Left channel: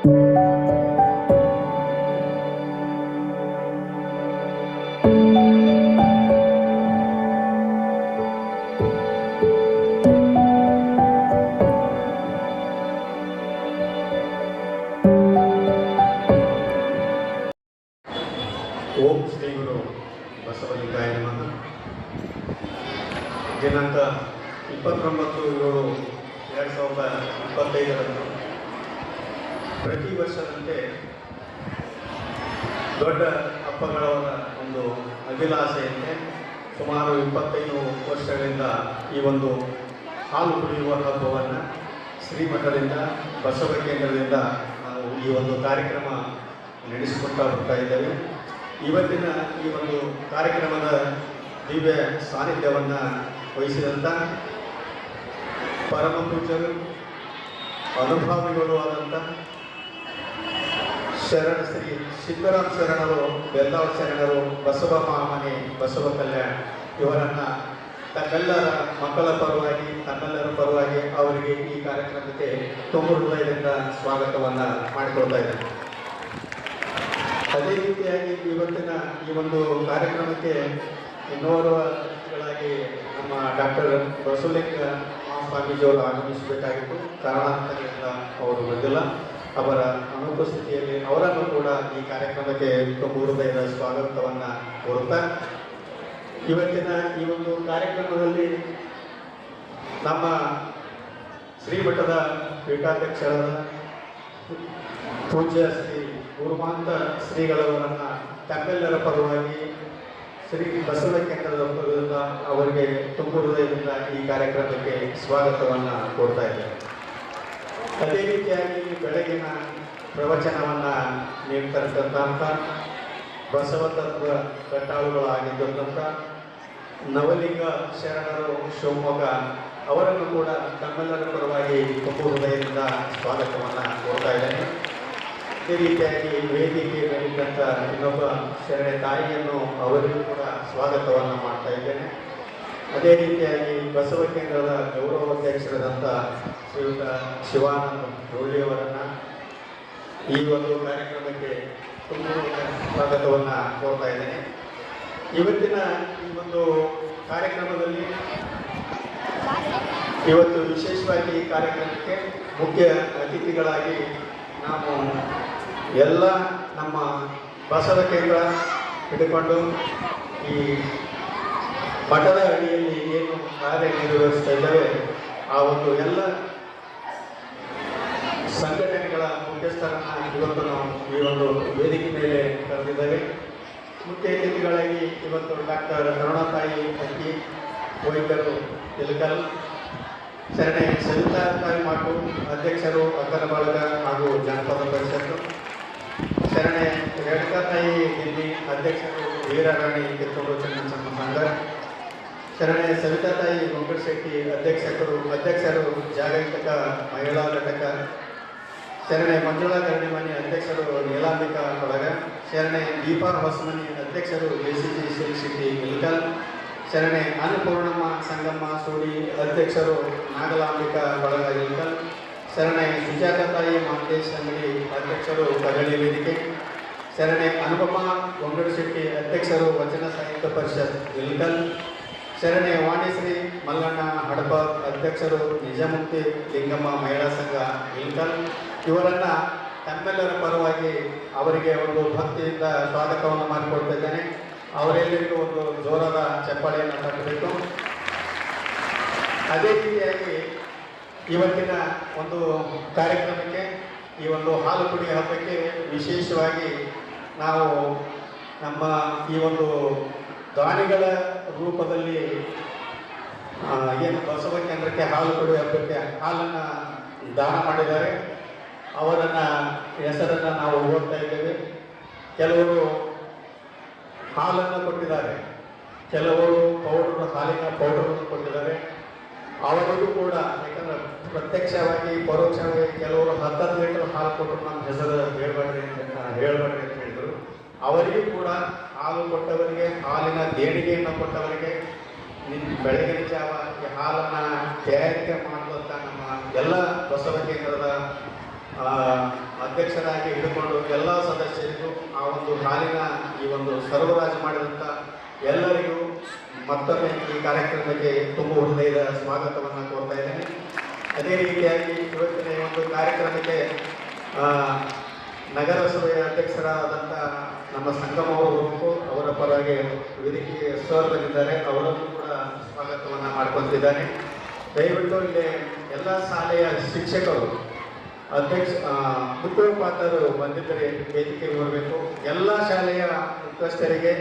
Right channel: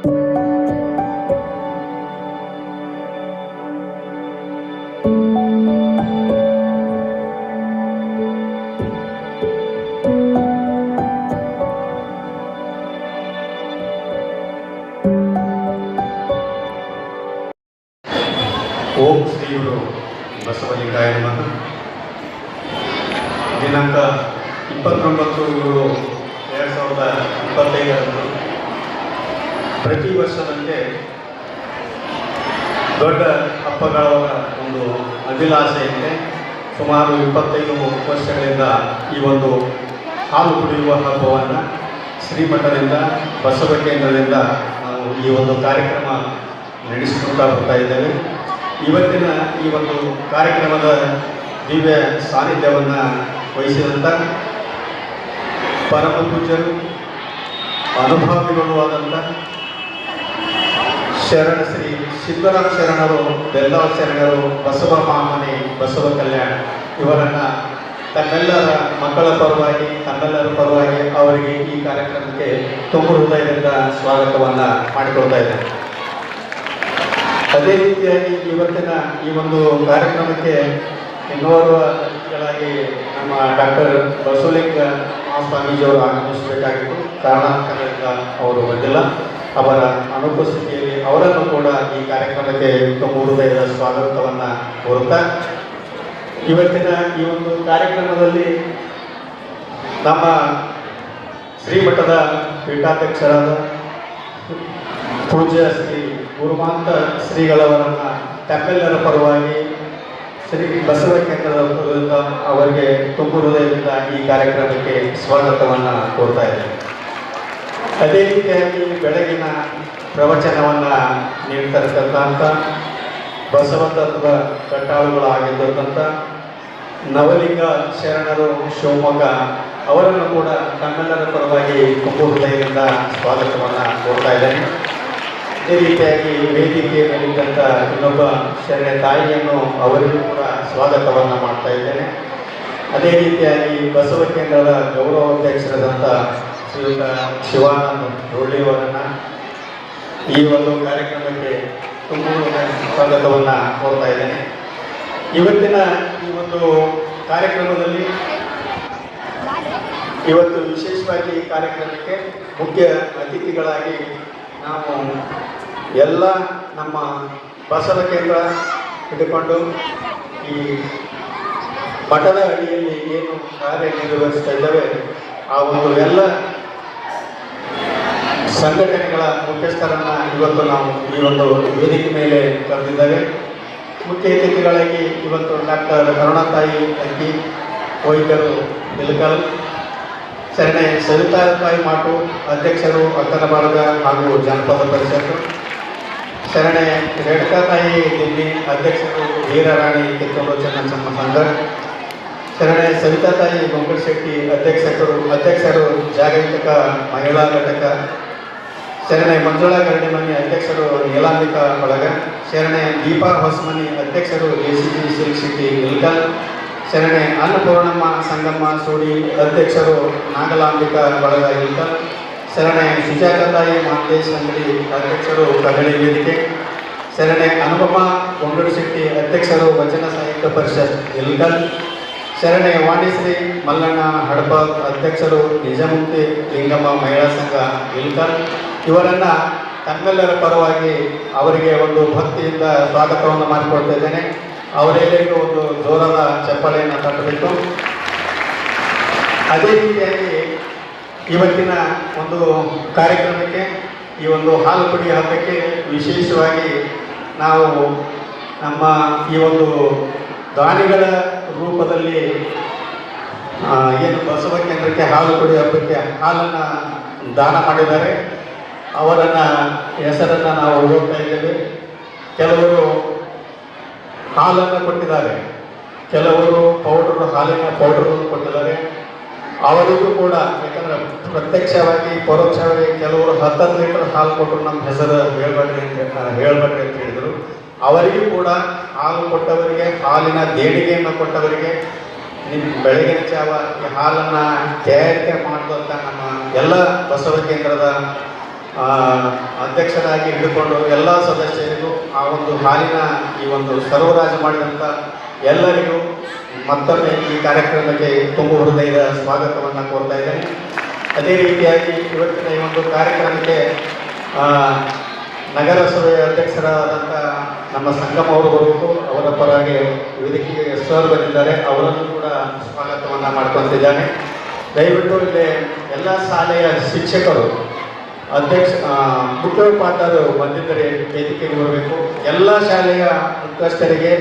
ಓಂ ಶ್ರೀ ಗುರು ಬಸವಲಿಂಗಾಯ ನಮಃ. ದಿನಾಂಕ 29/7/2025 ಪ್ರತಿ ವರ್ಷದಂತೆ ದೊಡ್ಡ ಹಬ್ಬಗಳ ಒಂದು ಅಭಿಲಾಷೆಯಂತೆ ಸುಮಾರು 25 ವರ್ಷಗಳಿಂದ ಈ ಒಂದು ಹಾಲು ಕುಡಿಯುವ ಹಬ್ಬವನ್ನು ಶ್ರೀಮಠದಿಂದ ಬಸವ ಕೇಂದ್ರದಿಂದ ನಾವು ಈ ಒಂದು ಕಾರ್ಯಕ್ರಮ ನಡೆಸಿಕೊಳ್ತಾ ಬರ್ತಾ ಇದ್ದೇವೆ. ಇವತ್ತಿನ ಈ ಒಂದು ಕಾರ್ಯಕ್ರಮದ ದಿವ್ಯ ಸಾನ್ನಿಧ್ಯವನ್ನು ವಹಿಸಿದಂಥ ಪರಮ ಪೂಜ್ಯರು ಅನುಭಾವಿಗಳು ಆದಂಥ ಶರಣ ಶ್ರೀ ಸಿದ್ದರಾಮ ಶರಣರು, ಬೆಲ್ಲವ ಶರಣರು, ಬಸವ ಮಾಮನೆ, ಬಸವ ಕಲ್ಯಾಣ ಇವರನ್ನು ತಮ್ಮೆಲ್ಲರ ಮಕ್ಕಳ ಪರವಾಗಿ ತಮ್ಮೆಲ್ಲರ ಪರವಾಗಿ ಅವರಿಗೆ ಈ ಕಾರ್ಯಕ್ರಮಕ್ಕೆ ತುಂಬ ಹೃದಯದಿಂದ ಸ್ವಾಗತವನ್ನು ಮಾಡಿಕೊಡ್ತಾ ಇದ್ದೇನೆ. ಅದೇ ರೀತಿಯಾಗಿ ಇವತ್ತಿನ ಈ ಒಂದು ಕಾರ್ಯಕ್ರಮಕ್ಕೆ ಇನ್ನೋರ್ವ ಅತಿಥಿಗಳಾಗಿ ನಮ್ಮ ಡಾಕ್ಟರ್ ಬಸವಲಿಂಗ ಸ್ವಾಮೀಜಿಯವರು ಆಗಮಿಸಬೇಕಾಗಿತ್ತು. ಕಾರಣಾಂತರದಿಂದ ಅವರು ಬಂದಿಲ್ಲ. ಅವರ ಅನುಪಸ್ಥಿತಿಯಲ್ಲಿ ಅವರನ್ನು ಕೂಡ ಈ ಕಾರ್ಯಕ್ರಮಕ್ಕೆ ತುಂಬ ಹೃದಯದ ಸ್ವಾಗತವನ್ನು ಕೋರುತ್ತಾ, ಇವತ್ತಿನ ಈ ಒಂದು ಕಾರ್ಯಕ್ರಮದಲ್ಲಿ ನಮ್ಮ ಶ್ರೀಮಠದ ಪೀಠಾಧ್ಯಕ್ಷರಾದ ಪೂಜ್ಯ ಶ್ರೀ ಗುರುಮಾಂತ ಶ್ರೀಗಳವರನ್ನು ತಮ್ಮೆಲ್ಲರ ಪರವಾಗಿ ಶ್ರೀ ಬಸವ ಕೇಂದ್ರದ ಅವರಿಗೆ ತುಂಬ ಹೃದಯದಿಂದ ಈ ಕಾರ್ಯಕ್ರಮಕ್ಕೆ ಸ್ವಾಗತವನ್ನು ಕೋರ್ತಾ ಇದ್ದೇನೆ. ಅದೇ ರೀತಿಯಾಗಿ ಬೆಳಗಿನ ಪ್ರವಚನವನ್ನು ನೀಡ್ತಕ್ಕಂಥ ಬಸವ ತತ್ವ ಕಟ್ಟಾಳುಗಳಾಗಿದ್ದಂಥ ನವಲಿಂಗ ಶರಣರು ಶಿವಮೊಗ್ಗ ಅವರನ್ನು ಕೂಡ ತಮ್ಮೆಲ್ಲರ ಪರವಾಗಿ ತುಂಬ ಹೃದಯದಿಂದ ಸ್ವಾಗತವನ್ನು ಕೋರ್ತಾ ಇದ್ದೇನೆ. ಅದೇ ರೀತಿಯಾಗಿ ವೇದಿಕೆ ಮೇಲಿದ್ದಂಥ ಇನ್ನೊಬ್ಬ ಶರಣ ತಾಯಿಯನ್ನು ಅವರಿಗೂ ಕೂಡ ಸ್ವಾಗತವನ್ನು ಮಾಡ್ತಾ ಇದ್ದೇನೆ. ಅದೇ ರೀತಿಯಾಗಿ ಬಸವ ಕೇಂದ್ರದ ಗೌರವಾಧ್ಯಕ್ಷರಾದಂಥ ಶ್ರೀಯುತ ಶಿವಾನಂದ ಡೊಳ್ಳಿಯವರನ್ನು ಈ ಒಂದು ಕಾರ್ಯಕ್ರಮಕ್ಕೆ ತುಂಬ ಸ್ವಾಗತವನ್ನು ಕೋರ್ತಾ ಇದ್ದೇನೆ. ಇವತ್ತಿನ ಈ ಒಂದು ಕಾರ್ಯಕ್ರಮದಲ್ಲಿ ಇವತ್ತು ವಿಶೇಷವಾಗಿ ಈ ಕಾರ್ಯಕ್ರಮಕ್ಕೆ ಮುಖ್ಯ ಅತಿಥಿಗಳಾಗಿ ನಾವು ಎಲ್ಲ ನಮ್ಮ ಬಸವ ಕೇಂದ್ರ ಹಿಡ್ಕೊಂಡು ಈ ಮಠದ ಅಡಿಯಲ್ಲಿ ಏನು ಕಾರ್ಯನಿರ್ವಹಿಸ್ತಾ ಇದ್ದಾವೆ ಆ ಒಂದು ಎಲ್ಲ ಸಂಘಟನೆಗಳ ಮುಖ್ಯಸ್ಥರನ್ನು ಇವತ್ತು ನಾವು ಈ ಒಂದು ವೇದಿಕೆ ಮೇಲೆ ಕರೆದಿದ್ದೇವೆ. ಮುಖ್ಯ ಅತಿಥಿಗಳಾಗಿ ಇವತ್ತು ಡಾಕ್ಟರ್ ಕರುಣಾತಾಯಿ ಅಕ್ಕಿ, ವೈದ್ಯರು ನಿಲಕಲ್, ಶರಣೆ ಸವಿತಾತಾಯಿ ಮಾಟು ಅಧ್ಯಕ್ಷರು ಅಕ್ಕನ ಬಳಗ ಹಾಗೂ ಜಾನಪದ ಪರಿಷತ್ತು, ಶರಣೆ ರೇಣುಕಾತಾಯಿ ದಿಲ್ಲಿ ಅಧ್ಯಕ್ಷರು ವೀರರಾಣಿ ಕಿತ್ತೂರು ಚೆನ್ನಚಮ್ಮ ಸಂಘ, ಶರಣೆ ಸವಿತಾತಾಯಿ ಗೊಂಕಟಶೆಟ್ಟಿ ಅಧ್ಯಕ್ಷರು ಜಾಗತಿಕ ಮಹಿಳಾ ಘಟಕ, ಶರಣೆ ಮಂಜುಳಾ ಗರಡಿಮನಿ ಅಧ್ಯಕ್ಷರು ನೀಲಾಂಬಿಕಾ ಬಳಗ, ಶರಣೆ ದೀಪಾ ಹೊಸಮನಿ ಅಧ್ಯಕ್ಷರು JCB ಸಿಲ್ಕ್ ಸಿಟಿ ಇಲ್ಕಲ್, ಶರಣೆ ಅನ್ನಪೂರ್ಣಮ್ಮ ಸಂಗಮ್ಮ ಸೋಡಿ ಅಧ್ಯಕ್ಷರು ನಾಗಲಾಂಬಿಕಾ ಬಳಗ ಇಲ್ಕಲ್, ಶರಣೆ ಸುಜಾತಾತಾಯಿ ಮಾಂತೇಶ್ ಅಂಗಡಿ ಅಧ್ಯಕ್ಷರು ಕಗಳಿ ವೇದಿಕೆ, ಶರಣೆ ಅನುಪಮ ಗೊಂಗಡಶೆಟ್ಟಿ ಅಧ್ಯಕ್ಷರು ವಚನ ಸಾಹಿತ್ಯ ಪರಿಷತ್ ಇಲ್ಕಲ್, ಶರಣೆ ವಾಣಿಶ್ರೀ ಮಲ್ಲಣ್ಣ ಹಡಪ ಅಧ್ಯಕ್ಷರು ನಿಜಮುಕ್ತಿ ಲಿಂಗಮ್ಮ ಮಹಿಳಾ ಸಂಘ ಇಲ್ಕಲ್ ಇವರನ್ನು ತಮ್ಮೆಲ್ಲರ ಪರವಾಗಿ ಅವರಿಗೆ ಒಂದು ಭಕ್ತಿಯಿಂದ ಸ್ವಾಗತವನ್ನು ಮಾಡಿಕೊಡ್ತಾ ಇದ್ದೇನೆ. ಅವರೆಲ್ಲರಿಗೂ ಒಂದು ಜೋರಾದ ಚಪ್ಪಾಳೆಯನ್ನು ತಟ್ಟಬೇಕು. ಅದೇ ರೀತಿಯಾಗಿ ಇವತ್ತಿನ ಒಂದು ಕಾರ್ಯಕ್ರಮಕ್ಕೆ ಈ ಒಂದು ಹಾಲು ಕುಡಿ ಹಬ್ಬಕ್ಕೆ ವಿಶೇಷವಾಗಿ ನಾವು ನಮ್ಮ ಈ ಒಂದು ದಾನಿಗಳ ರೂಪದಲ್ಲಿ ಏನು ಬಸವ ಕೇಂದ್ರಕ್ಕೆ ಹಾಲು ಕುಡಿ ಹಬ್ಬಕ್ಕೆ ಹಾಲನ್ನು ದಾನ ಮಾಡಿದ್ದಾರೆ ಅವರನ್ನು ಹೆಸರನ್ನು ನಾವು ಹೋಗ್ತಾ ಇದ್ದೇವೆ. ಕೆಲವರು ಹಾಲನ್ನು ಕೊಟ್ಟಿದ್ದಾರೆ, ಕೆಲವರು ಹಾಲಿನ ಪೌಡರನ್ನು ಕೊಟ್ಟಿದ್ದಾರೆ. ಅವರಿಗೂ ಕೂಡ ಯಾಕಂದರೆ ಪ್ರತ್ಯಕ್ಷವಾಗಿ ಪರೋಕ್ಷವಾಗಿ ಕೆಲವರು 10 ಲೀಟರ್ ಹಾಲು ಕೊಟ್ಟರು ನಮ್ಮ ಹೆಸರು ಹೇಳ್ಬೇಡ್ರಿ ಅಂತ ಹೇಳಿದರು. ಅವರಿಗೂ ಕೂಡ ಹಾಲು ಕೊಟ್ಟವರಿಗೆ, ಹಾಲಿನ ದೇಣಿಗೆಯನ್ನು ಕೊಟ್ಟವರಿಗೆ, ಬೆಳಗಿನ ಜಾವ ಈ ಹಾಲನ್ನು ತಯಾರಿಕೆ ಮಾಡುವಂಥ ನಮ್ಮ ಎಲ್ಲ ಬಸವ ಕೇಂದ್ರದ ಆ, ಅಧ್ಯಕ್ಷರಾಗಿ ಹಿಡಿದುಕೊಂಡು ಎಲ್ಲ ಸದಸ್ಯರಿಗೂ ಆ ಒಂದು ಹಾಲಿನ ಈ ಒಂದು ಸರ್ವರಾಜ ಮಾಡಿದಂಥ ಎಲ್ಲರಿಗೂ ಮತ್ತೊಮ್ಮೆ ಈ ಕಾರ್ಯಕ್ರಮಕ್ಕೆ ತುಂಬ ಹೃದಯದ ಸ್ವಾಗತವನ್ನು ಕೋರ್ತಾ ಇದ್ದೇನೆ. ಅದೇ ರೀತಿಯಾಗಿ ಇವತ್ತಿನ ಈ ಒಂದು ಕಾರ್ಯಕ್ರಮಕ್ಕೆ ನಗರಸಭೆಯ ಅಧ್ಯಕ್ಷರಾದಂಥ ನಮ್ಮ ಸಂಗಮ ಅವರು ಬರಬೇಕು. ಅವರ ಪರವಾಗಿ ವೇದಿಕೆಗೆ ಸರ್ ಬಂದಿದ್ದಾರೆ, ಅವರನ್ನು ಕೂಡ ಸ್ವಾಗತವನ್ನು ಮಾಡ್ಕೊತಿದ್ದಾನೆ. ದಯವಿಟ್ಟು ಇಲ್ಲಿ ಎಲ್ಲ ಶಾಲೆಯ ಶಿಕ್ಷಕರು ಮುಖ್ಯೋಪಾಧ್ಯಾಯರು ಬಂದಿದ್ದರೆ ವೇದಿಕೆಗೆ ಬರಬೇಕು. ಎಲ್ಲ ಶಾಲೆಯ ಮುಖ್ಯಸ್ಥರಿಗೆ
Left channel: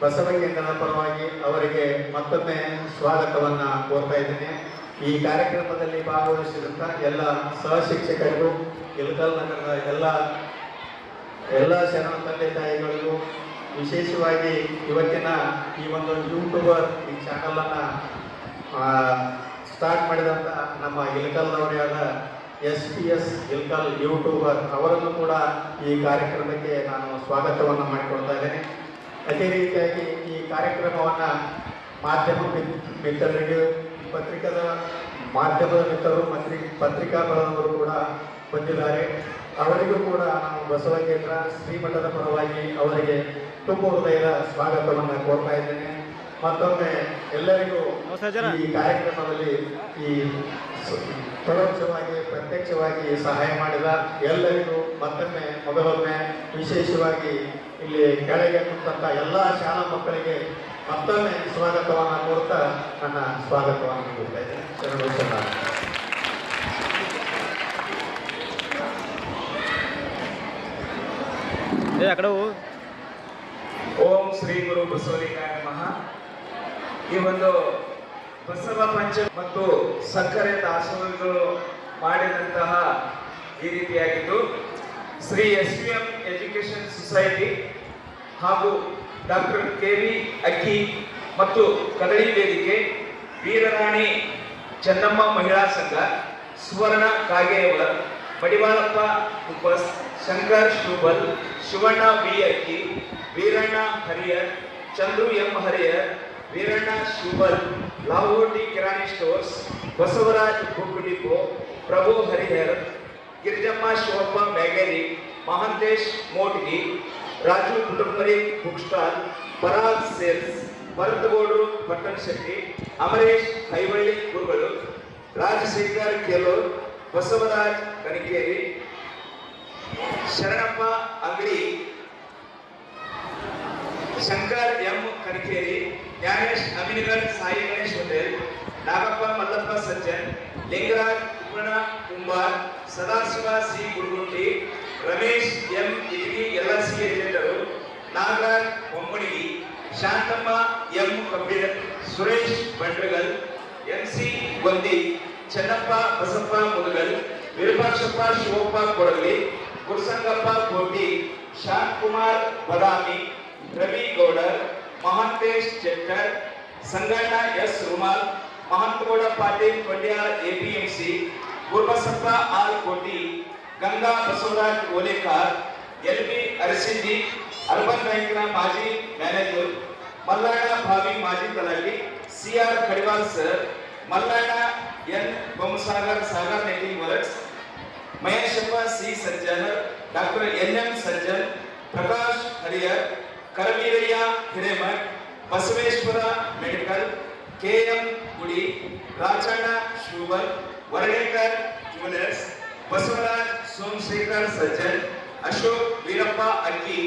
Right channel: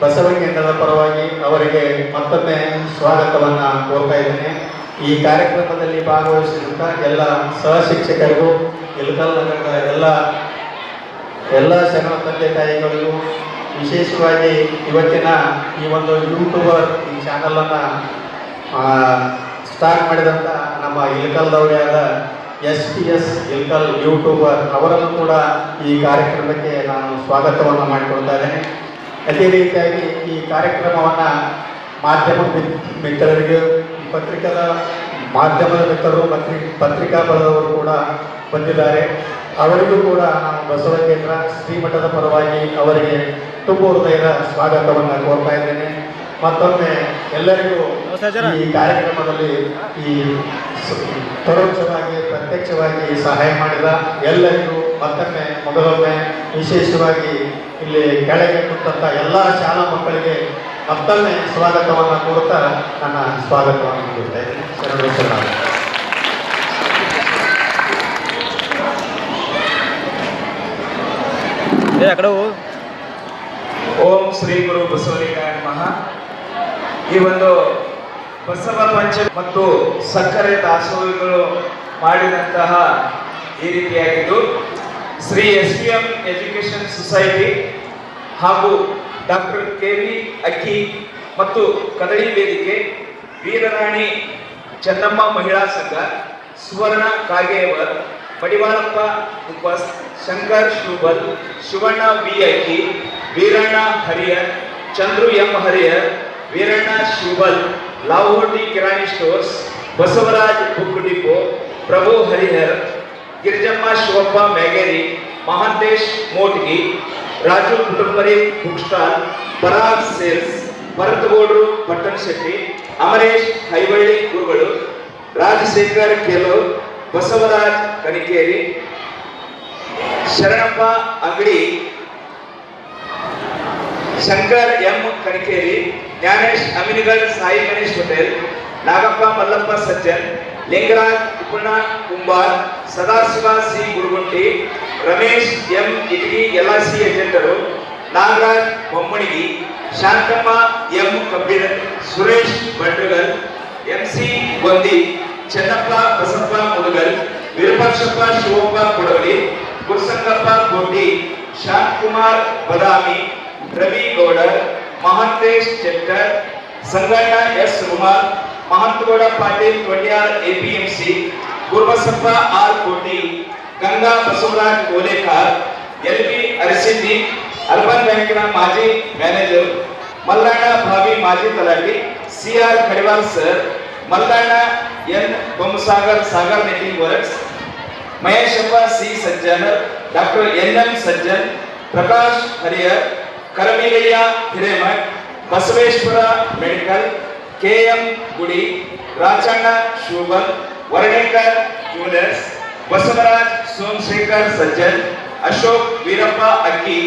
ಬಸವ ಕೇಂದ್ರದ ಪರವಾಗಿ ಅವರಿಗೆ ಮತ್ತೊಮ್ಮೆ ಸ್ವಾಗತವನ್ನು ಕೋರ್ತಾ ಇದ್ದೇನೆ. ಈ ಕಾರ್ಯಕ್ರಮದಲ್ಲಿ ಭಾಗವಹಿಸಿದಂಥ ಎಲ್ಲ ಸಹ ಶಿಕ್ಷಕರಿಗೂ ಇಳಕಲ್ ನಗರದ ಎಲ್ಲ ಶರಣ ತಂದೆ ತಾಯಿಗಳಿಗೂ ವಿಶೇಷವಾಗಿ ಇವತ್ತಿನ ಈ ಒಂದು ಯೂಟ್ಯೂಬರ್ ಈ ಚಾನಲನ್ನು ಸ್ಟಾರ್ಟ್ ಮಾಡಿದಂಥ ನಮ್ಮ ಇಳಕಲ್ದವರೇ ಆದ SPS ಇಳಕಲ್ ಯೂಟ್ಯೂಬರ್ ಅವರನ್ನು ಕೂಡ ಈ ಕಾರ್ಯಕ್ರಮಕ್ಕೆ ನಾನು ಸ್ವಾಗತವನ್ನು ಮಾಡಿಕೊಳ್ತಾ ಇದ್ದೇನೆ. ಅದೇ ರೀತಿಯಾಗಿ ಈ ಕಾರ್ಯಕ್ರಮವನ್ನು ಮಾಧ್ಯಮ ಮಿತ್ರರಿಗೆ ಮಾಧ್ಯಮದ ಮಿತ್ರರು ಪತ್ರಿಕಾ ಬಳಗವರು ಕೂಡ ಬಂದಿದ್ದಾರೆ. ಅವರಿಗೂ ಕೂಡ ನಾನು ಬಸವ ಕೇಂದ್ರ ಶ್ರೀಮಠದ ಪರವಾಗಿ ಅವರಿಗೆ ತುಂಬ ಹೃದಯದ ಸ್ವಾಗತವನ್ನು ಕೋರ್ತಾ ಇದ್ದೇನೆ. ಮತ್ತೊಮ್ಮೆ ಎಲ್ಲರಿಗೂ ಈ ಕಾರ್ಯಕ್ರಮದಲ್ಲಿ ಈ ಪರೋಕ್ಷವಾಗಿ ಪ್ರತ್ಯಕ್ಷವಾಗಿ ಸಹಾಯ ಮಾಡಿದ ಎಲ್ಲರಿಗೂ ಮತ್ತೊಮ್ಮೆ ಮೊದಲೊಮ್ಮೆ ವಿಶೇಷವಾಗಿ ಇಲ್ಲಿ ಕೆಳಗೆ ಕುಂತಹ ಎಲ್ಲ ಶಾಲಾ ಮಕ್ಕಳಿಗೆ ಮತ್ತೊಮ್ಮೆ ಸ್ವಾಗತವನ್ನು ಕೋರುತ್ತಾ ನನ್ನ ಸ್ವಾಗತವನ್ನು ನೀಡ್ತಾ ಇದ್ದೇನೆ. ಶರಣೇಶ್ವರ. ಓಂ ಶ್ರೀ ಗುರು ಬಸವಲಿಂಗಾಯ ನಮಃ. ಈ ಒಂದು ಬಸವ ಪಂಚಮಿ ಮತ್ತು ಸಕ್ಕರೆ ದಾಸೋಹಗಳು ಮಾಡಿದಂತಹ ಈ ರೀತಿಯಾಗಿದ್ದು ಶ್ರೀ SVM ಎಜುಕೇಶನ್ ಸೊಸೈಟಿ ಹಾಗೂ ಡಾಕ್ಟರ್ KV ಅಕ್ಕಿ ಮತ್ತು ಕದಳಿ ವೇದಿಕೆ, ವೀರರಾಣಿ ಚೆನ್ನಮ್ಮ ಮಹಿಳಾ ಸಂಘ, ಸುವರ್ಣ ಕಾಗೇವರ್, ಮಡಿವಾಳಪ್ಪ ಉಪಸ್, ಶಂಕರ್ ಶೂಬಲ್, ಶಿವಣ್ಣ V ಅಕ್ಕಿ, Veeranna ಹರಿಯರ್, Chandru M ಹರಿಯರ್, Veeranna Shivabal, Lahoti Kirani stores, Basavaraj book depot, Prabhu Harihar, Girijamma Shivappa Myageri, Mahantesh Motgi, Raju Kutumbari book stall, Parag sales, ಭರತಗೌಡರು ಪಟ್ಟಣ ಶೆಟ್ಟಿ, ಅಮರೇಶ್ ಹೈವಳ್ಳಿ ಗುರುಗಳು, Rajashekhar ಕೆಲೂರ್, Basavaraj Kanikeri, Sharanappa Angadi, Shankar M Kanikeri, Jnanesh Aminigad, Sai Ganesh hotel, Nagappa Mallappa Sajjan, Lingaraj Upana Kumbar, Sadashiva C Guruganti, Ramesh M Itagi LIC ಏಜೆಂಟರು, ನಾಗರಾಜ್ ಬೊಮ್ಮಣಿಗಿ, ಶಾಂತಮ್ಮ M ಕಬ್ಬಿಣ, Suresh ಬಂಡ್ರಗಲ್, MC Gondi, Chennappa Basappa Mudgal, Virupakshappa Shivappa Kodagali, Gurusangappa Koti, Shantakumar Badami, Ravi Gowdar, Mahantesh Chekkar, Sanganna S Rumal, Mahantagowda Patil Kotyar APMC, Gurubasappa R Koti, Ganga Basavaraj Olekar, LB Arasiddi, urban ಬ್ಯಾಂಕಿನ ಮಾಜಿ ಮ್ಯಾನೇಜರ್, ಮಲ್ಲಣ್ಣ ಭಾವಿ ಮಾಜಿ ತಲಾಟಿ, CR Khadiwal sir, Mallanna N Bommasagar Sagar netting works, Maheshappa C Sajjanar, doctor NM Sajjan, Prakash Hariyar, Karamigayya Hiremath, Basaveshwara medical, KM Gudi, Rajanna Shubal, Varnekar jewellers, Basavaraj Somashekhar Sajjan, Ashok Veerappa Akki,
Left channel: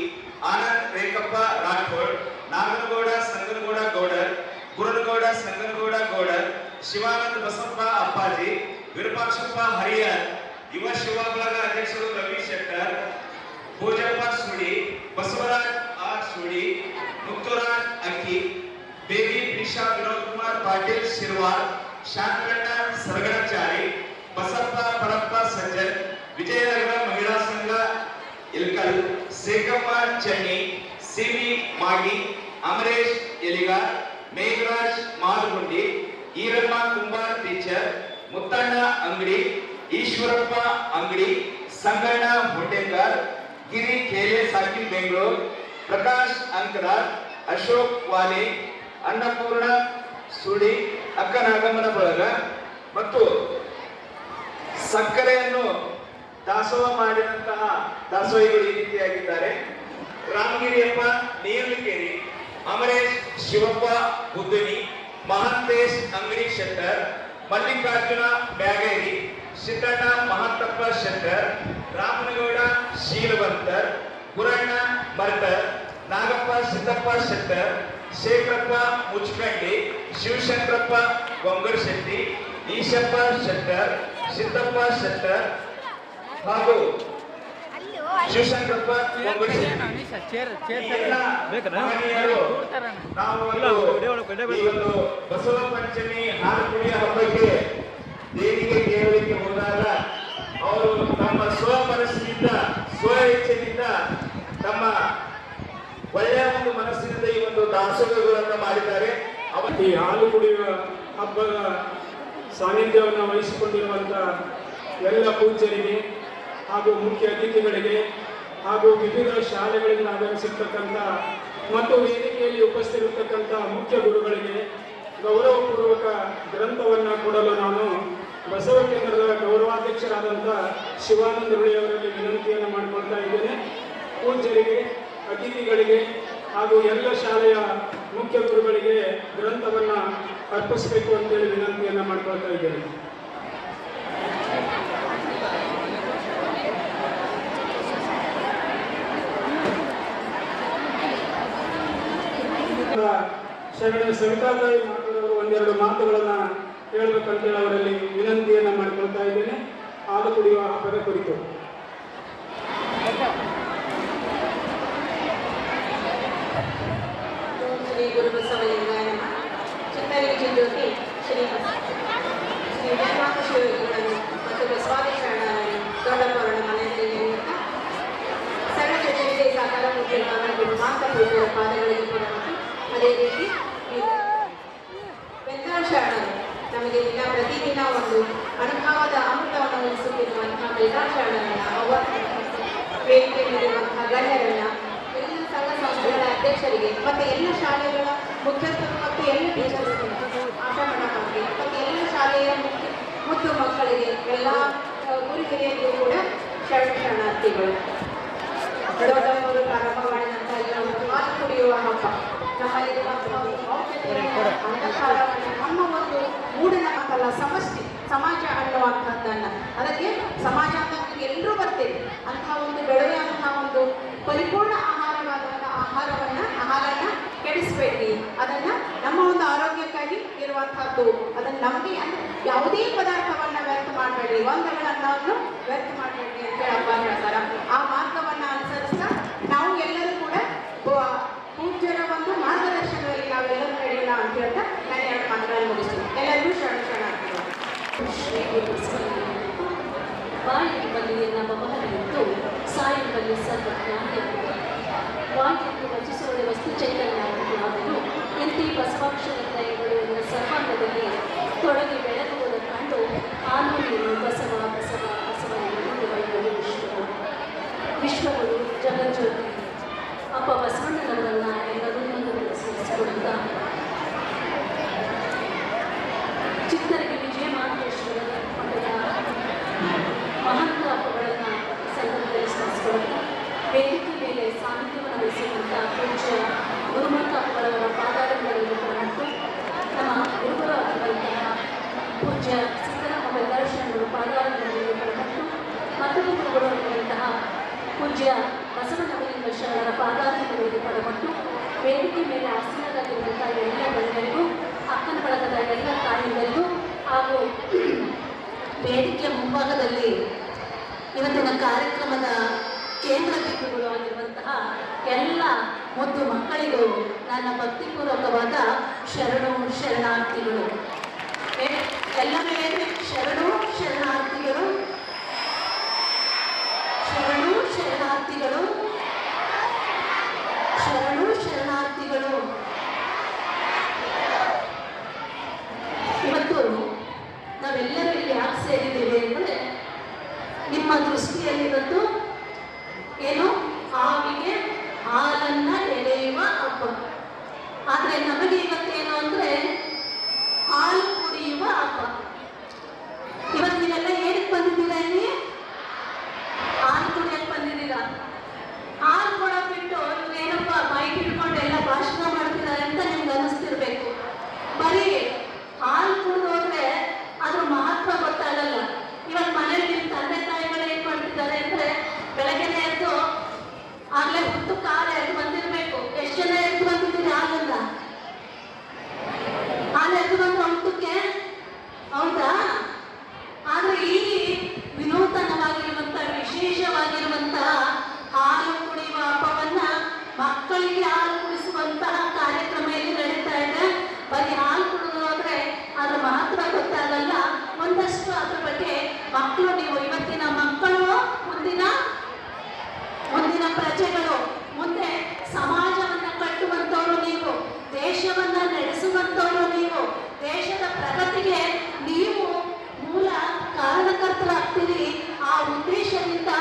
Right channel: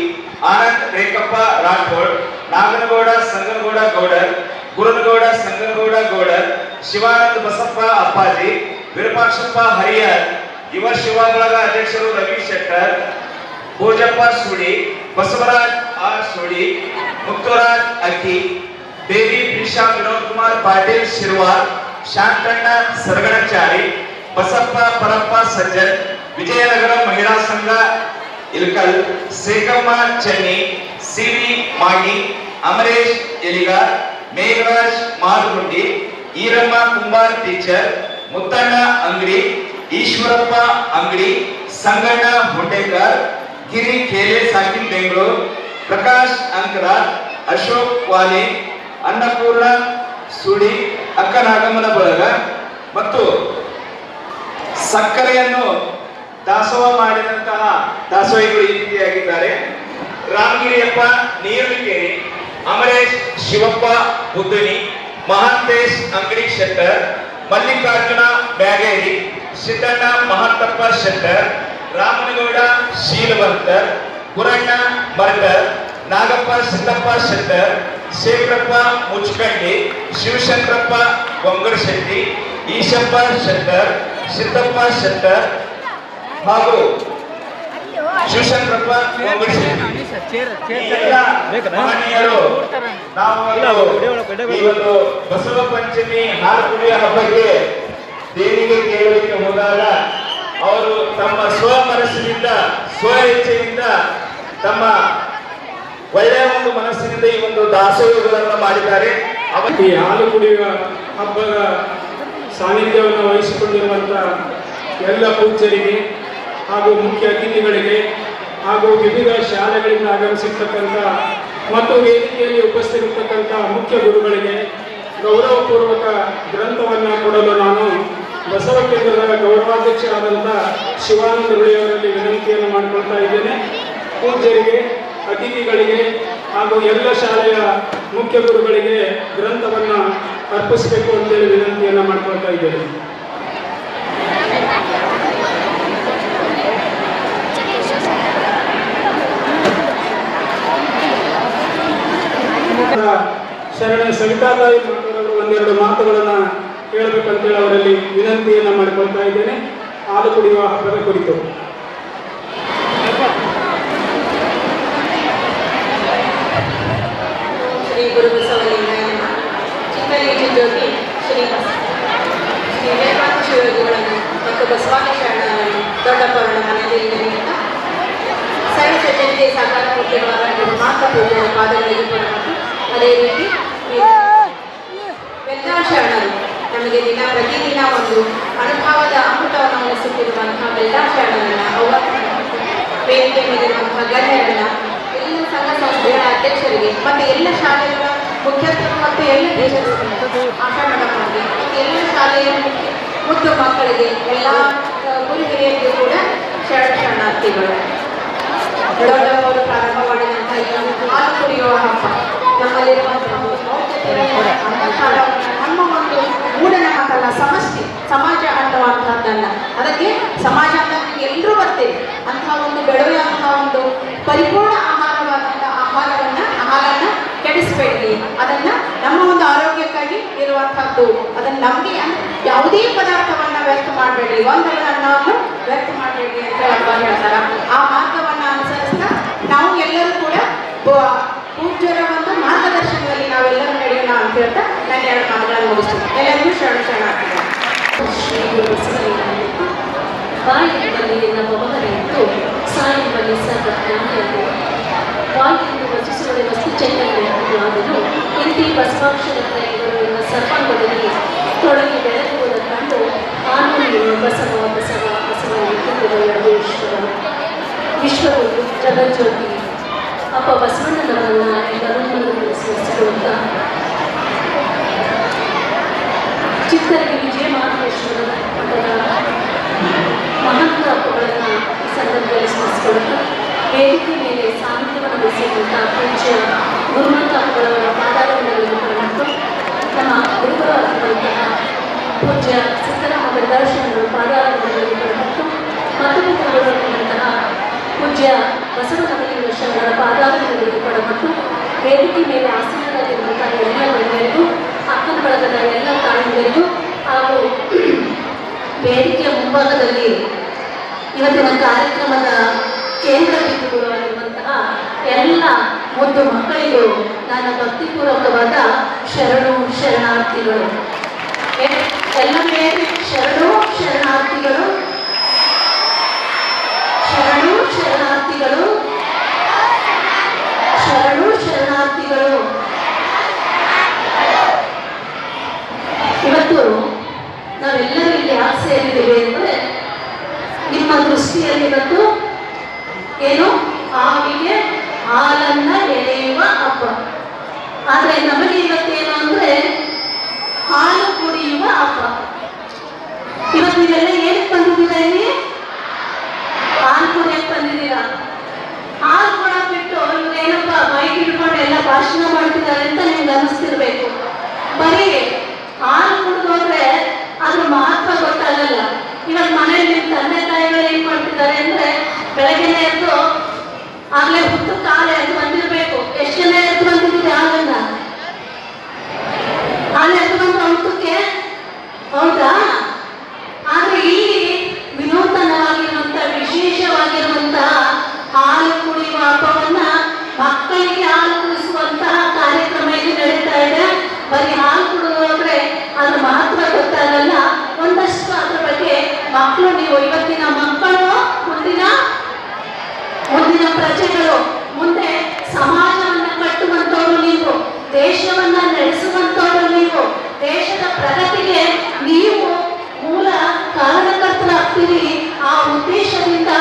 Anand ರೇಖಪ್ಪ Rathod, Naganagouda Sanganagouda Goudar, ಗುರುನಗೌಡ Sanganagouda Goudar, Shivananda Basappa ಅಪ್ಪಾಜಿ, ವಿರೂಪಾಕ್ಷಪ್ಪ ಹರಿಯರ್, ಯುವ ಶಿವ ಬಳಗ ಅಧ್ಯಕ್ಷರು ರವಿ ಶೆಟ್ಟರ್, ಭೋಜಪ್ಪ ಸುಡಿ, ಬಸವರಾಜ್ R ಸುಡಿ, ಮುಕ್ತರಾಜ್ ಅಕ್ಕಿ, ಬೇಬಿ ಪ್ರಿಷಾ ವಿನೋದ್ ಕುಮಾರ್ ಪಾಟೀಲ್ ಶಿರ್ವಾರ್, ಶಾಂತಣ್ಣ ಸರಗಣಚಾರಿ, ಬಸಪ್ಪ ಪರಪ್ಪ ಸಜ್ಜನ್, ವಿಜಯನಗರ ಮಹಿಳಾ ಸಂಘ ಇಲ್ಕಲ್, ಸೇಕಮ್ಮ ಚೆನ್ನಿ, CV ಮಾಗಿ, ಅಮರೇಶ್ ಎಲಿಗಾರ್, ಮೇಘರಾಜ್ ಮಾರುಗುಂಡಿ, ಈರಮ್ಮ ಕುಂಬಾರ್ ಟೀಚರ್, ಮುತ್ತಣ್ಣ ಅಂಗಡಿ, ಈಶ್ವರಪ್ಪ ಅಂಗಡಿ, ಸಂಗಣ್ಣ ಹುಂಡೇಕರ್, ಗಿರಿ ಖೇಲೆ ಸಾಕಿನ್ ಬೆಂಗಳೂರು, ಪ್ರಕಾಶ್ ಅಂಕರ, ಅಶೋಕ್ ವಾಲಿ, ಅನ್ನಪೂರ್ಣ ಸುಡಿ, ಅಕ್ಕನಾಗಮ್ಮನ ಬಳಗ ಮತ್ತು ಸಕ್ಕರೆಯನ್ನು ದಾಸೋಹ ಮಾಡಿದಂತಹ ದಾಸೋಹಿಗಳು ಈ ರೀತಿಯಾಗಿದ್ದಾರೆ: ರಾಮಗಿರಿಯಪ್ಪ ನೀರುಳಿಕೇರಿ, ಅಮರೇಶ್ ಶಿವಪ್ಪ ಬುದ್ಧನಿ, ಮಹಾಂತೇಶ್ ಅಂಗಡಿ ಶೆಟ್ಟರ್, ಮಲ್ಲಿಕಾರ್ಜುನ ಬ್ಯಾಗೇರಿ, ಸಿದ್ದಣ್ಣ ಮಹಂತಪ್ಪ ಶೆಟ್ಟರ್, ರಾಮನಗೌಡ ಶೀಲವಂತರ್, ಗುರಣ್ಣ ಮರಗರ್, ನಾಗಪ್ಪ ಸಿದ್ದಪ್ಪ ಶೆಟ್ಟರ್, ಶೇಖರಪ್ಪ ಮುಚ್ಕಂಡಿ, ಶಿವಶಂಕರಪ್ಪ ಗೊಂಗರಶೆಟ್ಟಿ, ಈಶಪ್ಪ ಶೆಟ್ಟರ್, ಸಿದ್ದಪ್ಪ ಶೆಟ್ಟರ್ ಹಾಗೂ ಶಿವಶಂಕರಪ್ಪ ಗೊಂಗರಶೆಟ್ಟಿ. ಈ ಎಲ್ಲ ಮಹನೀಯರು ನಾವು ಇವತ್ತು ಬಸವ ಪಂಚಮಿ ಹಾಲು ಕುಡಿಯ ಹಬ್ಬಕ್ಕೆ ದೇವಿಗೆ ಕೇಳಲಿಕ್ಕೆ ಹೋದಾಗ ಅವರು ತಮ್ಮ ಸ್ವ ಮನಸ್ಸಿನಿಂದ, ಸ್ವ ಇಚ್ಛೆಯಿಂದ, ತಮ್ಮ ಒಳ್ಳೆಯ ಒಂದು ಮನಸ್ಸಿನಿಂದ ಈ ಒಂದು ದಾಸೋಹಗಳನ್ನು ಮಾಡಿದ್ದಾರೆ. ಈ ಹಾಲು ಕುಡಿಯುವ ಹಬ್ಬದ ಸಾನ್ನಿಧ್ಯವನ್ನು ವಹಿಸಿಕೊಂಡಿರುವಂತಹ ಎಲ್ಲ ಪೂಜ್ಯರಿಗೆ ಹಾಗೂ ಮುಖ್ಯ ಅತಿಥಿಗಳಿಗೆ ಹಾಗೂ ವಿವಿಧ ಶಾಲೆಗಳಿಂದ ಆಗಮಿಸಿರ್ತಕ್ಕಂಥ ಮತ್ತು ವೇದಿಕೆಯಲ್ಲಿ ಉಪಸ್ಥಿತಿರ್ತಕ್ಕಂಥ ಮುಖ್ಯ ಗುರುಗಳಿಗೆ ಗೌರವಪೂರ್ವಕ ಗ್ರಂಥವನ್ನು ಕೊಡಲು ನಾನು ಬಸವ ಕೇಂದ್ರದ ಗೌರವಾಧ್ಯಕ್ಷರಾದಂಥ ಶಿವಾನಂದ ಅವರಲ್ಲಿ ವಿನಂತಿಯನ್ನು ಮಾಡಿಕೊಳ್ತಾ ಇದ್ದೇನೆ. ಪೂಜ್ಯರಿಗೆ, ಅತಿಥಿಗಳಿಗೆ ಹಾಗೂ ಎಲ್ಲ ಶಾಲೆಯ ಮುಖ್ಯ ಗುರುಗಳಿಗೆ ಗ್ರಂಥವನ್ನು ಅರ್ಪಿಸಬೇಕು ಅಂತೇಳಿ ವಿನಂತಿಯನ್ನು ಮಾಡಿಕೊಳ್ತಾ ಇದ್ದೇನೆ. ಶರಣ ಸವಿತಾತಾಯಿ ಮಕ್ಕಳವರು ಒಂದೆರಡು ಮಾತುಗಳನ್ನು ಹೇಳಬೇಕಂತೇಳಿ ಅವರಲ್ಲಿ ವಿನಂತಿಯನ್ನು ಮಾಡಿಕೊಳ್ತಾ ಇದ್ದೇನೆ ಹಾಲು ಕುಡಿಯುವ ಹಬ್ಬದ ಕುರಿತು. ಶ್ರೀ ಗುರು ಬಸವಲಿಂಗಾಯ ಚಿಕ್ಕಲಿಂಗಿ ಜ್ಯೋತಿ ಶ್ರೀ ವೇದಾಂತ ಶಿವಯೋಗಿಗಳನ್ನು ಮತ್ತು ಬಸವಾದಿ ಶರಣರನ್ನು ದೊಡ್ಡಪ್ಪರನ್ನ ಮನೆಯಲ್ಲಿ ಸಣ್ಣ ಚಟಕ್ಕೆ ಸಾಕಾರ ಕೊಟ್ಟಿರುವಾಗ ಮಾತ್ರ ಪೂಜೆಯ ಪಾದಗಳಿಗೆ ಕೊಡಬೇಕು. ಅದೇ ರೀತಿ ಎಲ್ಲ ಶರಣರು ನಮಗೆ ಪ್ರತಿದಿನ ಒಂದು ಅನುಭವದ ಅಮೃತವನ್ನು ಉಳಿಸುತ್ತಿರುವಂತಹ ಎಲ್ಲ ಶರಣರನ್ನ, ಅವರ ವೇದಿಕೆ ಮೇಲಿರುವಂತಹ ಗಣ್ಯರನ್ನ, ಎಲ್ಲ ಸಂಘ ಸಂಸ್ಥೆಗಳ ಅಧ್ಯಕ್ಷರಿಗೆ ಮತ್ತು ಎಲ್ಲ ಶಾಲೆಗಳ ಮುಖ್ಯಸ್ಥರು ಮತ್ತು ಎಲ್ಲ ಟೀಚರ್ಸ್ಗೆ, ಆಶಾ ಮೇಡಮ್ಗೆ, ಎಲ್ಲ ಶಾಲೆಯ ಮುದ್ದು ಮಕ್ಕಳಿಗೆ, ಎಲ್ಲ ಗುರು ಹಿರಿಯರಿಗೂ ಕೂಡ ಶರಣಾರ್ಥಿಗಳು. ದೊಡ್ಡವರು ಪ್ರಾರಂಭ ಮಾಡಿದಂತಹ ಈ ಹಾಲು ಕುಡಿಯುವ ಹಬ್ಬ ನಮ್ಮಲ್ಲಿರುವಂತಹ ನಮ್ಮ ಒಂದು ಮೂಢನಂಬಿಕೆಗಳ ಸಮಸ್ಯೆ ಸಮಾಜ ಅನ್ನುವಂತಹದ್ದನ್ನ, ಅದಕ್ಕೆ ಸಮಾಜ ಅಂತ ಎಲ್ಲರೂ ಬರ್ತೇವೆ ಅಂತಹ ಒಂದು ಬೆಳೆಯುವಂತಹ ಒಂದು ಪರಿಪೂರ್ಣ ಆಹಾರವಾದಂತಹ ಆಹಾರವನ್ನು ಕೆಡಿಸಬೇಡ್ರಿ. ಅದನ್ನ ನಮ್ಮ ಒಂದು ಆರೋಗ್ಯಕ್ಕಾಗಿ ಇರುವಂತಹದ್ದು. ಅದನ್ನ ನಮಗೆ ಯಾವುದೇ ಪದಾರ್ಥವನ್ನ ವ್ಯರ್ಥ ಮಾಡಬೇಡ್ರಿ, ಒಂದರ ಅನ್ನವನ್ನು ವ್ಯರ್ಥ ಮಾಡಬೇಡ್ರಿ ಅಂತ ಹಬ್ಬ ಹೇಳ್ತಾರ. ಆ ಮಾರ್ಗವನ್ನ ಅನುಸರಿಸ್ತಾ ನಾವು ಎಲ್ಲರೂ ಕೂಡ ಪೂಜ್ಯರ ಒಂದು ಮಾರ್ಗದರ್ಶನದಲ್ಲಿ ನಾವೆಲ್ಲರೂ ನಡೆಯೋಣ ಅಂತ ಹೇಳ್ತಾ ನಾನು ಎರಡು ಮಾತುಗಳನ್ನು ಮುಗಿಸ್ತೀನಿ. ಎಲ್ಲರಿಗೂ ಶರಣ ಶ್ರೀ ಗುರು ಬಾಯಿಯಲ್ಲಿ ನಮ್ಮ ಮಗನಿತ್ತು ಸಾಯಿಬಲ್ಲಿ ಸರ್ವಜ್ಞಾನಿಯರು ಬಾಯಿಯನ್ನು ರಚಿಸುವ ವಸ್ತು ಚೈತನ್ಯವಾದನು ಇಂತಿ ಬಸವಾಕ್ಷರ ತ್ರಯಗಳು ಸರ್ವಾಂಗದಲ್ಲಿ ತೊಡಗಿ ಬೆಳಗುವುದನ್ನು ಕಂಡು ಆನಂದಿನ ಬಸವ ಬಸವ ಬಸವ ಎಂದು ಈಶ್ವರನು ವಿಶ್ವವು ಜಗಜ್ಯೋತಿ ಅಪ್ಪ ಬಸವಣ್ಣನವನ್ನ ಎಲ್ಲರನ್ನೂ ಸ್ಮರಿಸಿಕೊಳ್ಳುತ್ತಾ ಚಿತ್ತರಿಗೆ ವಿಜಯ ಮಹಾದೇಶ್ವರ ಮಠದ ಮಹಂತ ಅಪ್ಪಗಳನ್ನು ಈ ಸಂದರ್ಭದಲ್ಲಿ ಸ್ಮರಿಸಿಕೊಳ್ಳುತ್ತಾ ವೇದಿಕೆ ಮೇಲೆ ಸಾನ್ನಿಧ್ಯವನ್ನು ವಹಿಸಿದಂಥ ಪೂಜ್ಯ ಗುರುಮಂತ ಅಪ್ಪಗಳವರ ಪಾದಾರಗಳಲ್ಲಿ ಮತ್ತು ನಮ್ಮ ಗುರುಗಳಾಗಿರುವಂತಹ ಪೂಜ್ಯ ಸಿದ್ದರಾಮ ದರ್ಶನಗಳು ಪಾದಾರಗಳಲ್ಲಿ ಮತ್ತು ಮತ್ತೊಂದು ಗುರುಗಳಾಗಿರುವಂತಹ ಪೂಜ್ಯ ಬಸವನಗರಿ ಶರಣರ ಪಾದಾರಗಳಲ್ಲಿ ಮತ್ತು ವೇದಿಕೆ ಮೇಲೆ ಆಸನದಲ್ಲಿರುವಂತಹ ಎಲ್ಲ ಗಣ್ಯರಿಗೂ, ಅಕ್ಕನ ಬಳಗದ ಎಲ್ಲ ತಾಯಿಗಳಿಗೂ ಹಾಗೂ ವೇದಿಕೆಯ ಮುಂಭಾಗದಲ್ಲಿ ಇವತ್ತಿನ ಕಾರ್ಯಕ್ರಮದ ಕೇಂದ್ರ ಬಿಂದುಗಳು ಆಗಿರುವಂತಹ ಎಲ್ಲ ಮುದ್ದು ಮಕ್ಕಳಿಗೂ ನನ್ನ ಭಕ್ತಿಪೂರ್ವಕವಾದ ಶರಣು ಶರಣಾರ್ಥಿಗಳು. ಎಲ್ಲ ಮೇಲೆ ಶರಣು ಶರಣಾರ್ಥಿಗಳು, ಶರಣು ಶರಣಾರ್ಥಿಗಳು, ಶರಣು ಶರಣಾರ್ಥಿಗಳು. ಇವತ್ತು ನಾವೆಲ್ಲರೂ ಇಲ್ಲಿ ಯಾಕೆ ಸೇರಿದ್ದೇವೆ ಅಂದರೆ ನಿಮ್ಮ ದೃಷ್ಟಿಯಲ್ಲಿ ಇವತ್ತು ಏನು ಹಾವಿಗೆ ಹಾಲನ್ನ ಎಳೆಯುವ ಹಬ್ಬ. ಆದರೆ ನಮಗೆ ಇವತ್ತೇನು ಅಂದ್ರೆ ಹಾಲು ಕುಡಿಯುವ ಹಬ್ಬ. ಇವತ್ತು ನೀವೆಲ್ಲ ಏನಕ್ಕೆ ಬಂದಿದ್ದೀರಾ ಇಲ್ಲಿ? ನಿಮ್ಮ ತಂದೆ ತಾಯಿಗಳು ಏನ್ ಮಾಡ್ತಿದ್ದಾರೆ ಅಂದ್ರೆ ಬೆಳಗ್ಗೆ ಎದ್ದು ಆಗ್ಲೇ ಹುಟ್ಟು ಕಾಲೇ ಎದ್ದು ಬಂದಿರ್ಬೇಕು. ಎಷ್ಟು ಜನ ಎದ್ದು ಬಂದಿದ್ದೀರಿ ಆಗಲ್ಲ? ಹಾಲು ಎದ್ದು ಬಂದ್ರೆ ಊಟಕ್ಕೆ ಹೌದಾ? ಆದ್ರೆ ಇಲ್ಲಿ ವಿನೂತನವಾಗಿರುವಂತಹ ವಿಶೇಷವಾಗಿರುವಂತಹ ಹಾಲು ಕುಡಿಯುವ ಹಬ್ಬವನ್ನ ಮಕ್ಕಳಿಗೆ ಹಾಲು ಕುಡಿಸುವಂತಹ ಕಾರ್ಯಕ್ರಮ ಇಲ್ಲಿ ನಡೀತಾ ಇದೆ. ಬರೀ ಹಾಲು ಕುಡಿಯೋದ್ರೆ ಅದ್ರ ಮಹತ್ವ ಗೊತ್ತಾಗಲ್ಲ. ಒಂದಷ್ಟು ಅದ್ರ ಬಗ್ಗೆ ಮಕ್ಕಳು, ನೀವು ಇವತ್ತಿನ ಮಕ್ಕಳು ಮುಂದಿನ ಪ್ರಜೆಗಳು, ಮುಂದೆ ಸಮಾಜವನ್ನ ಕಟ್ಟುವಂತವರು ನೀವು, ದೇಶವನ್ನ ನಡೆಸುವಂತವರು ನೀವು, ದೇಶದ ಪ್ರಗತಿಗೆ ನೀವು ಮೂಲ ಕಾರಣಕರ್ತರಾಗ್ತೀರಿ. ಆ ಉದ್ದೇಶದಿಂದ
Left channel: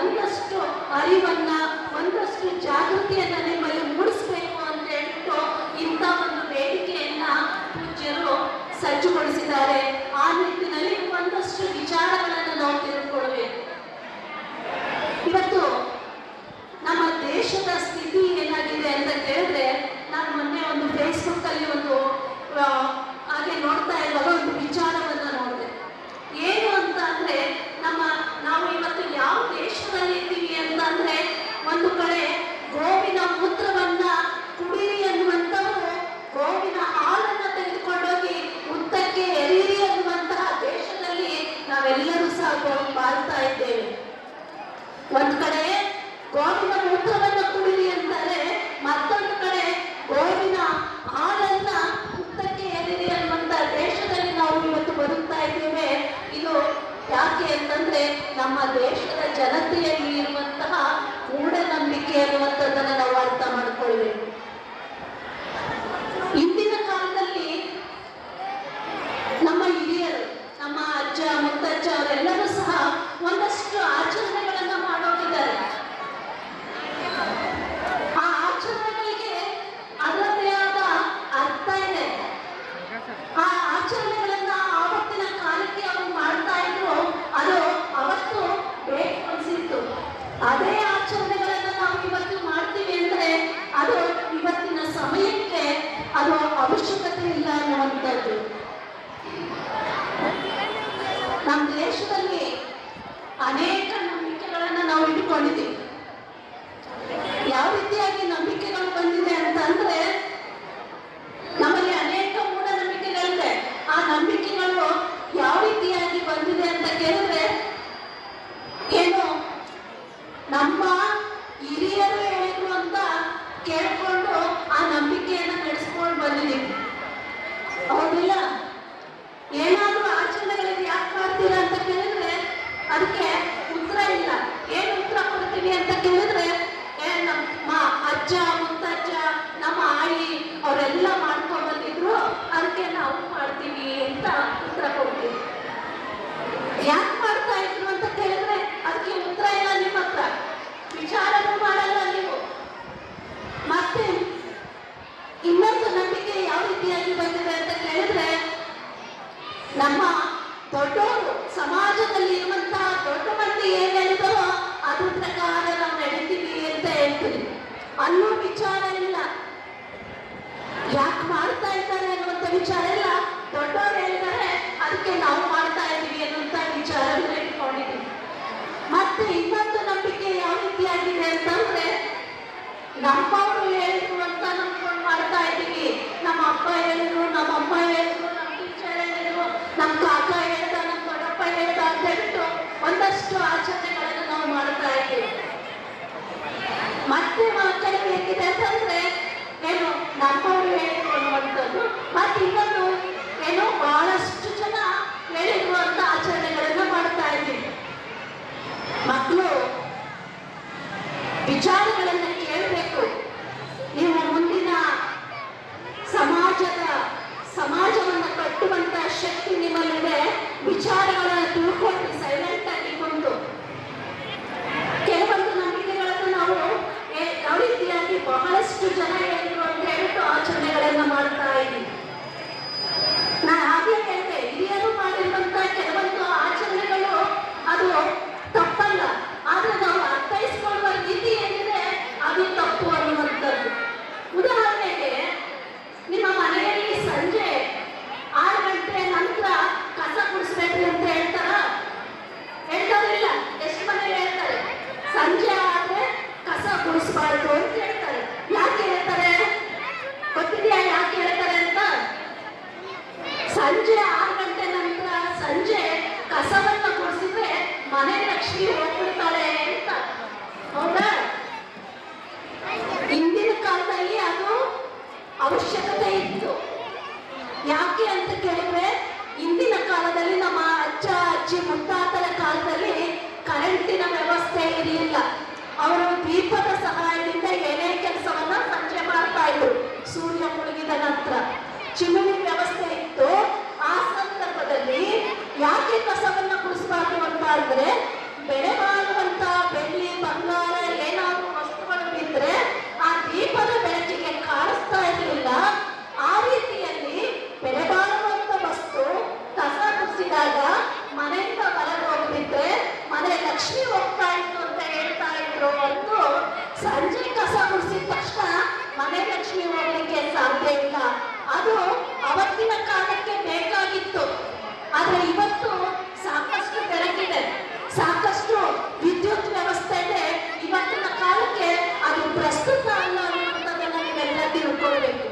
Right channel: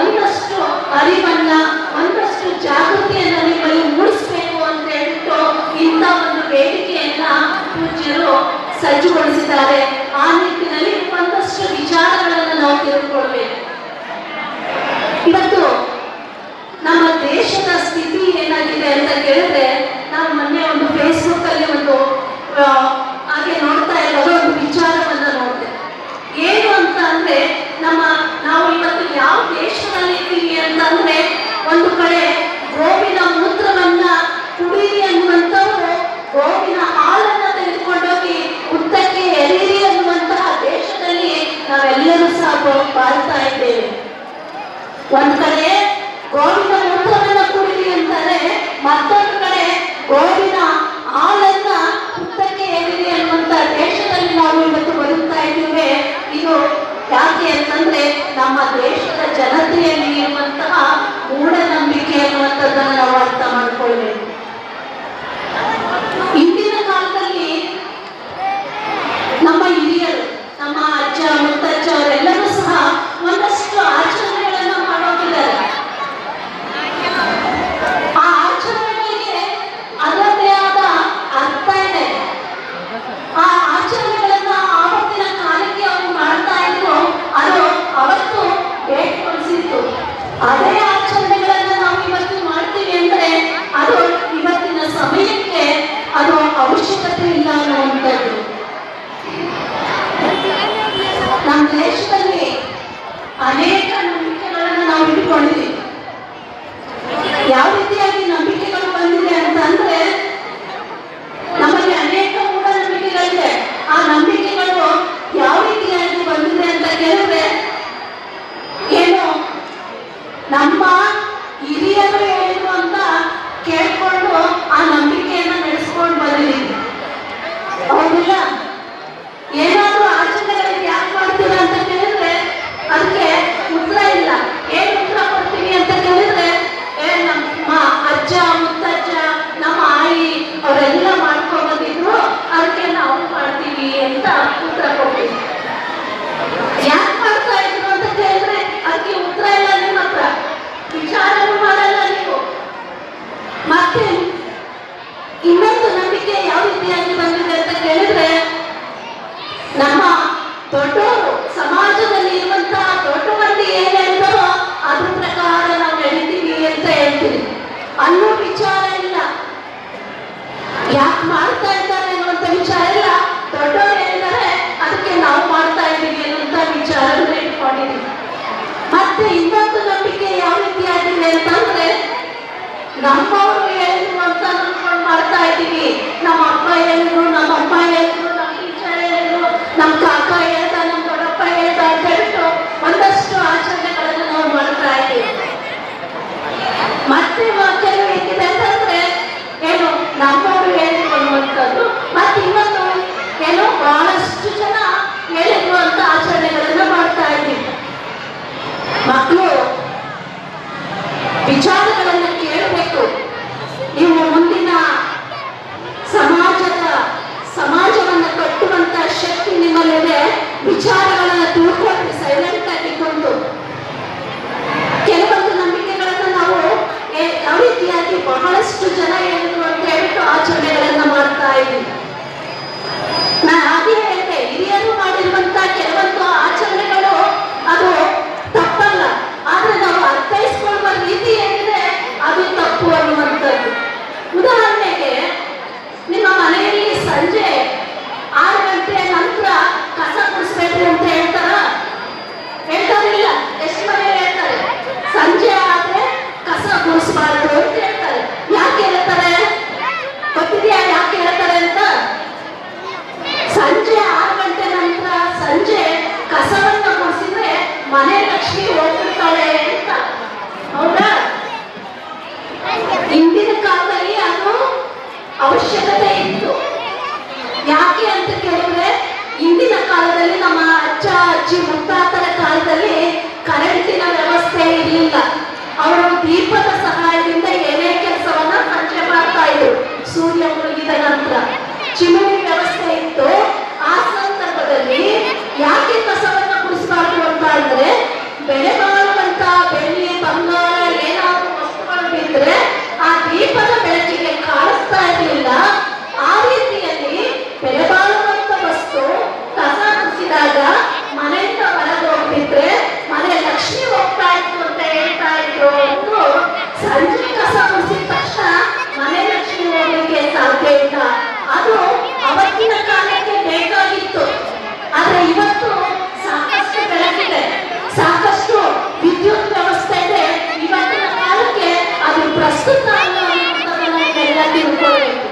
ಒಂದಷ್ಟು ಅರಿವನ್ನ, ಒಂದಷ್ಟು ಜಾಗೃತಿಯನ್ನ ನಿಮ್ಮಲ್ಲಿ ಮೂಡಿಸ್ಬೇಕು ಅಂತ ಹೇಳ್ಬಿಟ್ಟು ಇಂಥ ಒಂದು ವೇದಿಕೆಯನ್ನ ಪೂಜ್ಯರು ಸಜ್ಜುಗೊಳಿಸಿದ್ದಾರೆ. ಆ ನಿಟ್ಟಿನಲ್ಲಿ ಒಂದಷ್ಟು ವಿಚಾರಗಳನ್ನು ನಾವು ತಿಳ್ಕೊಳ್ಬೇಕು. ಇವತ್ತು ನಮ್ಮ ದೇಶದ ಸ್ಥಿತಿ ಏನಾಗಿದೆ ಅಂತ ಕೇಳಿದ್ರೆ, ನಾವು ಮೊನ್ನೆ ಒಂದು ಫೇಸ್ಬುಕ್ ಅಲ್ಲಿ ಒಂದು ಹಾಗೆ ನೋಡ್ತಾ ಇರೋದು ಒಂದು ವಿಚಾರವನ್ನ ನೋಡಿದೆ. ಏನು ಅಂತ ಅಂದ್ರೆ, ನಾವು ಇವತ್ತು ಯಾವ ದೇಶದಲ್ಲಿ ಇದ್ದೀವಿ ಅಂತಂದ್ರೆ, ಒಂದು ಕಡೆ ಗೋವಿನ ಮೂತ್ರವನ್ನ ಕುಡಿಯಿರಿ ಅನ್ನುವಂಥವ್ರು ಗೋವಿನ ಹಾಲನ್ನ ತೆಗೆದುಕೊಂಡೋಗಿ ಹುತ್ತಕ್ಕೆ ಎರೀರಿ ಅನ್ನುವಂತಹ ದೇಶದಲ್ಲಿ ನಾವೆಲ್ಲರೂ ಸಹ ಬಾಳ್ತಾ ಇದ್ದೇವೆ. ಒಂದ್ ಕಡೆ ಗೋವಿನ ಮೂತ್ರವನ್ನ ಕುಡಿಯಿರಿ ಅಂತಾರೆ, ಮತ್ತೊಂದು ಕಡೆ ಗೋವಿನ ಹಾಲನ್ನ ಹುತ್ತಕ್ಕೆ ಎರೀರಿ ಅನ್ನುವಂತ ದೇಶದಲ್ಲಿ ನಾವು ಇವತ್ತು ಬದುಕ್ತಾ ಇದ್ದೇವೆ. ಇದು ಯಾಕೆ ಅಂತಂದ್ರೆ, ನಮ್ಮ ದೇಶದ ಜನತೆಯಲ್ಲಿ ಇರುವಂತಹ ಮೂಢನಂಬಿಕೆ ಅನ್ನುವಂಥದ್ದನ್ನು ನಾವು ಅರ್ಥ ಮಾಡ್ಕೊಳ್ಬೇಕು. ಇಂದಿನ ಕಾಲದಲ್ಲಿ ನಮ್ಮ ಹಿರಿಯರು, ನಮ್ಮ ಅಜ್ಜ ಮುತ್ತಜ್ಜ ಅವರೆಲ್ಲರೂ ಸಹ ಒಂದಷ್ಟು ಆಚರಣೆಗಳನ್ನ ಮಾಡೋಗಿದ್ದಾರೆ. ಆ ಆಚರಣೆಗಳಿಗೆ ಅದರದೇ ಆದ ಅರ್ಥ ಇದೆ. ಆ ಆಚರಣೆಗಳನ್ನ ಆವತ್ತಿನ ಕಾಲಕ್ಕೆ ಅವರು ಮಾಡ್ತಾ ಇದ್ರು, ಅದು ಅವತ್ತು ಏರ್ಪಡಿಸಿತ್ತು. ಅದೇ ಆಚರಣೆಗಳನ್ನ ನಾವು ಇವತ್ತು ಮಾಡ್ತೀವಿ ಅಂದ್ರೆ ಅದು ಇವತ್ತಿನ ಸಮಯಕ್ಕೆ ಅದು ಅವಶ್ಯಕತೆ ಇಲ್ಲ ಅನ್ನುವಂಥದ್ದು. ನಮ್ಮ ದೇಶದಲ್ಲಿ ಅನೇಕ ನಂಬಿಕೆಗಳನ್ನು ನಾವು ಇಟ್ಕೊಂಡಿದ್ದೀವಿ. ಯಾವ ರೀತಿಯಾಗಿ ನಂಬಿಕೆಗಳು ಬಂದಿದೆ ಅಂತಂದ್ರೆ, ನಮಗೆ ಅನೇಕ ಮೂಢನಂಬಿಕೆಗಳಿದೆ. ಆ ನಂಬಿಕೆಗಳು ಯಾವ ರೀತಿಯಾಗಿ ಬಂದಿದೆ ಅಂತ ಕೇಳಿದ್ರೆ, ಏನು ನಮ್ಮ ಹಿರಿಯರು ಹೇಳಿದ್ರು ಅಂತ ಕೇಳ್ಕೊಂಡು ಆ ನಂಬಿಕೆಯನ್ನ ನಡೆಸ್ಕೊಂಡು ಬಂದಿದ್ದೀವಿ. ಹೌದಿಲ್ಲ? ಏನಾದ್ರೂ ಆಚರಣೆಗಳಿಗೆ ಯಾಕೆ ಮಾಡ್ತೀವಿ ಅಂತ ಕೇಳಿದ್ರೆ ಅದಕ್ಕೆ ಉತ್ತರ ಇಲ್ಲ. ಏನ್ ಉತ್ತರ ಕೊಡ್ತೀವಿ ಅಂತ ಕೇಳಿದ್ರೆ, ನಮ್ಮ ಅಜ್ಜ ಮುತ್ತಜ್ಜ ನಮ್ಮ ಆಯಿ ಅವರೆಲ್ಲ ಮಾಡ್ಕೊಂಡ್ ಬಂದಿದ್ರು, ಅದಕ್ಕೆ ನಾವು ಮಾಡ್ತೀವಿ ಅಂತ ಉತ್ತರ ಕೊಡ್ತೀವಿ. ಯಾಕೆ ಮಾಡ್ತಾ ಇದ್ರು ಅಂತ ಕೇಳಿದ್ರೆ ಅದಕ್ಕೆ ಉತ್ತರ ಇಲ್ಲ ನಿಮ್ಮ ಹತ್ರ, ವಿಚಾರನೂ ಮಾಡಲ್ಲ ನೀವು. ಮತ್ತೆ ಇನ್ನೊಂದು ನಂಬಿಕೆ ಯಾವ ರೀತಿಯಾಗಿ ಬಂದಿದೆ ಅಂತ ಕೇಳಿದ್ರೆ, ನಮ್ಮ ದೊಡ್ಡವರು, ಸಮಾಜದಲ್ಲಿ ಇರುವಂತಹ ದೊಡ್ಡ ಮಂದಿ ಏನ್ ಹೇಳ್ತಾರೋ ಅದ್ರ ಪ್ರಕಾರ ನಾವು ನಡೀತೀವಿ ಅಂತ ಹೇಳ್ತೀವಿ ಅನ್ನೋ ವಿಚಾರ ಇಲ್ಲ. ಯಾಕೆ ಮಾಡ್ತಾ ಇದ್ದಾರೆ ಅನ್ನುವಂಥ ವಿಚಾರ ಇಲ್ಲ. ದೊಡ್ಡವರು ಹೇಳಿದ್ದಾರೆ ಅದಕ್ಕೆ ನಾವು ಮಾಡ್ತಾ ಇದ್ದೀವಿ ಅನ್ನುವಂಥ ವಿಚಾರವನ್ನು ಇಟ್ಕೊಂಡಿದ್ದೀವಿ. ಮತ್ತೆ ಇನ್ನೊಂದು ನಂಬಿಕೆ ಯಾವ ರೀತಿಯಾಗಿದೆ ಅಂತಂದ್ರೆ, ನಮ್ಮವರು ಹೇಳಿದ್ರು ಅಂತ ಅಂದ್ಕೊಂಡು ಮಾಡ್ತಾ ಇದ್ದೀವಿ. ನಮ್ಮ ಅಪ್ಪ ಹೇಳಿದ್ರು, ನಮ್ಮ ಅಮ್ಮ ಹೇಳಿದ್ರು, ನಮ್ಮ ಟೀಚರ್ ಹೇಳಿದ್ರು, ನಮ್ಮ ಕಾಕ ಹೇಳ್ದ, ನಮ್ಮ ದೊಡ್ಡಪ್ಪ ಹೇಳ್ದ ಅಂತ ಹೇಳ್ಬಿಟ್ಟು ಒಂದಷ್ಟು ಆಚರಣೆಗಳನ್ನು ನಾವು ಮಾಡ್ತಾ ಇದ್ದೀವಿ. ಮತ್ತೆ ಕೆಲವು ಹೇಗಿದೆ ಅಂತಂದ್ರೆ, ಏನು ನಮ್ಮವರು ಹೇಳಿದ್ರು ಅನ್ನುವಂಥದ್ದು, ಮತ್ತೆ ಇನ್ನೊಂದು ಏನು ಬಹಳಷ್ಟು ಜನ ಹೇಳಿದ್ರು ಅಂತ ಆಚರಣೆಗಳನ್ನ ಮಾಡ್ತಾ ಇದ್ದೀವಿ. ಮಕ್ಕಳು ವಿಚಾರಗಳನ್ನು ಕೇಳಬೇಕು. ನೀವು ಮುಂದಿನ ಸಮಾಜವನ್ನು ಕಟ್ಟುವಂತ ಶಕ್ತಿ ನಿಮ್ಮಲ್ಲಿದೆ. ವಿಚಾರಗಳನ್ನು ತಿಳ್ಕೊಂಡು ಸೈಲೆಂಟ್ ಆಗಿಕೊಂಡು ಕೆಲವೊಂದು ನಂಬಿಕೆಗಳನ್ನು ನಾವು ಯಾವ ರೀತಿಯಾಗಿ ಬಹಳಷ್ಟು ಜನ ಹೇಳಿದ್ರು ಅಂತ ಹೇಳ್ಬಿಟ್ಟು ಆಚರಣೆಗಳನ್ನ ಮಾಡ್ತಾ ಇದ್ದೀವಿ. ನಾನು ಹಾಗೆ ಹೇಳಿದೆ, ಹಿರಿಯರು ಮಾಡಿರುವಂತ ಕೆಲವೊಂದು ಆಚರಣೆಗಳು ಅದು ತಪ್ಪಲ್ಲ. ಆದ್ರೆ ನಾವು ಅರ್ಥೈಸ್ಕೊಳ್ಳುವ ರೀತಿ ಏನಿದೆ ಲಕ್ಷ್ಮಿ ಹೋಗ್ಬಿಡ್ತಾಳೆ ಅಂತ. ಹೌದಾ? ಹಿಂದಿನ ಕಾಲದಲ್ಲಿ ಅದು ಅವಶ್ಯಕತೆ ಇತ್ತು. ಯಾಕೆ ಅಂತ ಕೇಳಿದ್ರೆ, ಹಿಂದಿನ ಕಾಲದಲ್ಲಿ ನಮ್ಮ ಅಜ್ಜ ಅಜ್ಜಿ ಮುತ್ತಾತರ ಕಾಲದಲ್ಲಿ ಕರೆಂಟಿನ ವ್ಯವಸ್ಥೆ ಇರಲಿಲ್ಲ. ಅವರು ದೀಪದ ಸಹಾಯದಿಂದ ಏನೇ ಕೆಲಸವನ್ನ ಸಂಜೆ ಮಾಡ್ತಾ ಇದ್ರು. ಸೂರ್ಯ ಮುಳುಗಿದ ನಂತರ ಚಿಮಣಿ ವ್ಯವಸ್ಥೆ ಇತ್ತು. ಆ ಸಂದರ್ಭದಲ್ಲಿ ಯಾಕೆ ಕಸವನ್ನ ಗುಡಿಸಬಾರ್ದು ಅಂತ ಅಂದ್ರೆ, ಬೆಳೆ ಬಾಳುವಂತ ಬೆಳ್ಳಿ ಬಂಗಾರ ಏನಾದ್ರು ವಸ್ತುಗಳು ಬಿದ್ದರೆ ಆ ದೀಪದ ಬೆಳಕಿಗೆ ಕಾಣಿಸ್ತಾ ಇರಲಿಲ್ಲ. ಆ ರೀತಿಯಲ್ಲಿ ಬೆಳೆ ಬಾಳುವಂತ ವಸ್ತು ಕಸ ಗುಡಿಸಿದಾಗ ಮನೆಯಿಂದ ಹೊರಗೆ ಹೋಗ್ಬಿಟ್ರೆ ಮನೆ ಲಕ್ಷ್ಮಿ ಹೋಗ್ತಾ ಇತ್ತು ಅಂತ ಹೇಳ್ತಾ ಇದ್ರು. ಸಂಜೆ ಕಸ ಗುಡಿಸಿದ ತಕ್ಷಣ ಮನೆ ಲಕ್ಷ್ಮಿ ಹೋಗ್ಲಿಕ್ಕೆ ಸಾಧ್ಯ ಇಲ್ಲ. ಅದು ಅವತ್ತಿನ ಕಾಲಕ್ಕೆ ಬೇಕಾಗಿತ್ತು. ಆದ್ರೆ ಇವತ್ತು ಸಾಕಷ್ಟು ಬೆಳಕಿದೆ, ಸಾಕಷ್ಟು ವಿದ್ಯುತ್ ವ್ಯವಸ್ಥೆ ಇದೆ. ಇವತ್ತಿನ ಕಾಲಕ್ಕೆ ಅದು ಪ್ರಸ್ತುತ ಅಲ್ಲ ಅನ್ನೋದನ್ನ ನಾವೆಲ್ಲ ತಿಳ್ಕೊಳ್ಬೇಕು.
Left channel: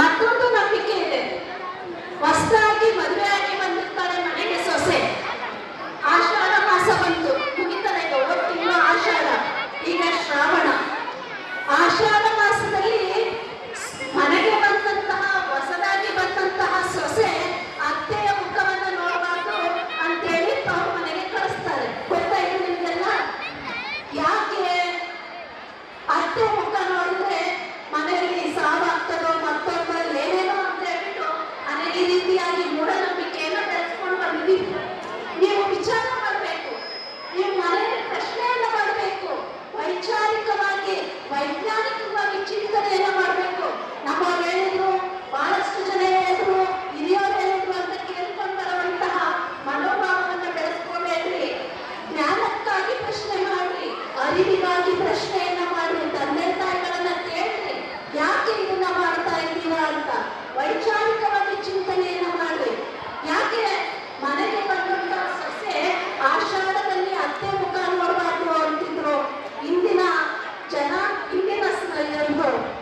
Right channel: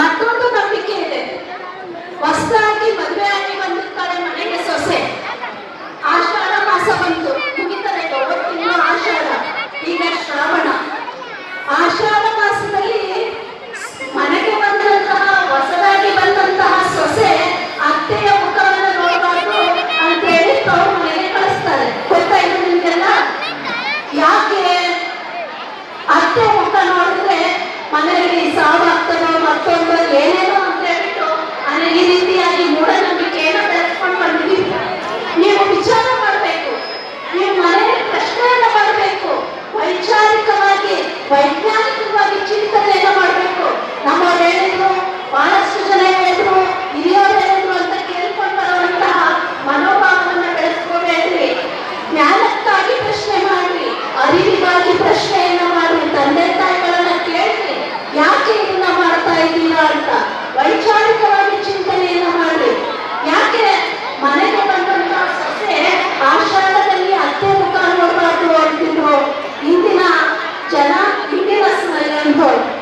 ಮತ್ತೊಂದು ನಂಬಿಕೆ ಇದೆ. ಹೊಸದಾಗಿ ಮದುವೆ ಆಗಿ ಬಂದಿರ್ತಾರೆ ಮನೆಗೆ ಸೊಸೆ. ಆಷಾಢ ಮಾಸ ಬಂತು, ಮುಗಿತಾರೆ ತಿಂಗಳು ಆಷಾಢ, ಈಗ ಶ್ರಾವಣ. ಆಷಾಢ ಮಾಸದಲ್ಲಿ ಮನೆಗೆ ಬಂದಂತಹ ಹೊಸದಾಗಿ ಬಂದಂತಹ ಸೊಸೆ ಅತ್ತೆಯ ಮುಖವನ್ನು ನೋಡಬಾರ್ದು ಅಂತೇಳಿ ತವರು ಮನೆಗೆ ಕಳಿಸ್ತಾರೆ. ಗೊತ್ತಾಯ್ತು ನಿಮಗೆಲ್ಲ? ಯಾಕೆ? ಅತ್ತೆ ಮುಖ ನೋಡಿದ್ರೆ ಮನೆಯಲ್ಲಿ ಸಾವಾಗ್ತದೋ ಮತ್ತೊಂದು ಏನೇನೋ ಅಂತ ಹೇಳ್ಬಿಟ್ಟು ಈ ರೀತಿಯಾಗಿ ಮೂಢನಂಬಿಕೆಯನ್ನು ಬೆಳೆಸ್ಕೊಂಡು ಬಂದಿದ್ದೀವಿ. ನೀವು ವಿಚಾರ ಮಾಡಬೇಕು, ನೀವು ಮನೆಯಲ್ಲಿ ಪ್ರಶ್ನೆಯನ್ನ ಮಾಡಬೇಕು, ವೈಚಾರಿಕವಾಗಿ ವೈಜ್ಞಾನಿಕವಾಗಿ ಚಿಂತನೆಯನ್ನ ಮಾಡಬೇಕು. ನಮ್ಮವ್ರು ಹೇಳಿದ್ರು, ಬಹಳಷ್ಟು ಜನ ಹೇಳಿದ್ರು, ಹಿರಿಯವರು ಹೇಳಿದ್ರು ಅಂತ ಕೇಳ್ಕೊಂಡು ಬರುವಂತಹ ಮನೋಭಾವವನ್ನ ಬೆಳೆಸ್ಕೋಬೇಡ್ರಿ. ಜ್ಞಾನಕ್ಕಾಗಿ ಪ್ರಶ್ನೆ ಮಾಡ್ರಿ, ಅರಿವಿಗಾಗಿ ಪ್ರಶ್ನೆಯನ್ನ ಮಾಡ್ರಿ, ತಂದೆ ತಾಯಿಗಳನ್ನ ಕೇಳ್ರಿ, ಯಾಕೆ ಇದನ್ನ ಮಾಡ್ತಾ ಇದ್ದೀರಾ ಅಂತ ವೈಚಾರಿಕವಾಗಿ ಚಿಂತನೆಯನ್ನ ಮಾಡ್ರಿ. ಯಾಕೆ ಮನೆಗೆ ಬಂದಂತಹ ಸೊಸೆ ಆಷಾಢದಲ್ಲಿ ಅತ್ತೆ ಮುಖ ನೋಡಬಾರ್ದು ಅಂತಿದ್ರು. ಇಂದಿನ ಜನ ಇಂದಿನ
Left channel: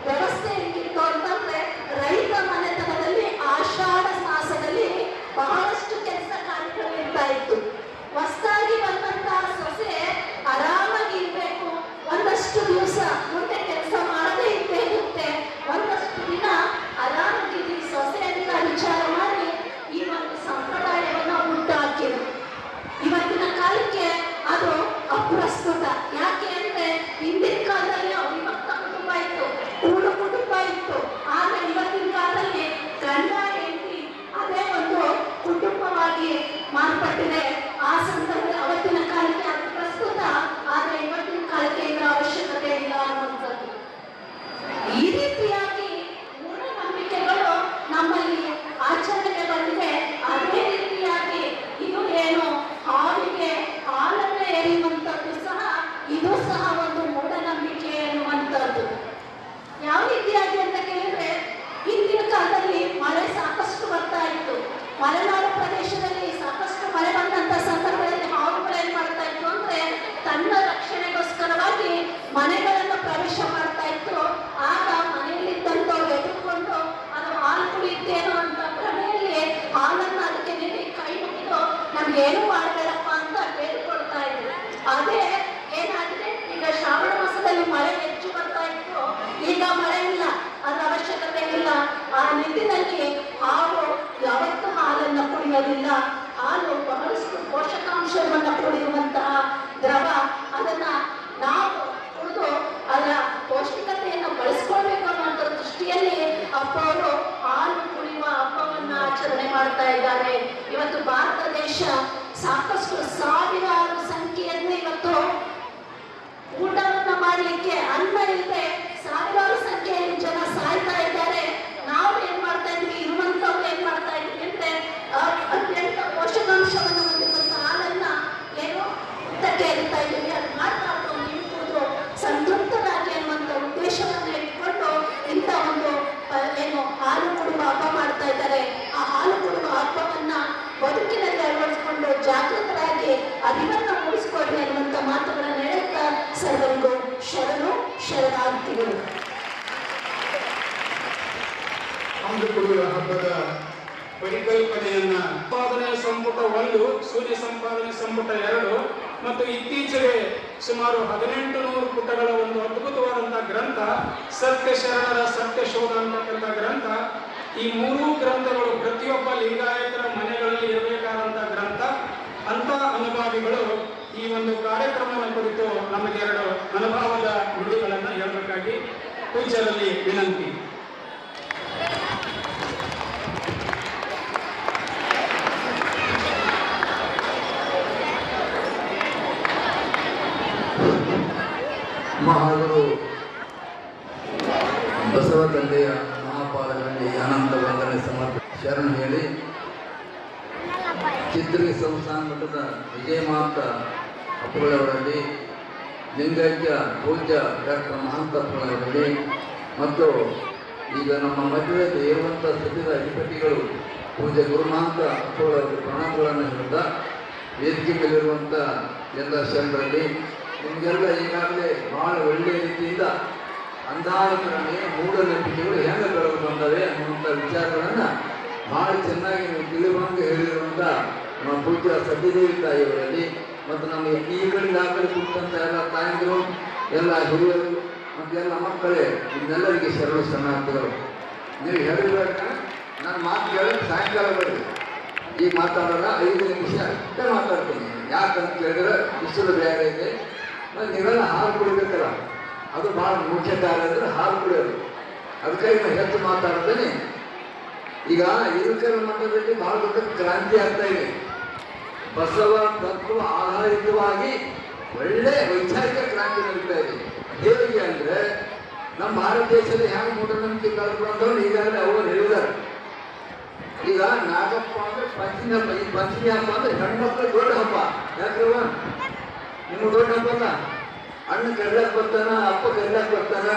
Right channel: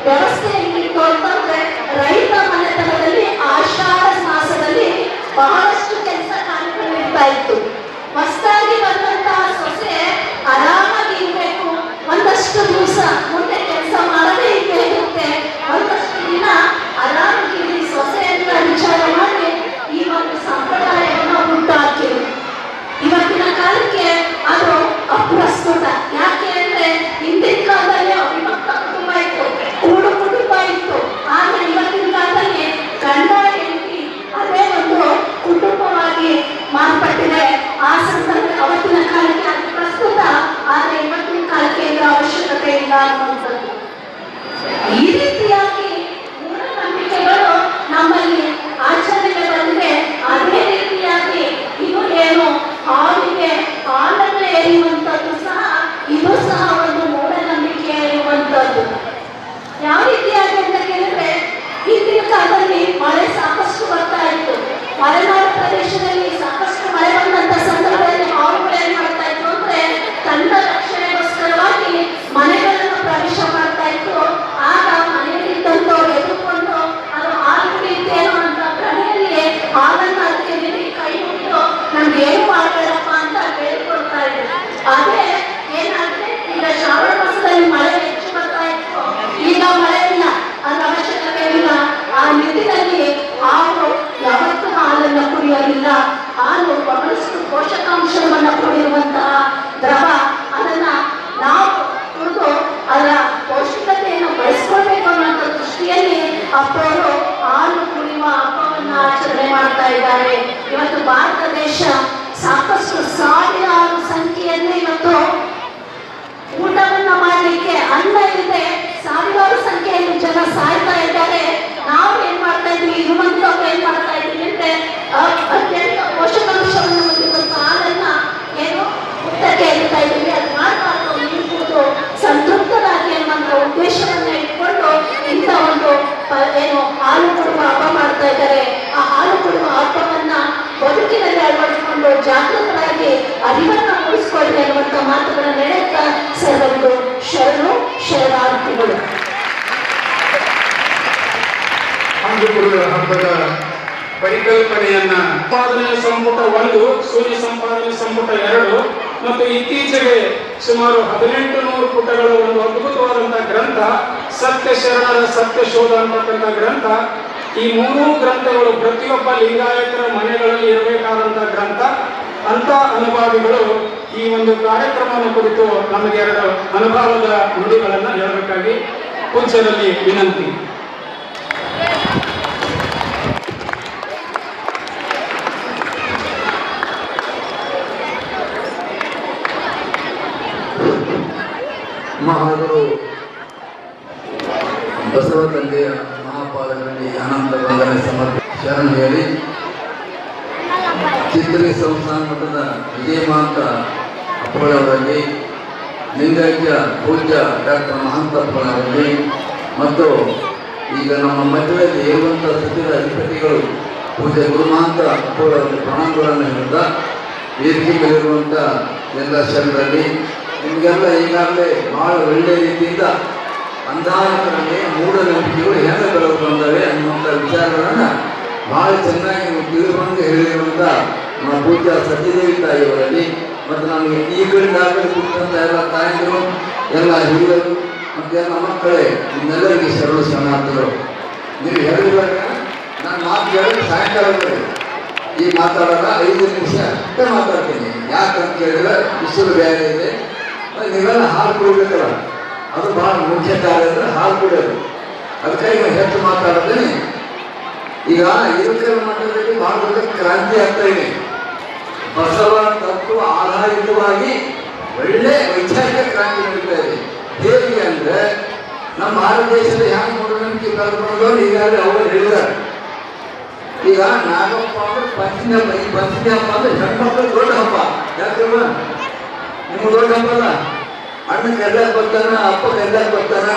ವ್ಯವಸ್ಥೆ ಹೆಂಗಿತ್ತು ಅಂತಂದ್ರೆ, ರೈತ ಮನೆತನದಲ್ಲಿ ಆಷಾಢ ಮಾಸದಲ್ಲಿ ಬಹಳಷ್ಟು ಕೆಲಸ ಕಾರ್ಯಗಳು ಇರ್ತಾ ಇತ್ತು. ಹೊಸದಾಗಿ ಬಂದಂತಹ ಸೊಸೆ ಆರಾಮಾಗಿ ಇರ್ಬೇಕು. ಒಂದಷ್ಟು ದಿವಸ ಮುಂದೆ ಕೆಲಸ ಮಾಡದೇ ಇದ್ದೇ ಇರುತ್ತೆ. ಒಂದಷ್ಟು ದಿನ ಆರಾಮಾಗಿ ಸೊಸೆ ಅಂತ ವಿಚಾರ ಮಾಡಿ ಈ ಒಂದು ಸಂಪ್ರದಾಯವನ್ನು ಹುಟ್ಟುಹಾಕಿರು. ಇವತ್ತಿನ ಕಾಲಕ್ಕೆ ಅದು ಅಪ್ರಸ್ತುತ. ಯಾಕೆ ಅಂದ್ರೆ ಹಿಂದಿನ ಕಾಲದಲ್ಲಿ ಅವಿಭಕ್ತ ಕುಟುಂಬ ಇತ್ತು, ಕೂಡು ಕುಟುಂಬ ಇತ್ತು. ಆದ್ರೆ ಇವತ್ತಿನ ಕಾಲದಲ್ಲಿ ಗಂಡ ಹೆಂಡತಿ ಅದೇ ಒಂದು ಕುಟುಂಬವಾಗಿ ಮಾರ್ಪಟ್ಟಿದೆ. ಆ ಸಂದರ್ಭ ಅವತ್ತಿನ ಕಾಲಕ್ಕೆ ಅದು ಪ್ರಸ್ತುತ, ಆದ್ರೆ ಇವತ್ತಿನ ಕಾಲಕ್ಕೆ ಇದರ ಅವಶ್ಯಕತೆ ಇಲ್ಲ ಅನ್ನುವಂಥದ್ದು. ಈ ರೀತಿಯಾಗಿ ಮೂಢನಂಬಿಕೆಗಳು ನಮ್ಮಲ್ಲಿ ಆಚರಣೆಗೆ ಬಂದಿದೆ. ಅದೇ ರೀತಿಯಾಗಿ ಇದು ಏನು ಹಾವಿಗೆ ಹಾಲನ್ನು ಎರೆಯುವಂಥದ್ದು ಸಹ, ಇದು ಸಹ ಒಂದು ಮೂಢನಂಬಿಕೆ ಎನ್ನುವಂಥದ್ದು. ಯಾವ ರೀತಿಯಾಗಿ ಅಂತ ಕೇಳಿದ್ರೆ, ಹಿಂದಿನ ಕಾಲದಲ್ಲಿ ಮಳೆ ಸಾಕಷ್ಟು ಬರ್ತಾ ಇತ್ತು. ಮಲೆನಾಡು ಪ್ರದೇಶದಲ್ಲಿ ಸಾಕಷ್ಟು ಮಳೆ ಬಂದಂತ ಸಂದರ್ಭದಲ್ಲಿ ಹಾವುಗಳು ಏನ್ ಮಾಡ್ತಾ ಇತ್ತು ಅಂದ್ರೆ, ತನ್ನ ರಕ್ಷಣೆಗೋಸ್ಕರವಾಗಿ ಮನೆಗಳನ್ನು ಪ್ರವೇಶ ಮಾಡ್ತಾ ಇತ್ತು. ಆಗ ಮನೆಯಲ್ಲಿದ್ದಂಥವ್ರು ಎದುರುಕೊಂಡು ಅದು ಹಾಲು ಕುಡಿಯುತ್ತೇನೋ ಅಂತ ಕಡೆಯಲ್ಲಿ ಹಾಲನ್ನು ಅದಕ್ಕೆ ನೀಡಿ ಕೈ ಮುಗಿದು ನಮ್ಗೆ ಏನು ಮಾಡಬೇಡಪ್ಪ ಅಂತ ಕೇಳ್ಕೊಳ್ತಾ ಇದ್ರು. ಅದೇ ಏನಾದ್ರೆ, ಈಗ ಶ್ರಾವಣ ಮಾಸದಲ್ಲಿ ಮಳೆ ಹೆಚ್ಚು ಬರ್ತಾ ಇತ್ತು, ಈಗ ಮಳೆ ಇಲ್ಲ, ಅದ್ರ ಅವಶ್ಯಕತೆ ಇಲ್ಲ. ಆ ನಿಟ್ಟಿನಲ್ಲಿ ಹಾಲು ಯಾವತ್ತೂ ಹಾಲನ್ನು ಕುಡಿಯೋದಿಲ್ಲ. ಹಾಲು ಬಹಳಷ್ಟು ಪೋಷಕಾಂಶವನ್ನು ಕೂಡಿರುವಂತಹ ದ್ರವ. ಅದನ್ನ ನಾವು ಕುಡಿದು ಅದರ ಪೌಷ್ಟಿಕತೆಯನ್ನು ಬಳಸ್ಕೊಳ್ಬೇಕು ಅನ್ನೋ ದೃಷ್ಟಿಯಲ್ಲಿ ಅಪ್ಪವರು ಹಾಲು ಕುಡಿಯುವ ಹಬ್ಬವನ್ನು ಆಚರಣೆ ಮಾಡ್ತಾ ಇದ್ದಾರೆ. ಇವತ್ತು ಭಾರತ ದೇಶ ಸಾಕಷ್ಟು ಸಾವಿರಾರು ಸಂಖ್ಯೆಯಲ್ಲಿ ಇವತ್ತು ಊಟವನ್ನ ಮಾಡಲಿಕ್ಕೆ ಅನ್ನ ಇಲ್ಲದೆ ಸಾವಿರಾರು ಸಂಖ್ಯೆಯಲ್ಲಿ ಜನ ಸಾಯ್ತಾ ಇದ್ದಾರೆ. ನಾವು ಏನ್ ಮಾಡ್ತಾ ಇದ್ವಿ, ಇರುವಂತವ್ರು ಏನ್ ಮಾಡ್ತಾ ಇದ್ವಿ ಅಂದ್ರೆ, ಅತ್ಯಂತ ಪೋಷಕಾಂಶವನ್ನು ಹೊಂದಿರುವಂತ ಹಾಲನ್ನ ಏನು ಮುಕ್ತಕ್ಕೆ ಇರ್ತಾ ಇದ್ವಿ. ಅದು ಮಾಡಬಾರ್ದು, ನೀರು ಕುಡಿದು ಸಂತೃಪ್ತರಾಗಿ ಅನ್ನುವಂಥ ಉದ್ದೇಶವನ್ನ ಇಟ್ಕೊಂಡು ಇಂಥ ಒಂದು ಏನು ಹಾಲು ಕೊಡುವ ಹಬ್ಬ ಮಾಡ್ತಾ ಇದ್ದಾರೆ. ಆ ಹಾಲು ಕೊಡುವ ಹಬ್ಬವನ್ನ ಬದುಕಿನಲ್ಲಿ ಅಳವಡಿಸಿಕೊಂಡು ಜಾಗೃತರಾಗಿ ಅರಿವನ್ನು ಮೂಡಿಸ್ಕೊಳ್ಳಿ ಅನ್ನುವಂಥ ಮಾತುಗಳನ್ನು ಹೇಳುತ್ತಾ ಸರ್ವರಿಗೂ ಶರಣು ಶರಣಾರ್ಥಿಗಳು. ಹಾಲು ಕೊಡುವ ಹಬ್ಬದ ಪರಿಕಲ್ಪನೆಯನ್ನ ಸಂಪಾದನೆ ಸಂಪುಟ 1, ಶೂನ್ಯ ಸಂಪಾದನೆ ಸಂಪುಟ 2 ಮತ್ತು ಇತ್ತೀಚೆಗೆ ಸುಮಾರು 1800 ಪುಟಗಳ ಒಂದು ಅದ್ಭುತವಾದಂತಹ ಗ್ರಂಥ ಸತ್ಯ ಶರಣರ ಸತ್ಯ ಶೋಧ ಅಂತಕ್ಕಂಥ ಗ್ರಂಥ. ಈ 3 ಗ್ರಂಥಗಳು ಪ್ರತಿಯೊಬ್ಬ ಲಿಂಗಾಯತರ ಮನೆಗಳಲ್ಲಿ ಇರಬೇಕಾದಂತಹ ಗ್ರಂಥ. ಅಂತ ಅನುಭಾವಿಗಳು ಈ ಒಂದು ಕಾರ್ಯಕ್ರಮವನ್ನು ಕುರಿತು ನಮಗೆ 2 ಅನುಭವದ ನುಡಿಗಳನ್ನು ಹೇಳಬೇಕಾಗಿ ಪೂಜ್ಯರಲ್ಲಿ ವಿನಂತಿ. ಮಹಾಗುರು ಬಸವ ತಂದೆಯ ಮಹಾಪಾದಗಳಲ್ಲಿ ಅನಂತ ವಂದನೆ ಶರಣ ಹೇಳಿ ಚಿತ್ರಿ ಸಂಸ್ಥಾನ ಮಠದ ವಿಜಯಮಾಂತ ಅಪ್ಪಳವರಲ್ಲಿ, ಲಿಂಗೈಕ್ಯ ಪೂಜ್ಯ ಡಾಕ್ಟರ್ ಮಹಾಂತಪ್ಪಳವರಲ್ಲಿ ಮತ್ತು ಈಗ ನಮ್ಮ ಮಧ್ಯದಲ್ಲಿ ಇರುವಂಥ ಸಚಿವ ಅಧಿಪತಿಗಳು ಪೂಜ್ಯ ಗುರುಮಹಾಂತ ಅಪ್ಪಳವರಲ್ಲಿ ಪ್ರಣಾಮಗಳನ್ನು ಹೇಳಿದ ವೇದಿಕೆಯಲ್ಲಿರುವಂಥ ಎಲ್ಲ ಶರಣರಲ್ಲಿ ನಿಮಗೆಲ್ಲ ಈಗಾಗಲೇ ಭಾಳ ಒಳ್ಳೆಯ ರೀತಿಯಿಂದ ಅಂಧಾಕರಣೆ ಮೂಢನಂಬಿಕೆಗಳು ಹೆಂಗೆ ಬೆಳೆದು ಬಂದವೆ ಅನ್ನುವಂಥ ವಿಚಾರಗಳನ್ನು ಭಾಳ ಚೆನ್ನಾಗಿ ನೀವು ತಿಳಿದುಕೊಂಡು ಹೇಳಿರುವಂಥ ನಮ್ಮ ಪೂಜ್ಯ ಸತ್ಯದೇವಿ ತಾಯಿಯವರಲ್ಲಿ ಮತ್ತು ನಮಗೆ ಈ ಕಡೆಯಿಂದಾಗಲೇ ಕೂತಂಥ ಎಲ್ಲ ತಾಯಂದಿರು, ಎಲ್ಲ ಹಿರಿಯರು ಮತ್ತು ಎಲ್ಲ ಮಕ್ಕಳೇ, ಇನ್ನೆಲ್ಲರಿಗೆ ಶರಣ ಶರಣಾರ್ಥಿಗಳು. ನೀವು ಹೇಳಿದಾಗ ನಾನು ಮಾತು ಕೇಳಿದ್ರೆ ಸಾಯಂಕಾಲ ಬರೀ ಈಗ ಮಾತಾಡೋಣ 5 ನಿಮಿಷ ಅಷ್ಟೇ ಮಾತಾಡ್ತೀನಿ. ಯಾಕಂತ ಕೇಳಿದ್ರೆ ಬಿಸಿಲು ಬೇರೆ ಇದೆ, ನೀವೆಲ್ಲ ಹಾಲು ಕುಡಿಬೇಕಲ್ಲ, ಅದು ಭಾಳ ಮುಖ್ಯ ಕಾರ್ಯ ಅಂದರೆ ಹಾಲು ಕುಡಿಯೋದು. ಅದಕ್ಕಾಗಿ ನಾವು ಹೆಚ್ಚು ಮಾತಾಡೋದೇನೆ. ಈಗ ಇರುಕರ ಮಟ್ಟದಲ್ಲಿ ಭಾಳ ದೊಡ್ಡ ಕ್ರಾಂತಿ ಆಗ್ತಾ ಇದೆ. ಬಸವ ತತ್ವ ಆಧಾರಿತವಾಗಿ ಒಳ್ಳೆ ವೈಚಾರಿಕ ಕ್ರಾಂತಿ ನಡೀತಾ ಇದೆ. ಹೇಗೆ ಅಂದರೆ ನಮ್ಮ ಭಾರತ ದೇಶದ ಹ್ಯಾಂಗ ಮೂಢನಂಬಿಕೆ ಬೆಳೆದು ಈಗಾಗಲೇ ಅವರು ಹೇಳಿದ್ದಾರೆ. ಈಗ ನಾಗಪ್ಪ ಅಂದ್ರೆ ಪಂಚಮಿ ಹಬ್ಬ, ಈ ಪಂಚಮಿ ಹಬ್ಬ ಅಂದ್ರೆ ಹೆಣ್ಮಕ್ಳು ದೊಡ್ಡ ಹಬ್ಬ. ಯಾಕಂದ್ರೆ ನಿಮ್ಗೆ ದೊಡ್ಡ ಹಬ್ಬ ಅಲ್ಲ, ಅಣ್ಣ ಕರ್ಲಾಕ್ ಬರ್ತಾನ, ಅಪ್ಪ ಕರ್ಲಾಕ್ ಬರ್ತಾನ.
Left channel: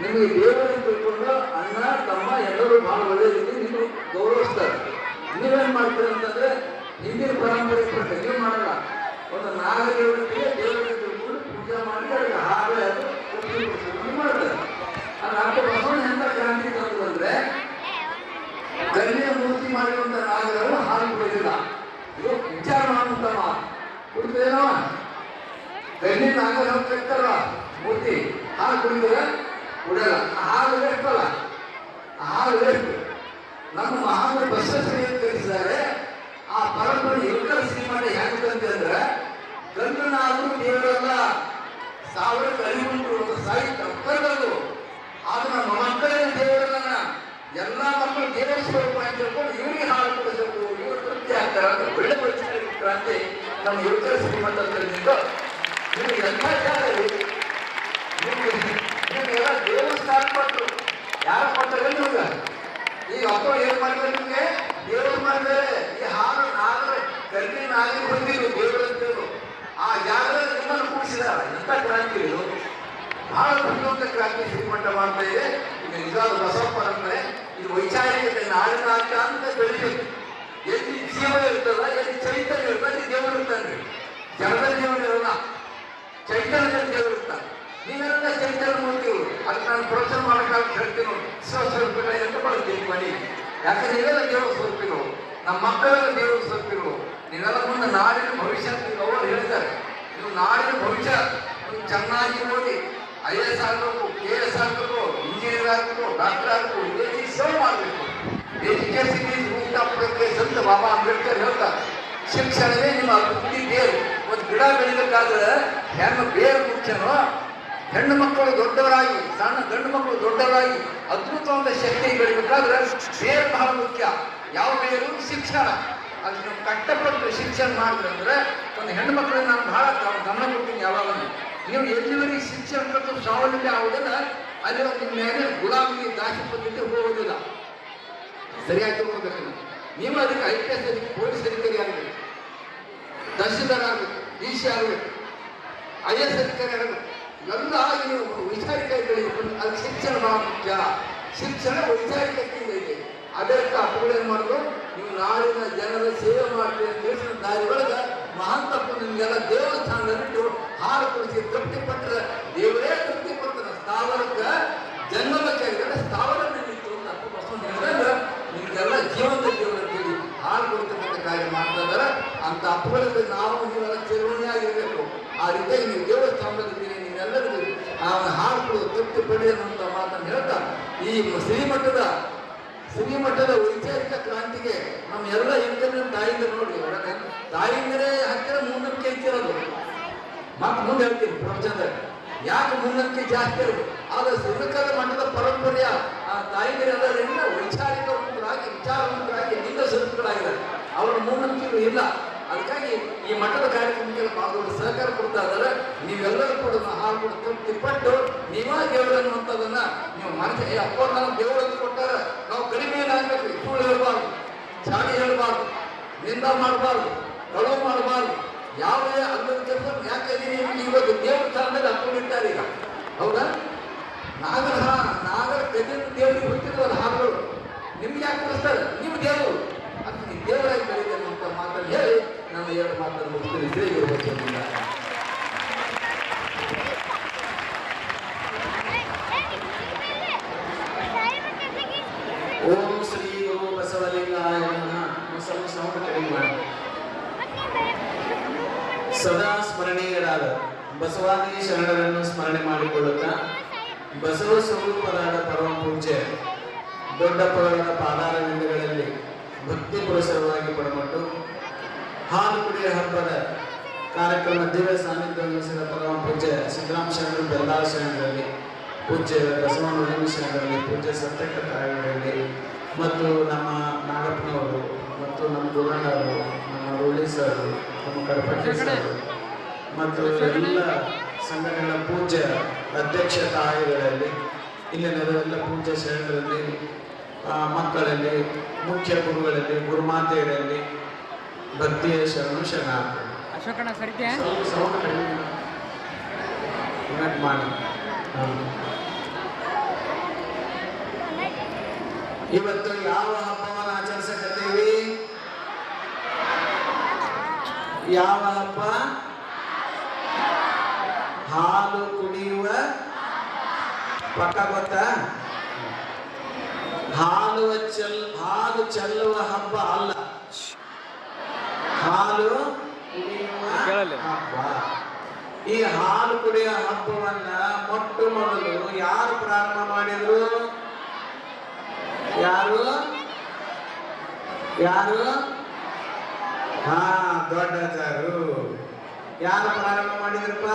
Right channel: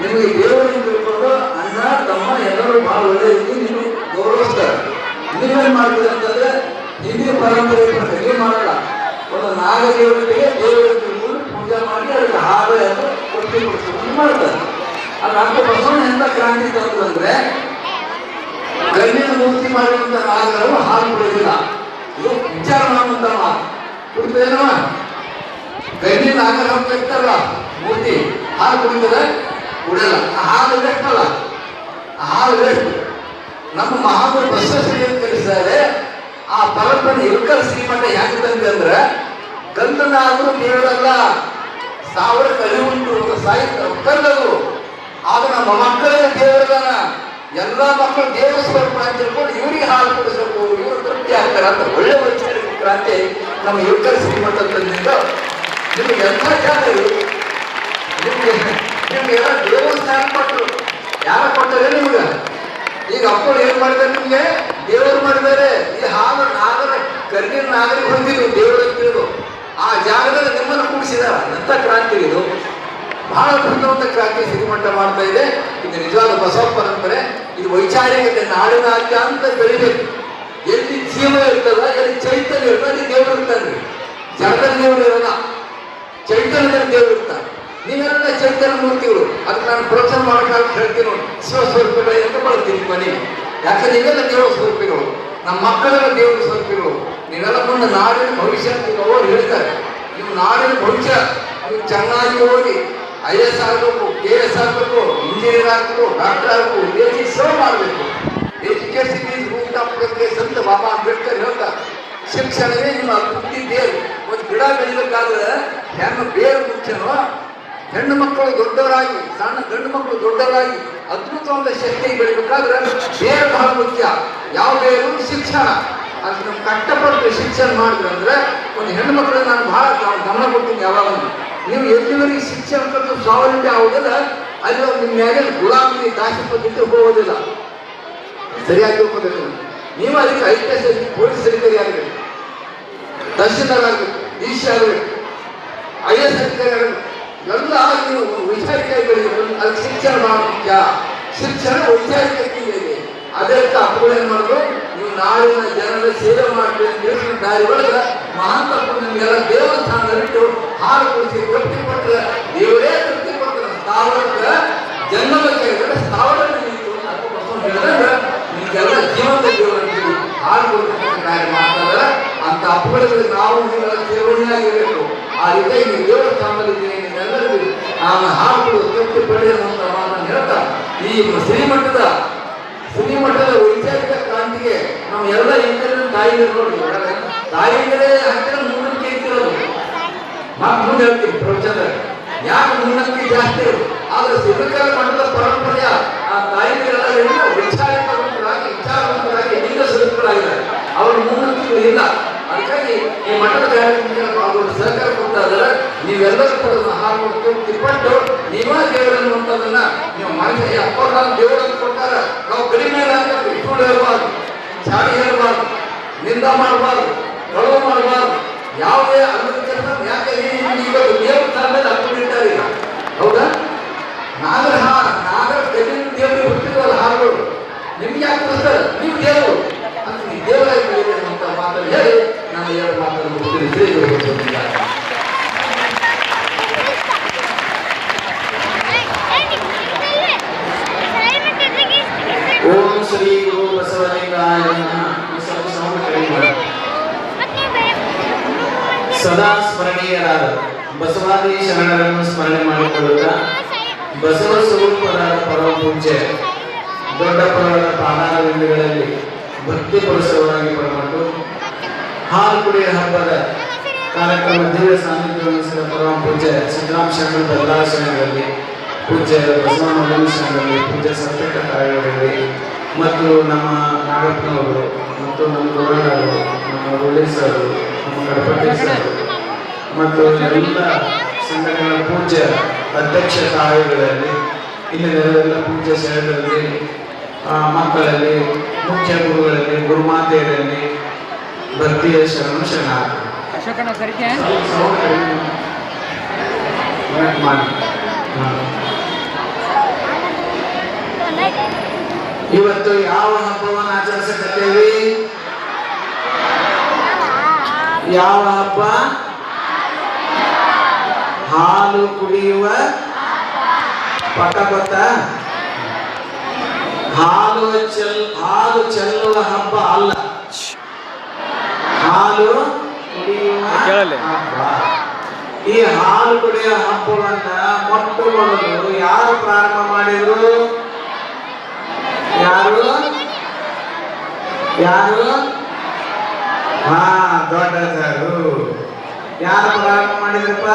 ನಿಮಗೆ ದೇವರಿಗೆ ತಿಳ್ಕೊಂಡು ಅಣ್ಣ ತಮ್ಮ ಎಲ್ಲರೂ ಭಾಳ ಒಳ್ಳೆ ರೀತಿ ನೀವು ಗೌರವಿಸ್ತಾರೆ. ನೀವೇನು ಮಾಡ್ತೀರಿ ಅಂತಂದ್ರೆ ಹಿಂದಿನ ಪರಂಪರೆ ನೀವು ಮಾಡಲ್ಲ. ಒಂದು ನಾಗದೇವತೆಗೆ ದೇವರಿಗೆ ತಿಳ್ಕೊಂಡು ಪೂಜೆ ಮಾಡಿ ಅದಕ್ಕೆ ಹಾಲು ಅದು ಕೊಟ್ಟು ಮಾಡ್ತಾರೆ. ಅದು ಅಕ್ಕ ಬಸವಣ್ಣ ಎಂತ ಕ್ರಾಂತಿ ತಂದ್ರೆ ಗಣ್ಯನ ಮೂರ್ತಿ ಮಾಡಿರುವಂಥ ನಾಗರವು ಹಾಲು ಕುಡಿಯೋದಿಲ್ಲ. ಇದು ವಿಚಾರ ಮಾಡುವಂಥ ಮಾತು. ಕುಡಿತೇನವ ಗಣ್ಯ ನಾಗರ ಇರ್ತಲ್ಲ ಮೂರ್ತಿ, ಹಾಲು ಕುಡಿದರೆ ಕುಡಿಯಲ್ಲ. ಹಾಲು ಬೇಕಲ್ಲ, ಹಾಲು ಬೇಕು. ನಮ್ಮ ಮಹಾಗುರು ಬಸವಶ್ರೀ ಕಲಿಸಿದ್ದಾರೆ. ಆ ಪರಂಪರೆ ಇಲ್ಕಲ್ ಶ್ರೀಮಠ ಯಾಕೆ ತಂದೆ ಅಂದ್ರೆ ಗಂಧನಾದರೂ ಕೇಳಲ್ಲ, 1000 ಕಲಿ ಉಂಟು ಸಾಹಿತ್ಯ ಒಕ್ಕಲ್ಲದು. ಆಗ ನಮ್ಮ ಮಕ್ಕಳೇ ದೇವರದಾನ, ಎಲ್ಲ ಮಕ್ಕಳು ದೇವರ ಸ್ವರೂಪ ಅಂತ ತಿಳ್ಕೊಂಡು ಇವರಿಗೆ ಹಾಲು ಕೊಡಿಸಬೇಕು, ಇವರು ತೃಪ್ತಿ ಆಗ್ತಾರೆ ಅಂತ ಒಳ್ಳೆ ವೈಚಾರಿಕ ಕ್ರಾಂತಿ ನಮ್ಮ ಇಲ್ಕಲ್ ಶ್ರೀಮಠ ತಂದಿಂದ. ನಿಮ್ಗೆ ಎಂಥ ಜಾಗ ನಿಮ್ಗೆಲ್ಲ ದೇವಸ್ಥಾನ ಕೊಟ್ಟರು. ಯಾರು ಕೊಟ್ಟರೆ ನಿಮ್ಗೆ? ಈಗ ಅಪ್ಪಳು ಏನು ಮಾಡಿದ್ದಾರೆ? ನಿಮಗೆ ದೇವರು ಮಾಡಿದ್ದಾರೆ. ಈ ಹಾಲು ನಾಗರ ಕರ್ಗಿನ ನಾಗರಿಗೆ ಹೊಂದಿದ್ರು ದೇವರು ತಿಳಿದು ಆ ಜಾಗದಲ್ಲಿ ನಿಮ್ಮನ್ನು ಕೂಡಿಸಿದಾರ. ಎಂಥ ಕ್ರಾಂತಿ ಇದು! ಬಹಳ ದೊಡ್ಡ ಕ್ರಾಂತಿ ಶ್ರೀಮಠ ಮಾಡ್ತಾ ಇದೆ. ಇದು ನಿಜವಾದ ಬಸವ ಪರಂಪರೆ. ಇದು ವೈಚಾರಿಕತೆ, ನಾಡಿನಾದ್ಯ ಅಂತ ಬೆಳಿಬೇಕು. ಎಲ್ಲಿ ಜೀವ ಇರ್ತದ, ಎಲ್ಲಿ ಚೈತನ್ಯ ಇರ್ತದೆ, ಅಲ್ಲಿ ದೇವರು ಇರ್ತಾನೆ. ಜಗದಲ್ಲಿ ದೇವರು ಇರೋಲ್ಲ, ಚೈತನ್ಯದಲ್ಲಿ ದೇವರು ಇರ್ತಾನೆ. ನೀವೆಲ್ಲ ಚೈತನ್ಯ ಮೂರ್ತಿಗಳು. ಅದಕ್ಕೆ ನಾನು ಪ್ರೋತ್ಸಾಹ ಮಾಡೋಕ್ಕಾಗಿ ಹೇಳ್ತೀನಿ ನೋಡಿ, ಶಿವಸ್ವರೂಪಿಗಳು ಅಂತ ಬರ್ತೀನಿ ಮನೆಗೆ. ಯಾಕಂದ್ರೆ ನೀವೆಲ್ಲ ದೇವರ ಸ್ವರೂಪಿಗಳು, ನಮ್ಮ ಮಕ್ಕಳೆಲ್ಲ ದೇವರ ಸ್ವರೂಪಿಗಳು. ನೀವೆಲ್ಲ ಮುಂದೆ ನಾಡಿನ ಭವಿಷ್ಯ ಅಂತ ಅವರು ಹೇಳ್ತಾರೆ. ನೀವು ನಾಡಿನ ಭವಿಷ್ಯ ನೀವು ಚೆನ್ನಾಗಿ ಓದಿ IAS ಆಗಬೇಕು, KS ಆಗಬೇಕು, ಇಂಜಿನಿಯರ್ ಆಗಬೇಕು, ಡಾಕ್ಟರ್ ಆಗಬೇಕು, ದೇಶಕ್ಕೆ ಸೇವೆ ಮಾಡಬೇಕು. Education is root of progress ಅಂತ ಬಾಬಾ ಅಂಬೇಡ್ಕರ್ ಹೇಳ್ತಾರೆ. ಶಿಕ್ಷಣವೇ ನಿಮ್ಮ ಅಭಿವೃದ್ಧಿ ಬೇರು. ಒಂದು ಗಿಡ ಬೆಳಿಬೇಕಾದ್ರೆ ಹೆಣ್ಣು ಬೇರು ಮುಖ್ಯನೋ, ಹೆಣ್ಣು ಮಕ್ಕಳು ದೊಡ್ಡವರಾಗಿ, ಸಣ್ಣ ಗಂಡು ಮಕ್ಕಳು ದೊಡ್ಡವರಾಗಿ ಅದ್ಭುತವಾದ ಶಕ್ತಿ ಬೆಳಿಬೇಕಾದ್ರೆ ಬೇರು ಬಹಳ ಮುಖ್ಯ. ಯಾವ ಬೇರು? ಶಿಕ್ಷಣ. ಅದು ನಾವು ಕಷ್ಟಪಟ್ಟು ಶಿಕ್ಷಣ ಮಾಡಿದ್ರು ಅಂದ್ರೆ ಒಂದು ಹೆಣ್ಣು ಮಕ್ಕಳನ್ನ ನಾನು ಬಹಳ ಗಮನ ಕೊಡ್ತೀನಿ. ಯಾವಾಗ ನೀವು ಎಲ್ಲಿವರೆಗೆ ಶಿಕ್ಷಣ ಕಟ್ಟು ಸ್ವಾವಲಂಬಿ ಆಗೋದಿಲ್ಲ, ಅಲ್ಲಿ ನಿಮ್ಮ ಮ್ಯಾಗೆ ಗುಲಾಮಿ ದಾಸಿಪದ್ಧತಿ ಹೋಗೋದಿಲ್ಲ. ಸರಿಯಾಗಿ ಹೋಗಬೇಕು. ನೀವು ಅದಕ್ಕೆ IPS ಪೊಲೀಸ್ ಅಧಿಕಾರಿ ಆಗಬೇಕು, ತಹಶೀಲ್ದಾರ್ ಆಗಬೇಕು, DC ಆಗಬೇಕು, IAS ಅಧಿಕಾರಿ ಆಗಬೇಕು. ಎಲ್ಲ ನೀವು ವೈಚಾರಿಕ ಬೆಳೆಯಬೇಕು. ಅದಕ್ಕೆ ಶಿಕ್ಷಣ ಬಹಳ ಮುಖ್ಯ. ಶಿಕ್ಷಣ ವೈಚಾರಿಕ ಇದೆ. ಅದಕ್ಕೆ ಅಪ್ಪಗಳು ಏನು ಮಾಡೋದು, ನೀವು ನಾಡಿನ ಜನರ ಸೇವೆ ಮಾಡಬೇಕು ತಿಳಿಸಿದ ದಾರಿ ಒಳಗೆ ಮಹಾಂತಪ್ಪ ನಿಮಗೆಲ್ಲ ದೇವಸ್ಥಾನದಲ್ಲಿಟ್ಟು ಹಾಲು ಕುಡಿಸಿ ತೃಪ್ತಿ ಕೊಟ್ಟರೆ ದೇವರೇ ತೃಪ್ತಿ ಕೊಡ್ತಾರೆ. ಸ್ಥಾವರಕ್ಕೆ ಜನ್ಮಕ್ಕೆ ಸ್ಥಾವರ ಹೇಳಿದ್ರೆ ನಿಮಗೆಲ್ಲ ಜೀವನ ಶ್ರೀಮಠದ ವೈಚಾರಿಕ ಕ್ರಾಂತಿಗೆ ನಾವು ಎಲ್ಲ ಹೆಂಗರ ತಾಯಿಗಳು ನೋಡಿ, ತಾಯಿಗಳೇ ಹತ್ತಿರ ಮೂಢನಂಬಿಕೆ ಇಟ್ಟಿರೋದು. ಮುಂದೆ ಹೇಳ್ತೀನಿ ಪ್ರಪಂಚದಾಗ ಯಾಕೆ ಮೂಢನಂಬಿಕೆ ಜಾಸ್ತಿ ಇರೋದು. ಆದ್ರೆ ಸಿದ್ಧಕಾಲ ಮಠದ ಪರಂಪರೆಯ ಆ ತಾಯಿಗಳೆಲ್ಲ ವಿಚಾರವಂತರಾಗಿ ಲಿಂಗ ಸ್ವರೂಪಗಳಾಗಿದ್ದಾರೆ. ಅವ್ರ ಮೂಢನಂಬಿಕೆಗಳು ಇಲ್ಲ. ಅದಕ್ಕಾಗಿ ಈ ಮಠದ ಕಾರ್ಯಕ್ರಮಕ್ಕೆ ಅವರು ಸಹಕಾರ ಕೊಡ್ತಾ ಇದ್ದಾರೆ. ನೀವೆಲ್ಲರೂ ಕೂಡ ಹಾಲು ತಿಪ್ಪಟ್ಟು ನೀವೇ ದೇವರನ್ನು ಅಂತದನ್ನ ನೀವು ಮಾಡಿ ಅಪ್ಪ ದೇವರನ್ನು ಕೊಟ್ಟಾರ. ನಾವು ಕಡಿಮೆ ಸುಳ್ಳು ಹೇಳಬಾರ್ದು, ಚಾಡಿ ಹೇಳಬಾರ್ದು, ನಿಂದ ಮಾಡಬಾರ್ದು, ಕಳುವು ಮಾಡಬಾರ್ದು, ಯಾವುದೇ ಅಲ್ಲದ ಕೆಲಸ. ಯಾಕೆ ಈಗ ದೇವ್ರ ಸ್ಥಾನದಲ್ಲಿ ಹಾಕೊಂಡಿರ್ತಾರೆ ಈಗ, ಹೌದಾ? ನಾಗರ ಕಲ್ಲಿನ ದೇವರಿಗೆ ಹುಟ್ಟಿದ್ರಲ್ಲ ಹಾಡುಗಳು, ನಿಮ್ಗೆ ಯಾಕೆ ಬರ್ತಾರೆ? ನೀವು ದೇವರು ಅಂತ ನೀವು ದೇವರಾಗಿ ಬೆಳೀತಾರೆ ಅಂತ ಮಾತನ್ನು ಹೇಳಿ ನಾನು ಎರಡು ಮಾತನ್ನು ಮುಗಿಸ್ತೀನಿ. ಶ್ರೀಗಳು ಓಂ ಶ್ರೀ ಗುರು ಬಸವಲಿಂಗಾಯ ಸದಾ ಸ್ಮರಣೀಯರಾದ ಬಸವಾದಿ ಶರಣರನ್ನು ಸ್ಮರಣೆ ಮಾಡಿಕೊಳ್ಳುತ್ತಾ ಬಸವ ಸ್ವರೂಪರಾದ ಪರಮ ಪೂಜ್ಯ ದೊಡ್ಡ ಪುರಾಣದ ಪಾದಾರವಿಂದಗಳಲ್ಲಿ ಭಕ್ತಿ ಪುರುಷರಾಗಿ ಪರಮಟ್ಟು ಹಾಲು ಕುಡಿಯ ಹಬ್ಬದ ಕಾರ್ಯಕ್ರಮ ದಿವ್ಯ ಸಾನ್ನಿಧ್ಯ ವಹಿಸಿದ ಪರಮ ಪೂಜ್ಯ ಸಿದ್ದರಾಮ ಶರಣರ ಎಲ್ಲ ಶರಣರಲ್ಲಿ, ಪೂಜ್ಯ ಬಸವಣ್ಣ ಶರಣರಲ್ಲಿ, ಪೂಜ್ಯ ಸತ್ಯಕ ತಾಯಿಯವರಲ್ಲಿ ಮತ್ತು ನಮ್ಮ ನಾಗಪ್ಪನವರು ಮತ್ತು ನಮ್ಮ ಗುರುಗಳು, ನಮ್ಮ ರೋಳಿ ಸರ್, ನಮ್ಮ ಗಣಪತಿ ಸರ್ ಮತ್ತು ಎಲ್ಲ ಸಂಘಟನೆಗಳ ಪೂಜ್ಯ ಅಧ್ಯಕ್ಷ ತಾಯಿಗಳಲ್ಲಿ, ಇಲ್ಲಿ ನೆರೆದೆಲ್ಲ ಪೂಜ್ಯ ಶರಣರಲ್ಲಿ, ಮಕ್ಕಳಲ್ಲಿ, ಮುಖ್ಯ ಗುರುಗಳಲ್ಲಿ, ಗುರುಮಾತೆಯರಲ್ಲಿ ಭಕ್ತಿಯ ಶರಣು ಶರಣಾರ್ಥಿ ಮಾಡಿ. ಇವತ್ತು ಯಾವ ಹಬ್ಬವನ್ನು ಆಚರಿಸಕತ್ತೇವಿ? ಯಾವ ಹಬ್ಬ? ಹಾಲು ಕುಡಿಯುವ ಪಟಪಟ, ಹಾಲು ಚೆಲ್ಲುವ ಹಬ್ಬ ಅಲ್ಲ, ಹಾಲು ಕುಡಿಯುವ ಹಬ್ಬ. ಈ ಹಾಲು ಕುಡಿಯುವ ಹಬ್ಬವನ್ನ ಮೊಟ್ಟ ಮೊದಲು ಯಾರು ಪ್ರಾರಂಭ ಮಾಡಿದ್ರು? ಯಾರು? ದೊಡ್ಡದರು. ಯಾರು ಪ್ರಾರಂಭ ಮಾಡಿದ್ರಪ್ಪ?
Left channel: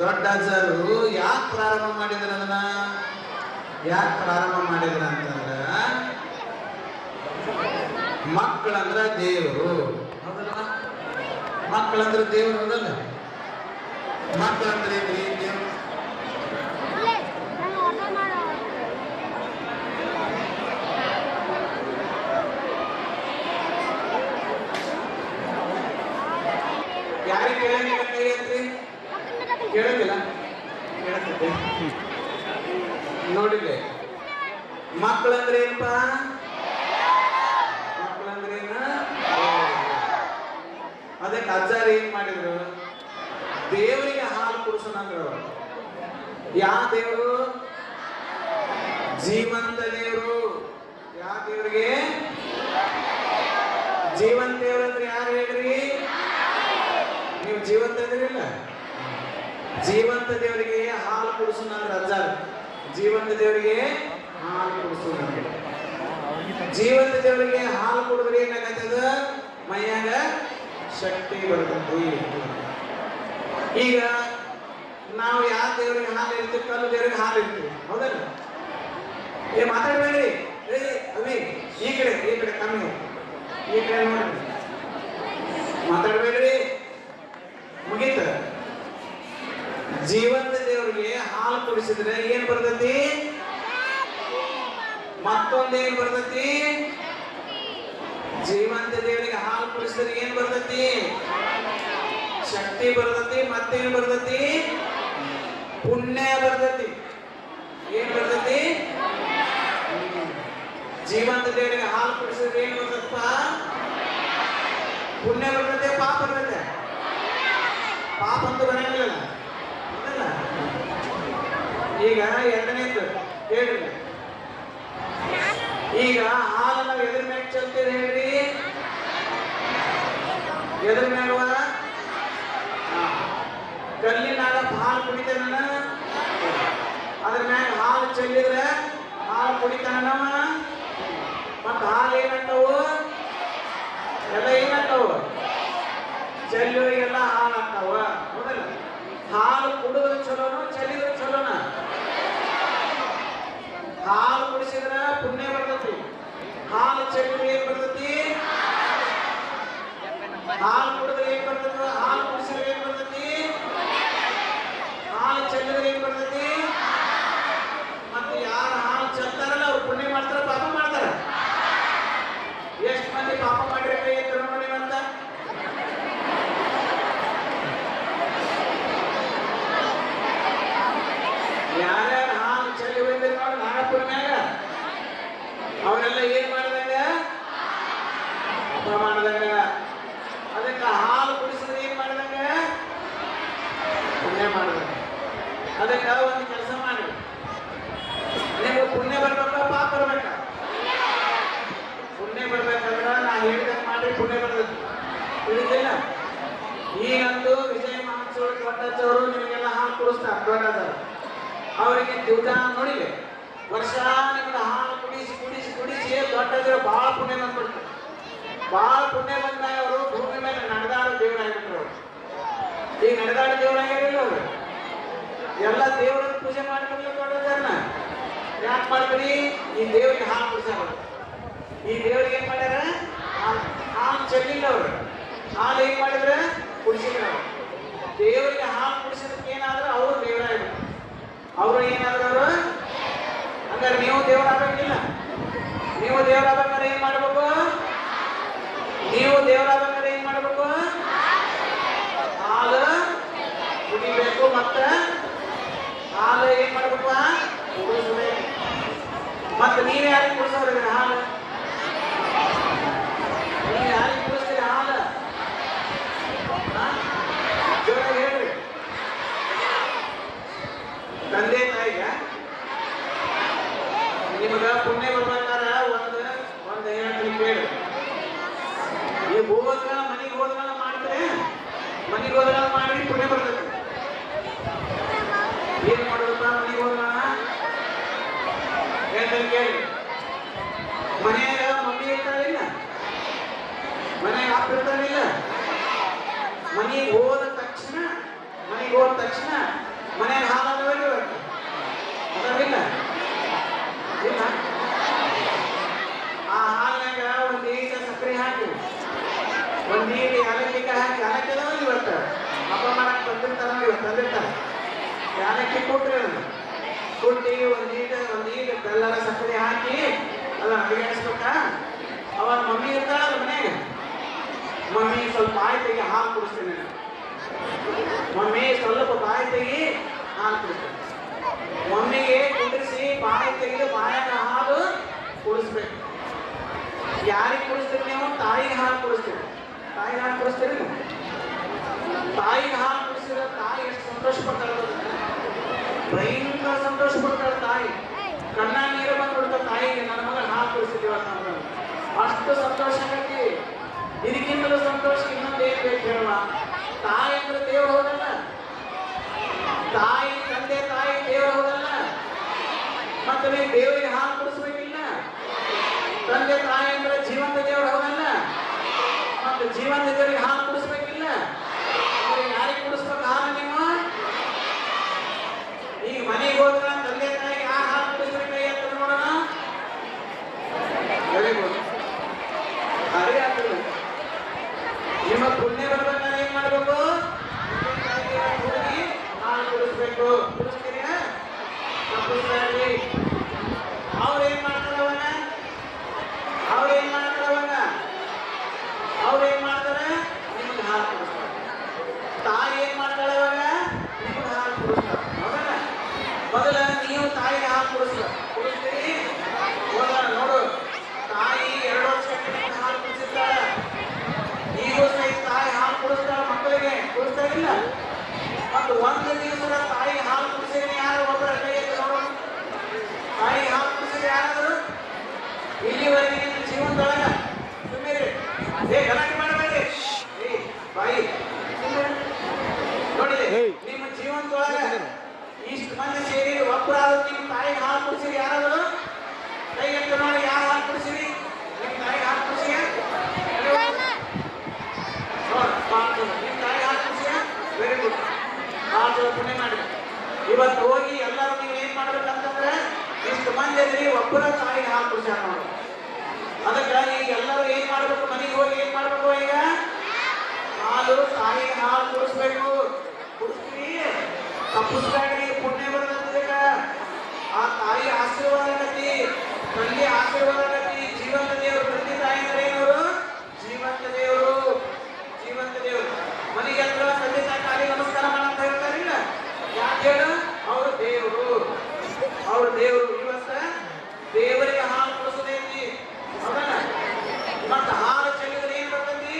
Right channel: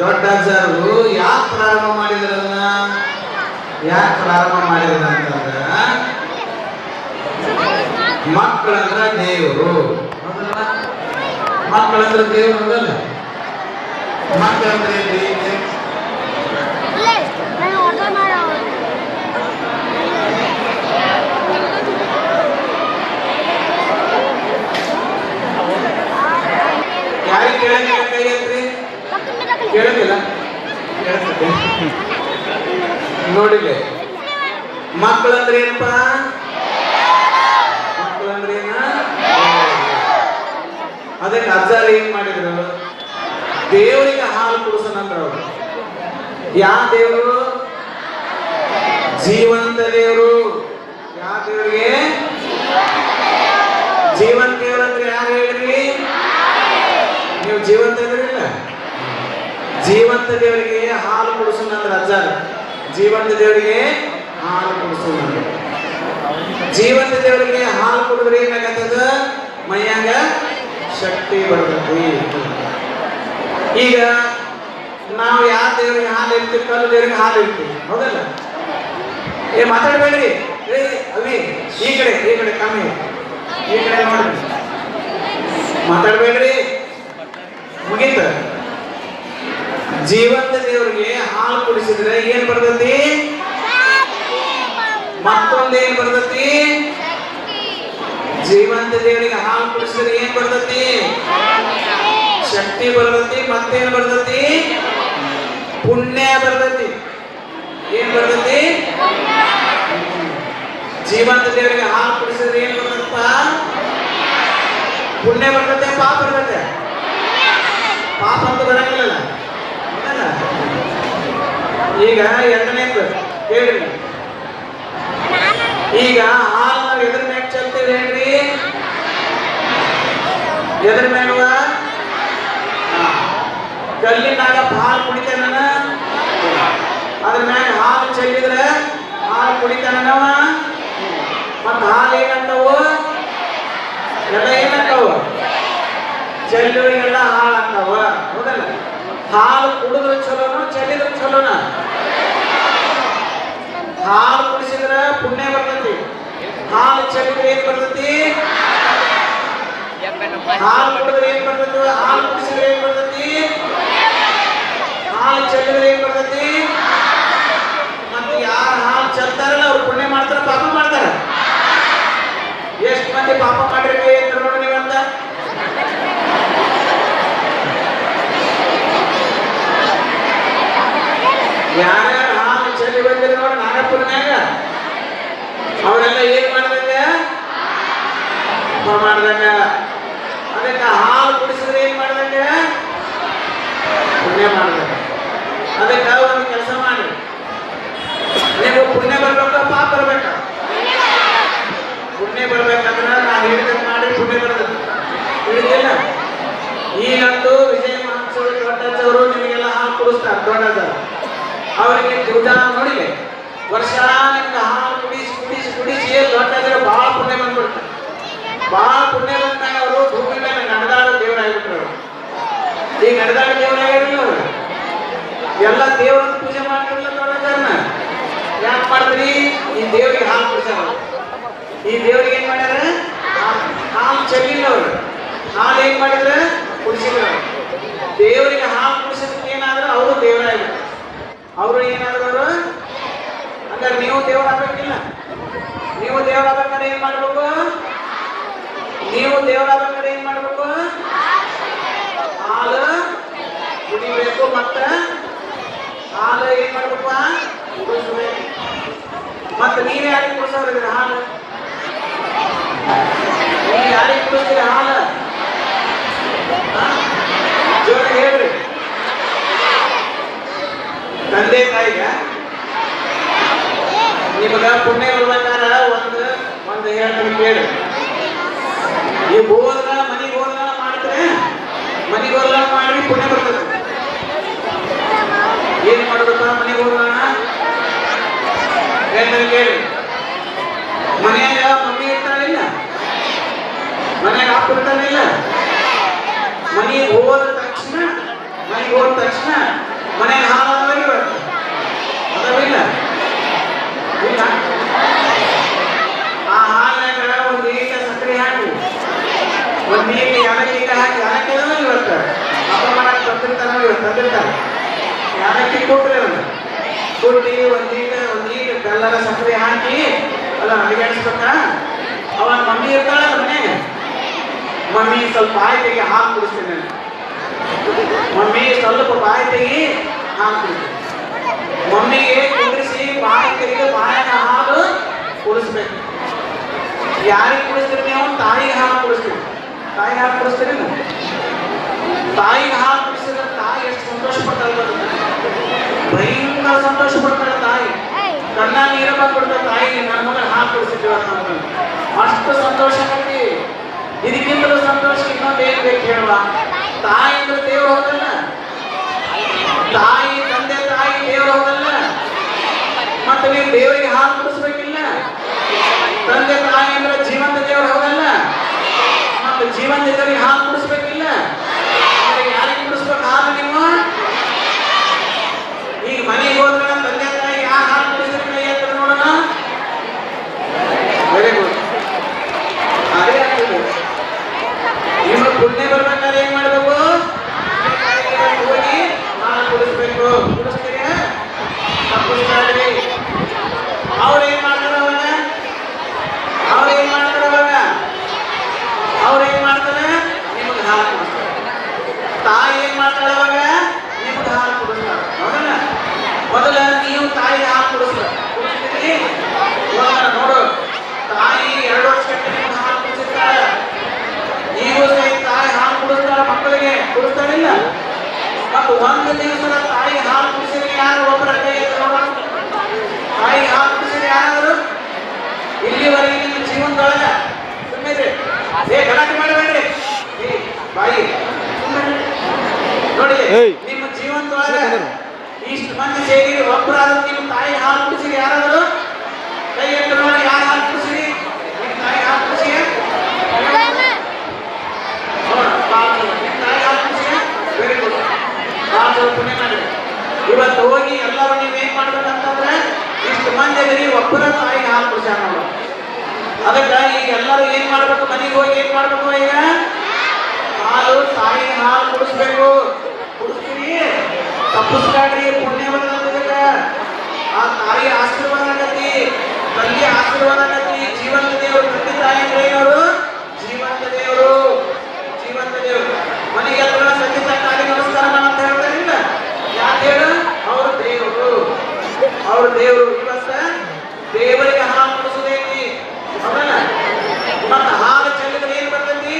ದೊಡ್ಡಜರು. ಯಾಕೆ ಪ್ರಾರಂಭ ಮಾಡಿದ್ರನ್ನ? ಅಂತಂದ್ರ ಮಕ್ಕಳಂದ್ರ ದೇವರು, ಮಕ್ಕಳಂದ್ರ ದೇವರು ಹೋಗಲ್ಲ. ಮಕ್ಕಳಂದ್ರೆ ಯಾರಿಗೆ ಕೇಳಂಗಿಲ್ಲ? ಕೈ ಐತ್ರಿ, ಕೇಳಂಗಿಲ್ಲ? ನೋಡಿಲ್ಲ. ಮಕ್ಕಳಂದ್ರೆ ಏನಪ್ಪ? ಮಕ್ಕಳಂದ್ರೆ ಏನ? ಅದಕ್ಕೆ ಅಜ್ಜಾರು ಏನ್ ಮಾಡಿದ್ರು? ದೇವರಿಗೆ ಹಾಲು ಕುಡಿಸೋಣಂದ್ರ ಅವರು. ಯಾವ ದೇವರು? ಜೀವಂತ ದೇವರು. ಯಾವ ದೇವರಿಗೆ? ಜೀವಂತ ದೇವರು ಅಂದ್ರೆ ಯಾರು ಹೇಳ್ರಿ? ನೀವು ಜೀವಂತ ಇದ್ರಿಲ್ಲ? ಜೀವಂತ ದೇವರಿಗೆ ಹಾಲು ಕುಡಿಸೋಣಂದ್ರ ಅಜ್ಜಾರು. ಜೀವಂತ ದೇವರಿಗೆ ಹಾಲು ಕುಡಿಸೋಣ. ಜೀವಂತ ದೇವರಿಗೆ ಹಾಲು ಕುಡಿದ್ರೆ ಏನಾಗತ್ತದ? ಮೈಯಾಗ ಶಕ್ತಿ ಬರ್ತದೆ. ಈಗ ನಾವು ಯಾವ ದೇವರಿಗೆ ಹಾಲು ಇರ್ತೀವಿ? ಕಲ್ಲು ದೇವರಿಗೆ ಹಾಲು ಇರ್ತೀವಿ, ಹೌದಲ್ಲ? ಮಾತಾಡ್ಬೇಡ್ರಿ. ಅವಿ ಈ ಕಡೆ ಕಮ್ಮಿ, ಈ ಕಡೆ ನೋಡ್ರಿ, ಮಾತಾಡ್ಬೇಡ್ರಿ. ಮುಗೀತ. ಜೀವಂತ ದೇವರಿಗೆ ಹಾಲು ಕುಡಿಸಿದ್ರೆ ಏನ್ ಬರ್ತತಿ? ಮತ್ತೊಂದೇನ್ ಬರ್ತತಿ? ಜೀವಂತ ದೇವರಿಗೆ ಹಾಲು ಕುಡಿಸಿದ್ರೆ ಏನ್ ಬರ್ತತಿ? ಶಕ್ತಿ ಬರ್ತತಿ. ಮತ್ತೇನ್ ಬರ್ತತಿ? ಪುಣ್ಯ ಬರ್ತತಿ. ಏನ್ ಬರ್ತತಿ? ಜೀವಂತ ದೇವರಿಗೆ ಹಾಲು ಕುಡಿಸಿದ್ರೆ ಏನ್ ಬರ್ತಪ್ಪ? ಪುಣ್ಯ ಬರ್ತತೆ, ಪಾಪ ಬರ್ತತೆ? ಪಾಪ ಅಂತ ಬರಂಗಿಲ್ಲ. ಈಗ ಎರಡನೇದು ಹೇಳ್ರಿ. ಈಗ ಹಾಲು ನಾವು ಎದ್ರ ಮ್ಯಾಗ ಚೆಲ್ತೇವೆ ಹೇಳ್ರಿ? ಎದ್ರ ಮ್ಯಾಗ? ಕಲ್ಲಿನಾಗ ಹಾಲು ಕುಡಿತೇನ? ಅದ್ರ ಮ್ಯಾಗ ಹಾಲು ಚೆಲ್ಲಿದ್ರೆ ಹಾಲು ಕುಡಿತಾನವ. ಮತ್ತ ಹಾಲು ಏನಂತಾವು? ಎಲ್ಲ ಏನಂತಾವ? ಚೆಲ್ಲುವಿಗೆಲ್ಲ ಹಾಲು ಆಗ್ತಾವ. ಹೌದಲ್ಲ? ಹಾಲು ಕುಡಿದ್ರೆ ಚಲೋನ ಚೆಲ್ಲಿದ್ರೆ ಚಲೋನ? ಹಾಲು ಕುಡಿಸಿದ್ರೆ ಪುಣ್ಯ ಬರ್ತೈತಿ. ಹಾಲು ಚೆಲ್ಲಿದ್ರೆ ಏನ್ ಬರ್ತೈತಿ? ಹಾಲು ಕುಡಿದ್ರೆ ಏನ್ ಬರ್ತೈತಿ? ಹಾಲು ಕುಡಿಸಿದ್ರೆ ಏನ್ ಬರ್ತೈತಿ? ಹಾಲು ಚೆಲ್ಲಿದ್ರೆ ಏನ್ ಬರ್ತೈತಿ? ಮತ್ತೆ ಯಾರು ಹಾಲು ಚೆಲ್ತಾರಲ್ಲ ಅವ್ರು ಪುಣ್ಯ ಮಾಡ್ತಾರ ಪಾಪ ಮಾಡ್ತಾರ? ಎಷ್ಟು ಮಂದಿ ಪಾಪ ಮಾಡಿರ್ಲಿ ಅಂತ ನೋಡಿ ನೀವಂತ? ಯಾರ್ಯಾರು ಹಾಲು ಚೆಲ್ಲಿ ಬಂದಿರಿ ನೋಡಿ ನಾಗಪುರನ್ಯಾಗ ಅವರೆಲ್ಲ ಏನ್ ಮಾಡ್ದಂಗ? ಮಾಡ್ದಂಗ. ಅದಕ್ಕೆ ಹಾಲು ಕುಡಿಸಿದ್ರೆ ಏನ್ ಮಾಡ್ದಂಗ? ಪುಣ್ಯ ಮಾಡ್ದಂಗ. ಅದಕ್ಕೆ ಒಂದು ಕೆಲಸ ಮಾಡಿ, ನೀವು ಪುಣ್ಯ ಬರ್ಬೇಕ ಪಾಪ ಬರ್ಬೇಕ? ಪುಣ್ಯ ಬರ್ಬೇಕಂದ್ರೆ ನಾವು ಹೇಳಿದಂಗೆ ಮಾಡಿ ಪುಣ್ಯ ಬರ್ತದೆ. ಹೇಳಿದಿಲ್ಲ? ಈಗಂತೂ ವಿಜಯ ಮಹಾತ್ಸವ ದೊಡ್ಡವರು ನಿಮಗೆಲ್ಲ ಹಾಲು ಕುಡಿಸ್ತಾರೆ. ದೊಡ್ಡದ ಅವರಿಗೆ ದುಡ್ಡ ನೋಡಿ ವರ್ಷ ನಿಮ್ಗೆ ಹಾಲು ಕುಡಿಸಿ ಕುಡಿಸಿ ಕುಡಿಸಿ ದೊಡ್ಡದ್ರೆ ಬಹಳ ಪುಣ್ಯ ಬಂದ್ಬಿಡ್ತಾರೆ. ಬಹಳ ಪುಣ್ಯ ಬಂದ ಮೇಲೆ ಅವರು ಭೂಮಿ ಮೇಲೆ ನಡೆದಾಡ ದೇವರಾಗಿಬಿಟ್ರು. ಈಗ ನಡೆದಾಡ ದೇವರಾಗಿರಲಿಲ್ಲ ಅವರು. ಎಲ್ಲ ದೇವರನ್ನು ಪೂಜೆ ಮಾಡ್ತಿರಲಿಲ್ಲ. ದೊಡ್ಡದನ್ನ ಯಾಕೆ ಮಾಡಿದ್ರಿ? ಈ ದೇವರಿಗೆ ಹಾಲು ಕುಡಿಸ್ಯಾರ. ಈ ದೇವರಿಗೆ ಏನ್ ಮಾಡ್ಯಾರ? ಹಾಲು ಚೆಲ್ಲಿಲ್ಲ ಅವರು. ಹಾಲು ಏನ್ ಮಾಡಿದ್ರೆ? ಕುಡಿಸಿಲ್ಲ. ದೇವರಿಗೆ ಹಾಲು ಕುಡಿಸಿದ್ರೆ ಏನಾದ್ರೆ ಅವರು ದೇವರಾಗಿಬಿಟ್ರು. ಅವರು ಏನಾದ್ರು? ಹಂಗಾರೆ ನೀವು ದೇವರಾಗಬೇಕಿಲ್ಲ? ನೀವು ದೇವರಾಗಬೇಕಾದ್ರೆ ಏನ್ ಮಾಡ್ಬೇಕು? ನೀವು ದೇವರಾಗಬೇಕಾದ್ರೆ ಏನ್ ಮಾಡ್ಬೇಕು? ಹಾಲು ಕುಡಿಬೇಕು. ಮತ್ತೆ ಹಾಲು ಏನ್ ಮಾಡ್ಬೇಕಪ್ಪ? ಕುಡಿಸ್ಬೇಕು. ಮತ್ತೆ ನೀವೇ ಯಾರಿಗೆ ಕುಡಿಸೋದ್ರಿ ಹಾಲು? ನೀವು ಯಾರಿಗೆ ಕುಡಿಸ್ತೀರಿ ಹಾಲು? ಜೋರ ಹೇಳ್ರಿ. ತಂದೆ ತಾಯಿಗ ನಿಮಗ ಪುಣ್ಯ ಬರ್ಬೇಕಾದ್ರೆ ಒಂದು ಹೇಳ್ತೀನಿ ಕೇಳಿ. ಈ ಹೋದ್ರ ಮನೆಗೆ ಹೋದ್ರ ಮಾಡಿದ್ರೆ ಮನೆಗೆ ಹೋದ್ರ ಮಾಡಿ ಪುಣ್ಯ ಬರ್ತದೆ. ಏನ್ ಮಾಡೋದಪ್ಪ ಮನೆಗೆ ಹೋದ್ರ? ಹೇಳ್ತಾರೆ ಕೇಳಿ. ಮನೆಯಾಗ ಮಮ್ಮಿ ಇರ್ತಾಳಿಲ್ಲ, ಮನೆಯಾಗ ಅಪ್ಪ ಇರ್ತಾನಿಲ್ಲ. ಮನೆಗೆ ಹೋದ ತಕ್ಷಣ ಮನೆಗೆ ಹಾಲು ಬರ್ತದೆ. ಅದವಿಲ್ಲ? ಇಲ್ಲ. ಆ ಹಾಲಿನಾಗ ಒಂದು ಈಟ ಸಕ್ಕರೆ ಹಾಕಿ, ಒಂದು ಈಟ ಯಾಲಕ್ಕಿ ಹಾಕಿ ಹಾಕಿದ್ರೆ ಇವತ್ತು ಹಬ್ಬ ಮಾಡಕ್ಕೆ ತಂದಿರ್ತಾರೆ. ಯಾಲಕ್ಕಿ ಕೊಟ್ರಿ ಅದನ್ನ ಕೊಟ್ಟಿ ಒಂದು ಈಟ ಬೆಲ್ಲದ ಸಕ್ಕರೆ ಹಾಕಿ ಅದನ್ನ ಅಡಿಗಾಡಿಸ್ಬೇಕ. ಅವಾಗ ಮಮ್ಮಿ ಇರ್ತಾಳೆ ಮನೆಗೆ. ಮಮ್ಮಿ ಸ್ವಲ್ಪ ಬಾಯಿ ತೆಗಿ ಹಾಲು ಕುಡಿಸ್ತೀನಿ. ಮಮ್ಮಿ ಸ್ವಲ್ಪ ಬಾಯಿ ತೆಗಿ ಹಾಲು ಕುಡಿಸ್ತೀನಿ. ಮಮ್ಮಿಗೆ ಕುಡಿಸಿ ಬಾಯಿ ತೆಗೆದು ಬಾಯಿನ ಹಾಲು ಕುಡಿಸ್ಬೇಕು. ಯಾರಿಗೆ ಕುಡಿಸ್ತೀರಿ ನೀವು? ತಾಯಿಗೆ ಹಾಲು ಕುಡಿಸ್ತೀರಿ. ತಾಯಿಗೆ ಹಾಲು ಕುಡಿಸ್ತೀರಿ? ತಾಯಿಗೆ ಹಾಲು ಕುಡಿಸಿದ್ರೆ ತಾಯಿ ಎಷ್ಟು ಸಂತೋಷ ಪಡ್ತಾಳೆ? ಭಯಂಕರ ಸಂತೋಷ ಪಡ್ತಾಳೆ ತಾಯಿ. ಕಣ್ಣ ನೀರ ಬಂದ್ಬಿಡ್ತಾಳೆ ತಾಯಿಗೆ. ನನ್ನ ಮಗ ಹಾಲು ಕುಡಿಸಿದ್ದೀವ ಅಷ್ಟು ಸಂತೋಷ ಆಗಿ. ಇದಕ್ಕಿಂತಲೂ ಸಂತೋಷ ಇನ್ನೊಂದು ಏನ್ ಬೇಕು ಹೇಳುವ? ತಾಯಿ ಅಂದ್ರೆ ದೇವರು ಹೋಗಲ್ಲ? ತಾಯಿ ತಂದೆ ತಾಯಿ ದೇವರು ಹೋಗಲ್ಲ? ಮತ್ತೆ ನೀವು ದೇವರಿಗೆ ಹಾಲು ಕುಡಿಸ್ಬೇಕಿಲ್ಲ? ತಂದೆ ತಾಯಿ ಅಂದ್ರೆ ಜೀವಂತ ದೇವರು ಹೋಗಲ್ಲ? ಮತ್ತೆ ಜೀವಂತ ದೇವರಿಗೆ ಹಾಲು ಕುಡಿಸ್ಬೇಕಿಲ್ಲ? ಯಾರಿಗೆ ಕುಡಿಸ್ಬೇಕು ಹಾಲು ನೀವು? ಈಗ ಮನೆಗೆ ಹೋದ್ರೆ ತಂದೆ ತಾಯಿ ಯಾರು ಹಾಲು ಕುಡಿಸ್ತಾರೆ? ಕೈ ಎತ್ತರ ನೋಡೋಣ. Very good. ಅದೇ ಆಗ್ತದೆ. ನಿಮ್ಮ ಪುಣ್ಯ ಬರ್ಬೇಕಾದ್ರೆ ಏನ್ ಮಾಡ್ಬೇಕು? ಹೋಗಿ ಹಾಲು ಕುಡಿಸ್ಬೇಕು. ಕುಡಿಸ್ತೀರಿ? ತಪ್ಪಿಸ್ತಾರ್ರಿ. ಅವ್ರೇನ್ ಮಾಡ್ತಾರೆ ಅವಾಗ? ಅವ್ರೇನ್ ಮಾಡ್ತಾರೆ? ನಿಮಗೆ ಹಾಲು ಕುಡಿಸ್ತಾರೆ. ತಾಯಿ ಏನ್ ಮಾಡ್ತಾಳೆ ಅವಾಗ? ನಿಮ್ಗೆ ಹಾಲು ಕುಡಿಸ್ತಾರೆ. ಹೌದಲ್ಲ? ಮೊದಲ ನೀವು ತಾಯಿಗೆ ಹಾಲು ಕುಡಿಸ್ತೀರಿ. ನೋಡು, ತಾಯಿ 2 ವರ್ಷ ನಿಮ್ಗೆ ಹಾಲು ಕುಡಿಸಿರ್ತಾಳೆ. ನೀವು ಸಹಿತ ತಾಯಿ ಹಾಲು ಕುಡಿಸ್ತಾಳೆ ಮಕ್ಕಳಿಗೆ. ಕುಡಿಸ್ತಾಳಿಲ್ಲ? ಮತ್ತು ಒಂದು ದಿವಸದ ತಾಯಿ ಹಾಲು ಕುಡಿಸಿದ್ರೆ ಯಾರು ಒಬ್ಬರ ಕೈ ಎತ್ತೋಣ? ತಾಯಿ ಹಾಲು ಕುಡಿಸಿದ್ರೆ ಯಾರು? ಇಲ್ಲಿವರೆಗೆ ನಿಮ್ಮ ಜೀವನದೊಳಗೆ ಸುಮ್ಮನೆ ಗಲಾಟೆ ಮಾಡಬೇಡ್ರಿ. ಬಾಯಿ ನೋಡಿ, ನಿಮ್ಮ ಜೀವನದೊಳಗೆ ಇಷ್ಟು ಮಂದಿ ಸೇರಿ ಒಬ್ಬರಾದ ಇವತ್ತು ಹೋಗಿ ಎಲ್ಲರೂ ನೀವೇನ್ ಮಾಡ್ಬೇಕಂತಂದ್ರೆ ಇಷ್ಟು ಮಂದಿ ಅದರಿ ಒಬ್ಬರ ತಾಯಿ ಹಾಲು ಕುಡಿಸ್ಯಾರ ನಾವು. ಅದಕ್ಕೆ ಈಗ ಎಲ್ಲರೂ ಏನ್ ಮಾಡ್ಬೇಕು, ಮನೆಗೆ ಹೋಗಿ ಏನ್ ಮಾಡ್ಬೇಕು, ಈಗ ಹಾಲು ತಾಯಿ ಹಾಲು ಕುಡಿಸ್ಬೇಕು. ಕುಡಿಸ್ತೀರಿ ತಪ್ಪಿಸ್ಕಾಡ್ರಿ, ಪುಣ್ಯ ಬರ್ತದೆ. ಆ ತಾಯಿ ಆಶೀರ್ವಾದ ಆಗತಿ, ತಂದೆ ಆಶೀರ್ವಾದ ಆಗತಿ. ಜೀವಂತ ದೇವರು, ತಂದೆ ತಾಯಿ ಅಂದ್ರೆ ಅವರು ಜೀವಂತ ದೇವರು, ಜೀವಂತ ದೇವರು. ಮನೆಗೆ ಎಲ್ಲ ತಂದೆ ತಾಯಿ ನಮಸ್ಕಾರ ಅಂತ ಹೇಳ್ತಾರಿಲ್ಲ, ಯಾಕೆ ಹೇಳು? ಅವ್ರ ದೇವರು, ಅವ್ರ ದೇವರು. ಇವತ್ತ ದೇವರಿಗೆ ಹಾಲು ಕುಡಿಸೋದೈತಿ. ಮತ್ತ ಹಾಲು ಚೆಲ್ಲಿದ್ರೆ ಏನ್ ಬರ್ತೈತಿ?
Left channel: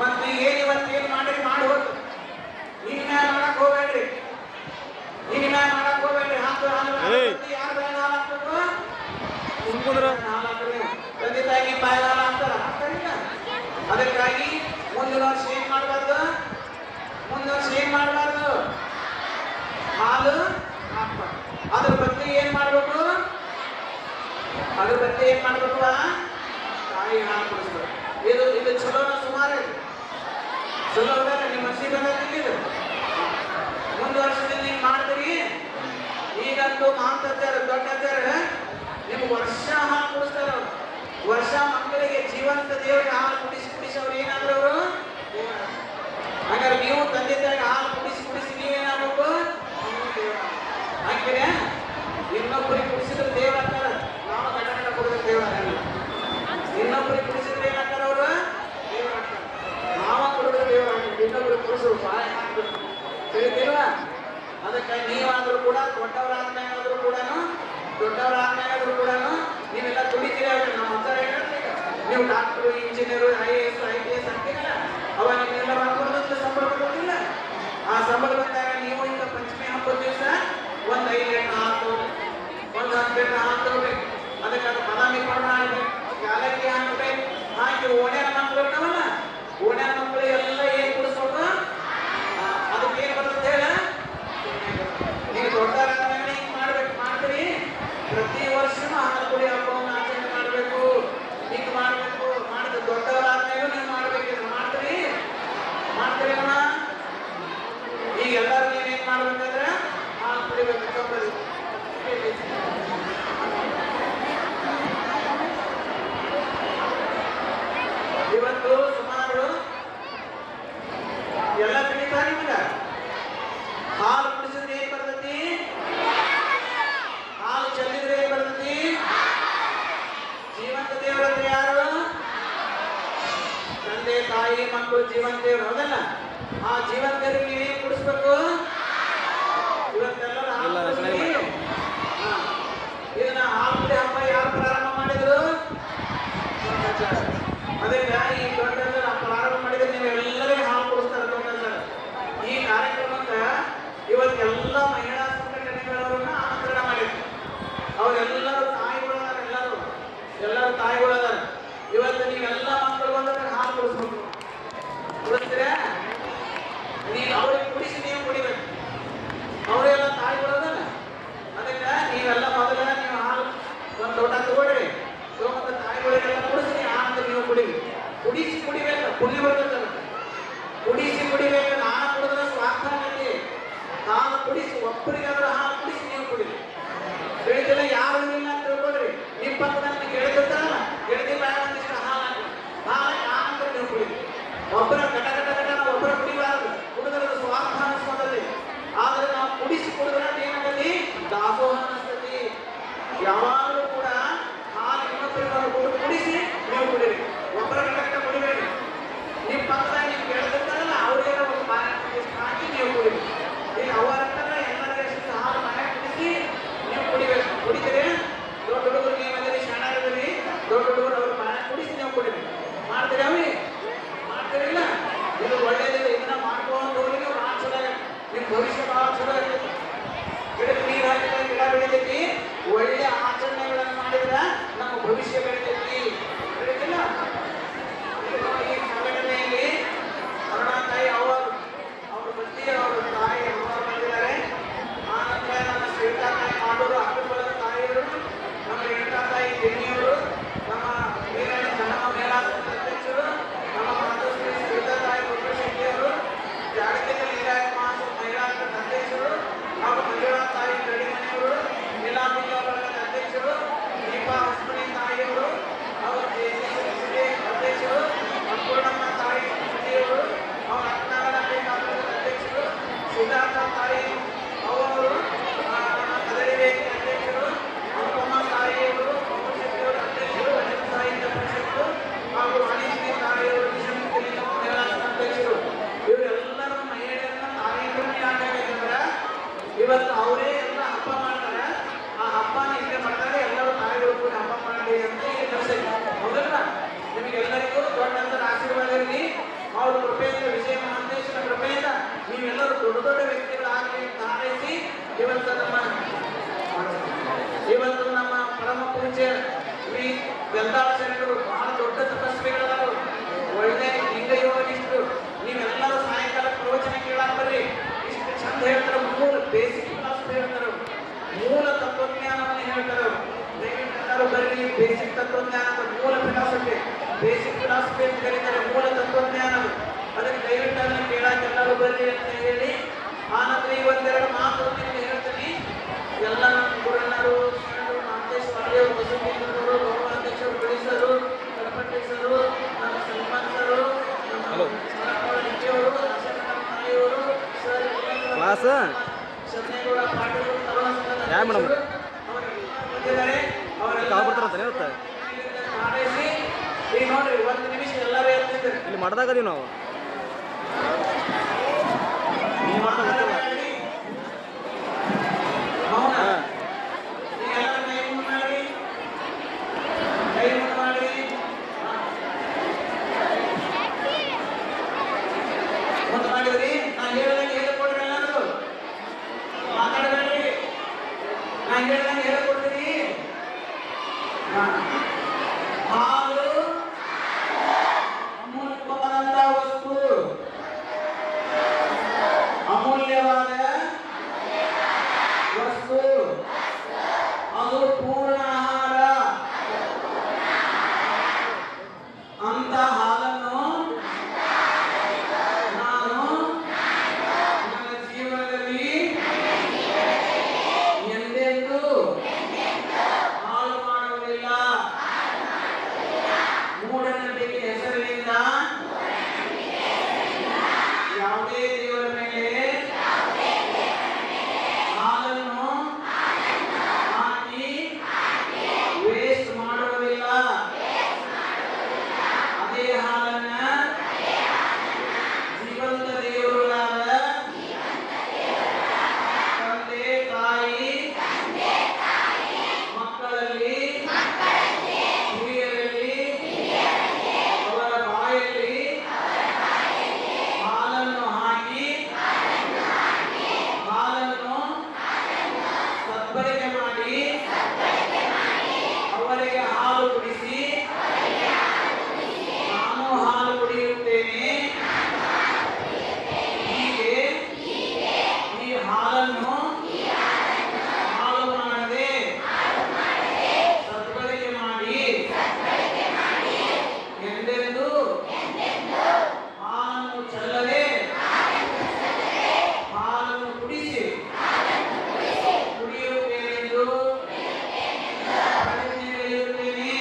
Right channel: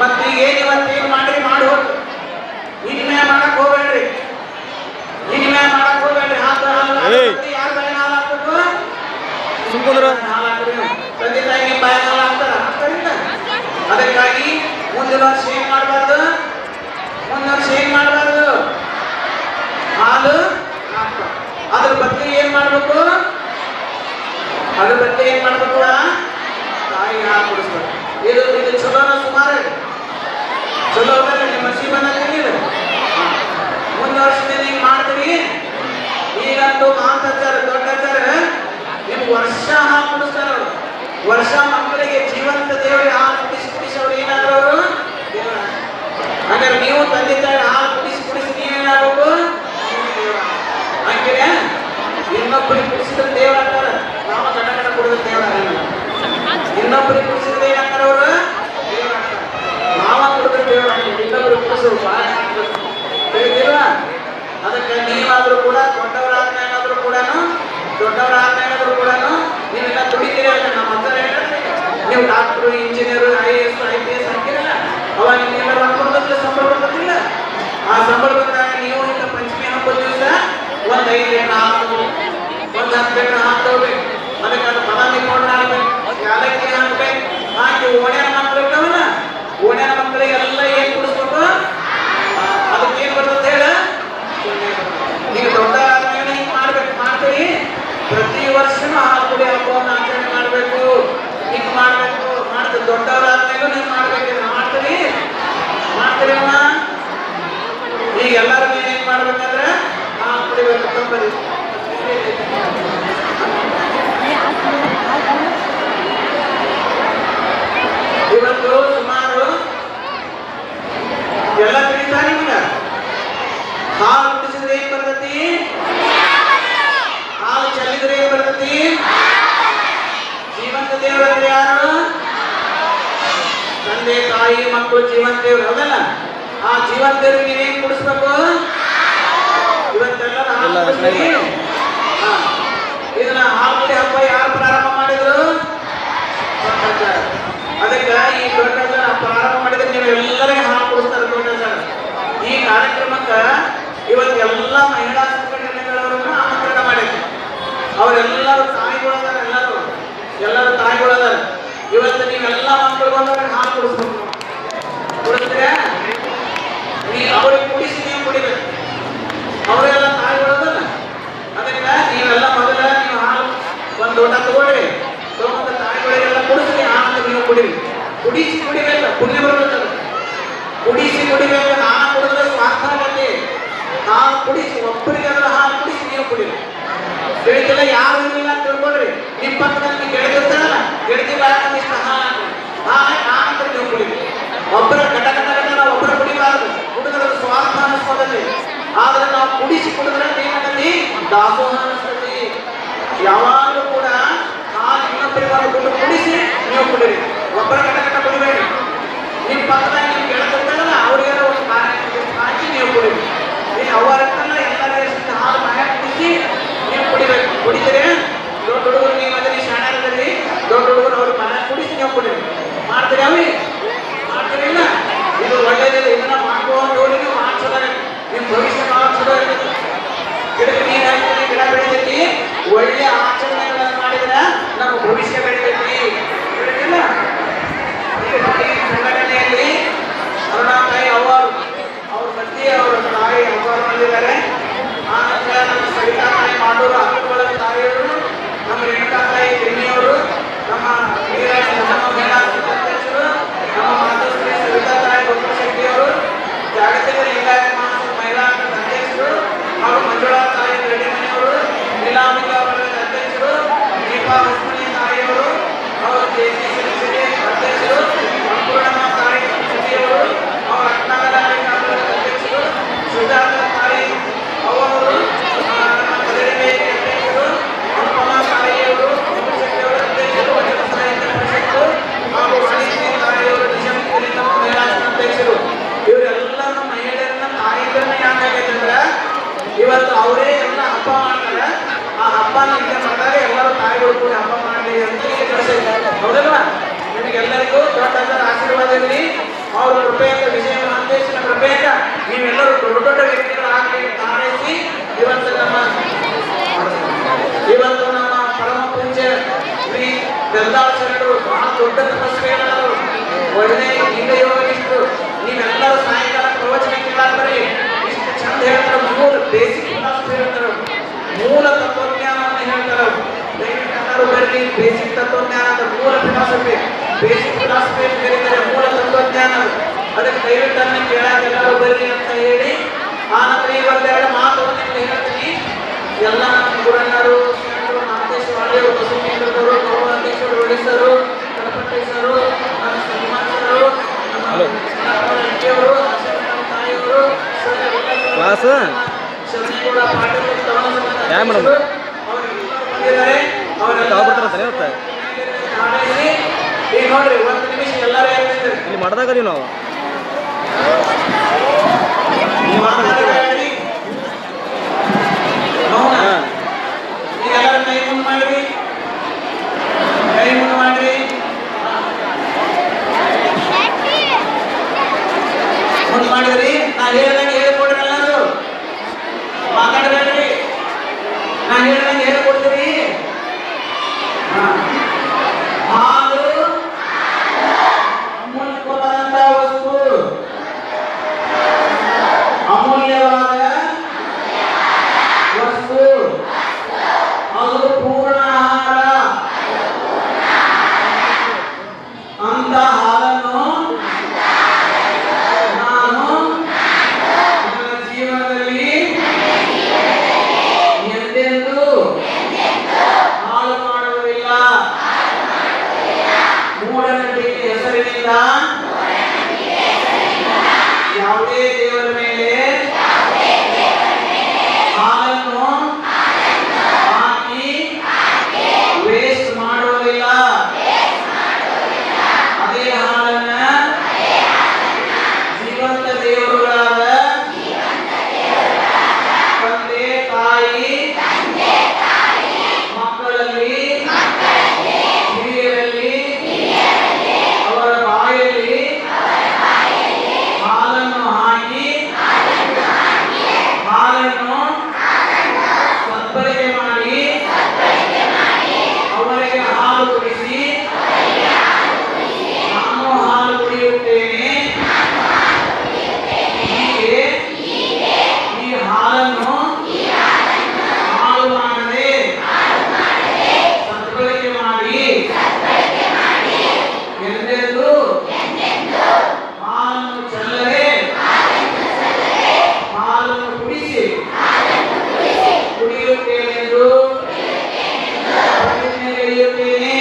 ಮತ್ತ ಈಗ ಇವತ್ತೇನು ಮಾಡ್ರಿ ಮಾಡಿ ಹೋಗ್ತು. ಇನ್ಮೇ ಮಾಡಕ್ ಹೋಗ್ಬೇಡ್ರಿ, ಇನ್ಮೇ ಮಾಡಕ್ ಹೋಗ್ಬೇಡ್ರಿ. ಯಾರ ಬಾಯಿ ಹಾಲು ಹಾಕ್ಬೇಕು? ಹಾಲು ಹಾಕ್ರಿ. ತಂದೆ ತಾಯಿಗೆ ಬಾಯಿ ಹಾಲು ಹಾಕ್ತಾರಿಲ್ಲ. ಅದಕ್ಕಾಗಿ ಮುಂದಿನ ವರ್ಷ ಏನ್ ಮಾಡಬಾರ್ದು, ಮುಂದಿನ ವರ್ಷ ಏನ್ ಮಾಡಬಾರ್ದು, ಹಾಲು ಅದ್ರ ಬಗ್ಗೆ ಏನ್ ಮಾಡ್ಬೇಕು, ಅದ್ರ ಬಗ್ಗೆ ಏನ್ ಮಾಡ್ಬೇಕು, ತಾಯಿ ಹಾಲು ಕುಡಿಸ್ಬೇಕು. ಇದು ಚಲೋನ ಸುಮಾರು ಚಲೋ ಅಂದ್ರೆ ನಿಮ್ಮ ಜೀವನ ತಿಳಿದು ಮುಂದಿನ ವರ್ಷದಿಂದ ಹಿಂಗ್ ಮಾಡ್ತೀವಿ. ಈಗಂತೂ ಮಹಾಂತಾಚಾರ ದೊಡ್ಡಾಚಾರ ನಿಮ್ಗೆ ವರ್ಷ ಹಾಲು ಕುಡಿಸ್ತಾರ. ಅವರು ವರ್ಷ ಮಕ್ಕಳಿಗೆ ಜೀವಂತ ದೇವರಿಗೆ ಹಾಲು ಕುಡಿಸಿ ಅವ್ರು ಏನಾದ್ರು ಅವರು ದೇವರ. ಹಾಗಾದ್ರೆ ನೀವು ತಂದೆ ತಾಯಿ ಹಾಲು ಕುಡಿಸಿ ನೀವೇನಾಗಬೇಕು, ಹಂಗೆ ಇನ್ನೊಬ್ಬರಿಗೆ ಕುಡಿಸಿದ್ರೆ ದೇವರ ಅಂತಾರ. ನಾವು ಗಡ ಕುಡಿದ್ರೆ ದೇವರ ಆಗಲ್ಲ. ಇನ್ನೊಬ್ಬರಿಗೆ ಕುಡಿಸಿದ್ರೆ ಏನಂತಾರ ಅವರು ದೇವರ ಅಂತಾರ. ನಾವ ಕುಡಿದ್ರೆ ದೇವರ ಆಗಲ್ಲ. ಇನ್ನೊಬ್ಬರಿಗೆ ಕುಡಿಸೋದು ಬಾಳ ತಿಳಿದಿಲ್ವಾ? ಅದಕ್ಕೆ ನೀವಾದ್ರೂ ಕೂಡ ದೊಡ್ಡವರಾದ್ಮೇಲಾದ್ರೂ ಕೂಡ ನೀವೆಲ್ಲ ದುಡಿತೀರಿ. ನಮ್ಮ ಹತ್ರ ನೀವು ಡಾಕ್ಟ್ರು, ಇಂಜಿನಿಯರ್, IAS, IPS ಹಾಕಿರಲ್ಲ, ಅವಾಗ ನೀವೆಲ್ಲ ಅನ್ಕೊಂಡ್ರೆ ಸಂಬಳ ಬರ್ತದಿಲ್ಲ. ಆ ಸಂಬಳ ಬಂದಾಗ ನೀವು ಈಗ ಪಂಚಮಿ ಹಬ್ಬದ ದಿವಸ ಒಂದು 5 ಲೀಟರ್ ಹಾಲು, ಒಂದು 10 ಲೀಟರ್ ಹಾಲು ತಗೋಬೇಕು. ಅದಕ್ಕೆ ಅದು ಬಾದಾಮಿ ಪೌಡರ್ ಹಾಕ್ಬೇಕು, ಯಾಲಕ್ಕಿ ಹಾಕ್ಬೇಕು, ಹಾಕಿ ಓಣ್ಯಾನ ಮಕ್ಕಳಿರ್ತಾವಲ್ಲ, ಓಣ್ಯಾನ ಮಕ್ಕಳಿಗೆಲ್ಲ ಏನ್ ಕುಡಿಸ್ಬೇಕು, ಅದಕ್ಕೆ ಏನ್ ಬರ್ತದೆ ಹೇಳ? ಈಗ ದೊಡ್ಡವರಾದ್ಮೇಲೆ ಹಿಂಗ್ ಮಾಡ್ತೀವಿ. ಪ್ರತಿ ವರ್ಷನೂ ಹಾಲು ಕುಡಿ ಹಬ್ಬವನ್ನು ಆಚರಣೆ ಮಾಡಬೇಕು. ಹಿಂಗ್ ಮಾಡ್ಬೇಕು, ಮಾಡ್ತೀವಿ. ದೊಡ್ಡವರಾದ್ಮೇಲೂ ನೀವು ಮಾಡ್ಬೇಕು, ಮಾಡ್ತೀರಿ ಅಮ್ಮ. ಈಗ ಎಲ್ಲರೂ ಏನ್ ಮಾಡ್ಬೇಕಂದ್ರೆ ಹಾಲು ಕುಡಿಬೇಕು. ತಪ್ಪರಿ ಇವತ್ತು ಸುಮಾರು ಎಲ್ಲ ತಿಳಿತಾ ನಿಮ್ಗ ಹಾಲು ಕುಡಿಸಿದ್ರೆ ಏನ್ ಬರ್ತತಿ, ಹಾಲು ಚೆಲ್ಲಿದ್ರೆ ಏನ್ ಬರ್ತತಿ? ಜೀವಂತ ದೇವರು ಅಂದ್ರೆ ಯಾರು? ತಂದೆ ತಾಯಿ ಮಕ್ಕಳು ಜೀವಂತ ದೇವರು, ಹೌದಲ್ಲ? ಆ ಜೀವಂತ ದೇವರಿಗೆ ನೀವೇನ್ ಕುಡಿಸ್ಬೇಕು? ಇವತ್ತೆಲ್ಲ ಇದನ್ನ ಹಾಲು ಕುಡಿ ಹಬ್ಬ ಯಾರು ಪ್ರಾರಂಭ ಮಾಡಿದ್ರು? ಅದಕ್ಕೆ ಈ ದೊಡ್ಡಾಚಾರ ಪ್ರಾರಂಭ ಮಾಡಿದ್ರೆ ನೀವು ಎಲ್ಲರಿಗೂ ಹಾಲು ಕುಡಿಸ್ತಾರೆ ದೊಡ್ಡಾಚಾರ. ಈ ಕಾರ್ಯಕ್ರಮಕ್ಕೆ ಇವತ್ತೆಲ್ಲ ಮಹಿಳಾ ಸಂಘಟನೆಗಳವರನ್ನು ಆಮಂತ್ರಣ ಮಾಡಿದ್ರು. ಅವರೆಲ್ಲರೂ ತಾಯಿಗಳದಾರ, ಎಲ್ಲರೂ ತಾಯಿಗಳದಾರ. ಇವತ್ತು ನೀವೆಲ್ಲ ಮಕ್ಕಳು ಬಂದವ್ರಿಗೆ ಹಾಲು ಕುಡಿಸ್ಬೇಕು. ಕುಡಿಸ್ತೀರಾ? ಅವ್ರಿಗೆ ಕುಡಿಸಿ ನೀವು ಕುಡಿಬೇಕು. ಅವರೆಲ್ಲ ತಾಯಿಗಳದಲ್ಲ. ಅದಕ್ಕೆ ನೀವೆಲ್ಲ ಮೊದಲ ನೀವು ಹಾಲು ಒಂದು ಲೋಟ ತಗೊಳ್ರಿ, ತಗೊಂಡ ತಾಯಿಗಳಿಗೆಲ್ಲ ಕುಡಿಸಿ ಆಮೇಲೆ ನೀವು ಕುಡಿರಿ. ಕುಡಿಸಿ ಕುಡಿಬೇಕು, ಪುಣ್ಯ ಬರಬೇಕಲ್ಲ. ಕುಡಿಸಿ ಕುಡಿಬೇಕು. ನಾನು ಕುಡಿದ್ರೆ ಸ್ವಾರ್ಥ ಆಗತ್ತೆ. ಹಾಲು ಕುಡಿಸಿ ಒಬ್ಬರಿಗೆಲ್ಲ ಹಾಲು ಕುಡಿಸಿ ನೀವು ಕುಡಿರಿ. ತಿಳಿದಿಲ್ಲ ಯಾರು ಇಲ್ಲ ಅಂತ ತಿಳ್ಕೊಳ್ರಿ. ನಿಮ್ಮ ಪಕ್ಕದಲ್ಲಿ ಗೆಳತಿರ್ತಾರಲ್ಲ, ಗೆಳತಿ ಬಾಳ ಇಷ್ಟ ಹಾಲು ನಾನಂತ ನೀವು ಕುಡಿರಿ. ಒಬ್ಬರ ಗಟ ಒಬ್ಬರ ಕುಡಿಬಾರದು. ಕುಡಿದ್ರೆ ಸ್ವಾರ್ಥ ಅನಿಸ್ಕೋದಲ್ಲಿ. ಆದ್ರೆ ನಾವು ಕುಡಿಸಿ ಕುಡಿದ್ರೆ ಏನಾಗತಿ? ದಾಸೋಹ ಅನಿಸ್ತತಿ. ಯಾವಾಗಲೂ ಕೂಡ ಹಾಲು ಇನ್ನೊಬ್ಬರಿಗೆ ಕುಡಿಸಿ ನೀವು ಕುಡಿರಿ. ಒಬ್ಬರ ಗಟ ಕುಡಿಬೇಡಿ. ನಿಮ್ಮ ಪಕ್ಕದಲ್ಲಿ ನಿಮ್ಗೆ ಗೆಳತಿರ್ತಾರಲ್ಲ, ಅವ್ರಿಗೆಲ್ಲ ಒಂದು ಹಾಕಿ ನೀವು ಕುಡಿರಿ. ಅವರನ್ನೆಲ್ಲ ಎಲ್ಲ ಹಾಲು ಬಾಯ ಕುಡಿಸಿ ನೀವು ಕುಡಿಬೇಕು. ಕುಡಿದರೆ ದೊಡ್ಡ ಹುಡುಗರು ನೀವು ಅದರಲ್ಲಿ ಶಾಣೆಗಳಲ್ಲಿ ದೊಡ್ಡ ಹುಡುಗರು ಅವ್ರ ಬಾಯ ಕುಡಿಸಿ ನೀವು ಕುಡಿರಿ. ಮಾಡ್ತೀರಿ ಈಗ ಯೋಗಿಷ್ಟು ನೀವೆಲ್ಲರೂ ಸಾಯಂಕಾಲ ಪ್ರವಚನ ಕೇಳಾದ್ರೆ ಇಷ್ಟು ಚಂದ ಹೇಳ್ತಾರೆ. ಮೂಲ ಬೇಸಿಕ್ ಫಿಲಾಸಫಿ ಹೇಳ್ತಾರೆ, ಮೂಲ ತತ್ವಜ್ಞಾನವನ್ನು ಹೇಳ್ತಾರೆ. ದಯವಿಟ್ಟು ಎಲ್ಲರೂ ಬರ್ರಿ. ಬೇಸಿಕ್ ತತ್ವಜ್ಞಾನ ಅಂತ ಮೂಲ ಫಿಲಾಸಫಿ, ಬೇಸಿಕ್ ಫಿಲಾಸಫಿ ಅಂತ ಕರೀತಾರೆ, ಮೂಲ ತತ್ವಜ್ಞಾನ. ಅದಕ್ಕೆ ದಯವಿಟ್ಟು ಅದನ್ನ ಕೇಳಕ್ಕೆ ಎಲ್ಲರೂ ಬರ್ರಿ ಅಂತ ಹೇಳಿ ಆನಂತರ ಇವತ್ತೆರಡು ಮಾತು ನಿಮ್ಗೆ ಹೇಳ್ತೀನಿ. ಎಲ್ಲ ನಮ್ಮ ಗುರಣ್ಣರು, ನಾಗೇಶ್ವರ ಬಸವೀಂದ್ರವರು, ಗೌರವಾಧ್ಯಕ್ಷರು, ಒಡಿಸರು, ಗಣಪತೇಶರು, ನಮ್ಮ ಶ್ರೀನಿವಾಸರು, ನಮ್ಮ ರೆಡ್ಡಿಯವರು, ತಾಯಿಯವರು, ಕ್ಲಾಸ್ ಶರಣೇಗೌಡ ಪಾಟೀಲ್, ಯಾ ಮೇಡಮ್ ಬಂದಿದ್ದಾರೆ. ತಗೊಬಿಡ್ತಾರಂತಾನೆ ಇವತ್ತು ಈಗ ನೋಡ್ರಿ, ಒಂದು ನಿಮಿಷ ಎಲ್ಲರೂ ಹೇಳ್ತಿದ್ದಾರೆ. ಇಲ್ಲಿ ಮಾಡ್ದಾಗದೀವಿ ನಾವು. ನೀವು ಮಾಡ್ದಾಗ ಗೊತ್ತಿಲ್ಲ. ಮೌನ. ಹಾಂ ಈಗ ಎಲ್ಲರೂ ಕೈ ಮುಂದೆ ಮಾಡ್ರಿ, ಕೈ ಮುಂದೆ ಮಾಡ್ರಿ, ಮುಂದೆ ಮಾಡಿದ್ರಿ. ನಾ ಹೇಳ್ದಂಗೆ ಹೇಳ್ಕೊಡ್ರಿ, ಎಲ್ಲರೂ ಮಾತಾಡಬೇಡ್ರಿ. ನಾ ಹೇಳ್ದಂಗೆ ಹೇಳ್ಕೊಡ್ತೀರಿ. ಹಾಲು ಅಮೂಲ್ಯವಾದಂತ ವಸ್ತು, ಅಮೂಲ್ಯವಾದ ವಸ್ತು, ಅದು ಪೂರ್ಣ ಆಹಾರ. ಅಂತ ಹಾಲನ್ನು ನಾನು ನನ್ನ ಜೀವನದಲ್ಲಿ ಎಂದೆಂದೂ ಹಾಳು ಮಾಡುವುದಿಲ್ಲ. ಮೂಢನಂಬಿಕೆ ಹೆಸರಿನಿಂದ ಯಾವುದೇ ದೇವರ ಮೇಲೆ ಹಾಲನ್ನು ಹಾಕಿ ವೇಸ್ಟ್ ಮಾಡುವುದಿಲ್ಲ. ಅದೇ ಹಾಲನ್ನ ಜೀವಂತ ದೇವರುಗಳಾದ ತಂದೆ ತಾಯಿ ಮಕ್ಕಳಲ್ಲಿ ಹಿರಿಯರಲ್ಲಿ ಅವರ ಬಾಯಲ್ಲಿ ಹಾಲನ್ನು ಹಾಕಿ ಹಾಲನ್ನು ಸದ್ಬಳಕೆ ಮಾಡಿ ಅವರಿಗೆ ಹಾಲು ಕುಡಿಸಿ ನಾನು ಹಾಲು ಕುಡಿಯುತ್ತೇನೆ. ಹೀಗೆ ಈ ಹಾಲನ್ನು ಹಾಳು ಮಾಡದೆ ಸದ್ಬಳಕೆ ಮಾಡಿ ಎಂದೆಂದೂ ಹಾಲನ್ನು ಚೆಲ್ಲದೆ ಹಾಲನ್ನು ಕುಡಿಸಿ ಕುಡಿಯುತ್ತೇನೆಂದು ಪ್ರತಿಜ್ಞೆಗೈಯುತ್ತೇನೆ.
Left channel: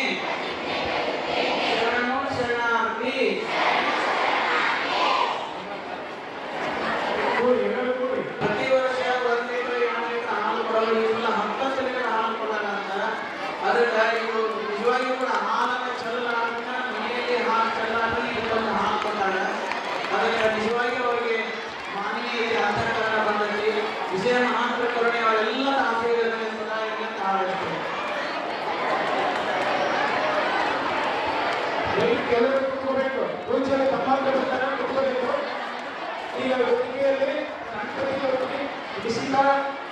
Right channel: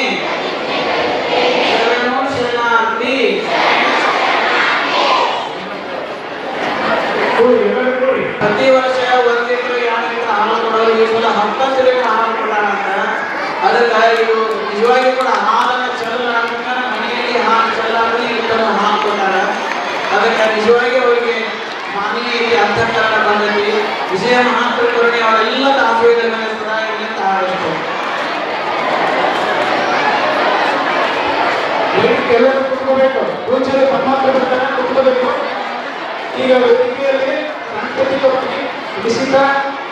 ಶರಣು ಶರಣಾರ್ಥಿ. ಪ್ರತಿ ವರ್ಷ 1 ಲೀಟರ್ 2 ಲೀಟರ್ ಹಾಲು ಕೊಡೋರು ಈ ಸಲ 10 ಲೀಟರ್ ಹಾಲು ಕೊಡೋಣ ಅಂತ. ಅದಕ್ಕೆ ಇದು ನಿಜವಾಗಿ ಕೂಡ ಹಾಲನ್ನು ಚೆಲ್ಲಲಾರ್ದ ಮನೆಯಲ್ಲಿ ಹಾಲು ಚೆಲ್ಲಾರ್ದೆ ಇದನ್ನು ಹಾಲು ಕೊಡ್ತಾರೆ. ಅದಕ್ಕೆ ನಿಜವಾಗಿ ಅವರಿಗೆ ಮಾನವೀಯ ಅಂತಃಕರಣ ಬಂದೈತಿ. ವಿಜಯ ಮಹಾಂತರ ಕರುಣೆ ಅವರೆಲ್ಲ ಆಶೀರ್ವಾದಗಳನ್ನು ಸದಾ ಇರಲಿ ಅಂತ ಹಾರೈಸ್ತೇನೆ. ಎಲ್ಲರೂ ಕುತ್ಕೋಬೇಕು. ಪೂಜೆಯಲ್ಲಿ ಪರಮಾತ್ಮ ಬರ್ತಾರೆ, ಕುತ್ಕೋಬೇಕು. ಈಗ ವೇದಿಕೆಯಲ್ಲಿ ಸಾಂಸ್ಕೃತಿಕವಾಗಿ ವಿಶಿಷ್ಟ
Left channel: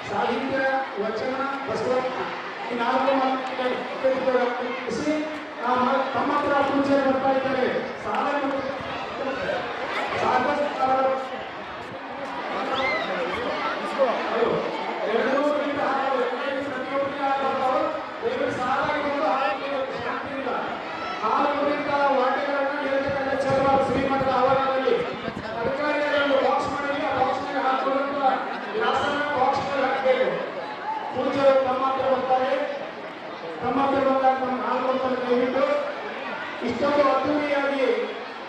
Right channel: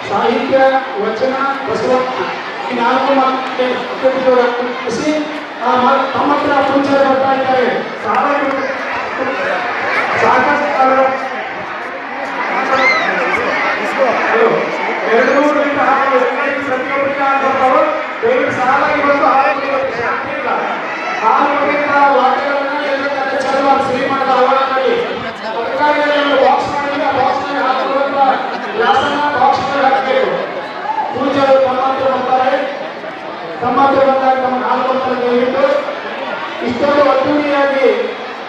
ಸಾಹಿತ್ಯ, ವಚನ, ಬಸವಣ್ಣ ಈ 4 ಮಾತುಕತೆ ತಮ್ಮ ಹತ್ರ ಪೂಜೆ ಬರ್ತಾ ಇದ್ದಾರೆ. ಸಾಕಷ್ಟು 200 ಲೀಟರ್ ಹಾಲು ಪ್ರತಿಯೊಬ್ಬರಿಗೆ ಬರ್ತಾವೆ. ದಯವಿಟ್ಟು ಸಾಲಾಗಿ ಬಂದು ಶಾಂತಿ ಇಲ್ಲ. ಹಾಲು ಕುಡಿಯುವ ವಾಕ್ಯಗಳನ್ನು ಎಲ್ಲ ಚಲೋ ಶ್ರೀಮಠದ ಆವರಣದಲ್ಲಿ ಅದಕ್ಕಾಗಿ ಒಂದು ಬಾಕ್ಸ್ ಮಾಡಿದ್ರೆ ಆ ಬಾಕ್ಸ್ನಲ್ಲಿ ಹಾಕುವಂತ ಗ್ಲಾಸನ್ನ ಬಾಕ್ಸ್ನಲ್ಲಿ ಹಾಕಬೇಕು. ಪೂಜೆಗಳು ತಮ್ಮ ಹತ್ರ ಬರ್ತಾರೆ. ತಮ್ಮ ಹತ್ರ ಬಂದಾಗ ತಮ್ಮ ಹಾಲು ಕೊಡ್ತಾರೆ. ದಯವಿಟ್ಟು ಇಷ್ಟೊಂದು ಅದ್ದೂರಿಯಾಗಿ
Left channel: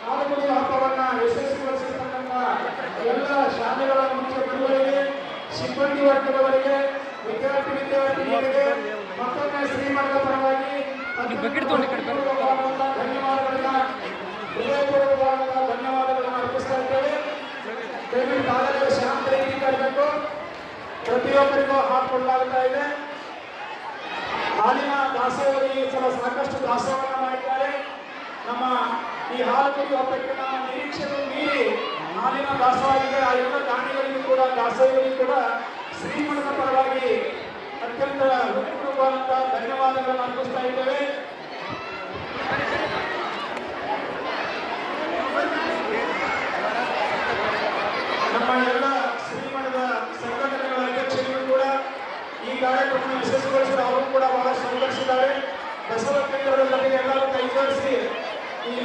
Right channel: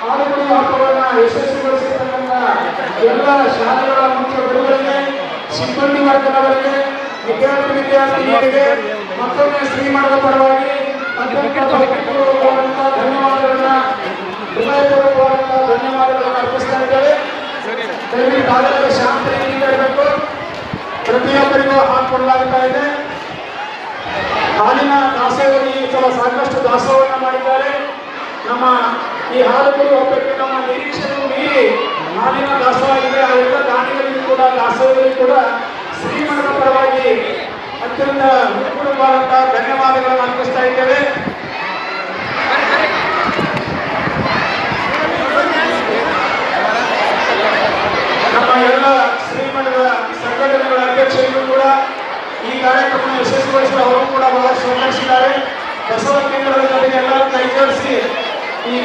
ಹಾಲು ಕುಡಿಯುವ ಹಬ್ಬಗಳನ್ನ ಯಶಸ್ವಿಗೊಳಿಸಿರ್ತಕ್ಕಂಥ ಎಲ್ಲ ಶಾಲೆಗಳ ಮುಖ್ಯ ಗುರುಗಳಿಗೆ, ಸಿಬ್ಬಂದಿ ವರ್ಗದವರಿಗೆ, ವಿದ್ಯಾರ್ಥಿನಿಯರಿಗೆ ಮತ್ತೊಮ್ಮೆ ಶ್ರೀಮಠದ ಪರವಾಗಿ ಧನ್ಯವಾದಗಳನ್ನ ಹೃದಯಪೂರ್ವಕವಾದಂತಹ ಧನ್ಯವಾದಗಳನ್ನು ಅರ್ಪಿಸ್ತಾ ಇದ್ದೇವೆ. ದಯವಿಟ್ಟು ತಾವೆಲ್ಲರೂ ಶಾಂತ ರೀತಿಯಿಂದ ಇರಬೇಕು. ಪ್ರತಿಯೊಬ್ಬರಿಗೂ ಹಾಲು ಕೊಡಲಾಗ್ತಾ ಇದೆ. ಹಾಲಿನ ದಾಸೋಹಿ ಸಲ ಸಾಕಷ್ಟು ದಾಸೋಹವನ್ನು ಮಾಡಿದ್ದಾರೆ. ನಮ್ಮ ಈ ಹಾಲು ಕುಡಿಯುವ ಹಬ್ಬಕ್ಕೆ ನಮ್ಮ ನಿರೀಕ್ಷೆಯನ್ನು ಮೀರಿ ಹಾಲಿನ ದಾಸವಾಗಿದೆ. ಆ ಎಲ್ಲ ದಾನಿಗಳಿಗೂ ಕೂಡ ದಾಸೋಹಗಳಿಗೂ ಕೂಡ ಶ್ರೀಮಠದ ಪರವಾಗಿ ಅತ್ಯಂತ ಹೃತ್ಪೂರ್ವಕವಾದಂತಹ ಧನ್ಯವಾದಗಳನ್ನು ಅರ್ಪಿಸ್ತಾ ಇದ್ದೇವೆ.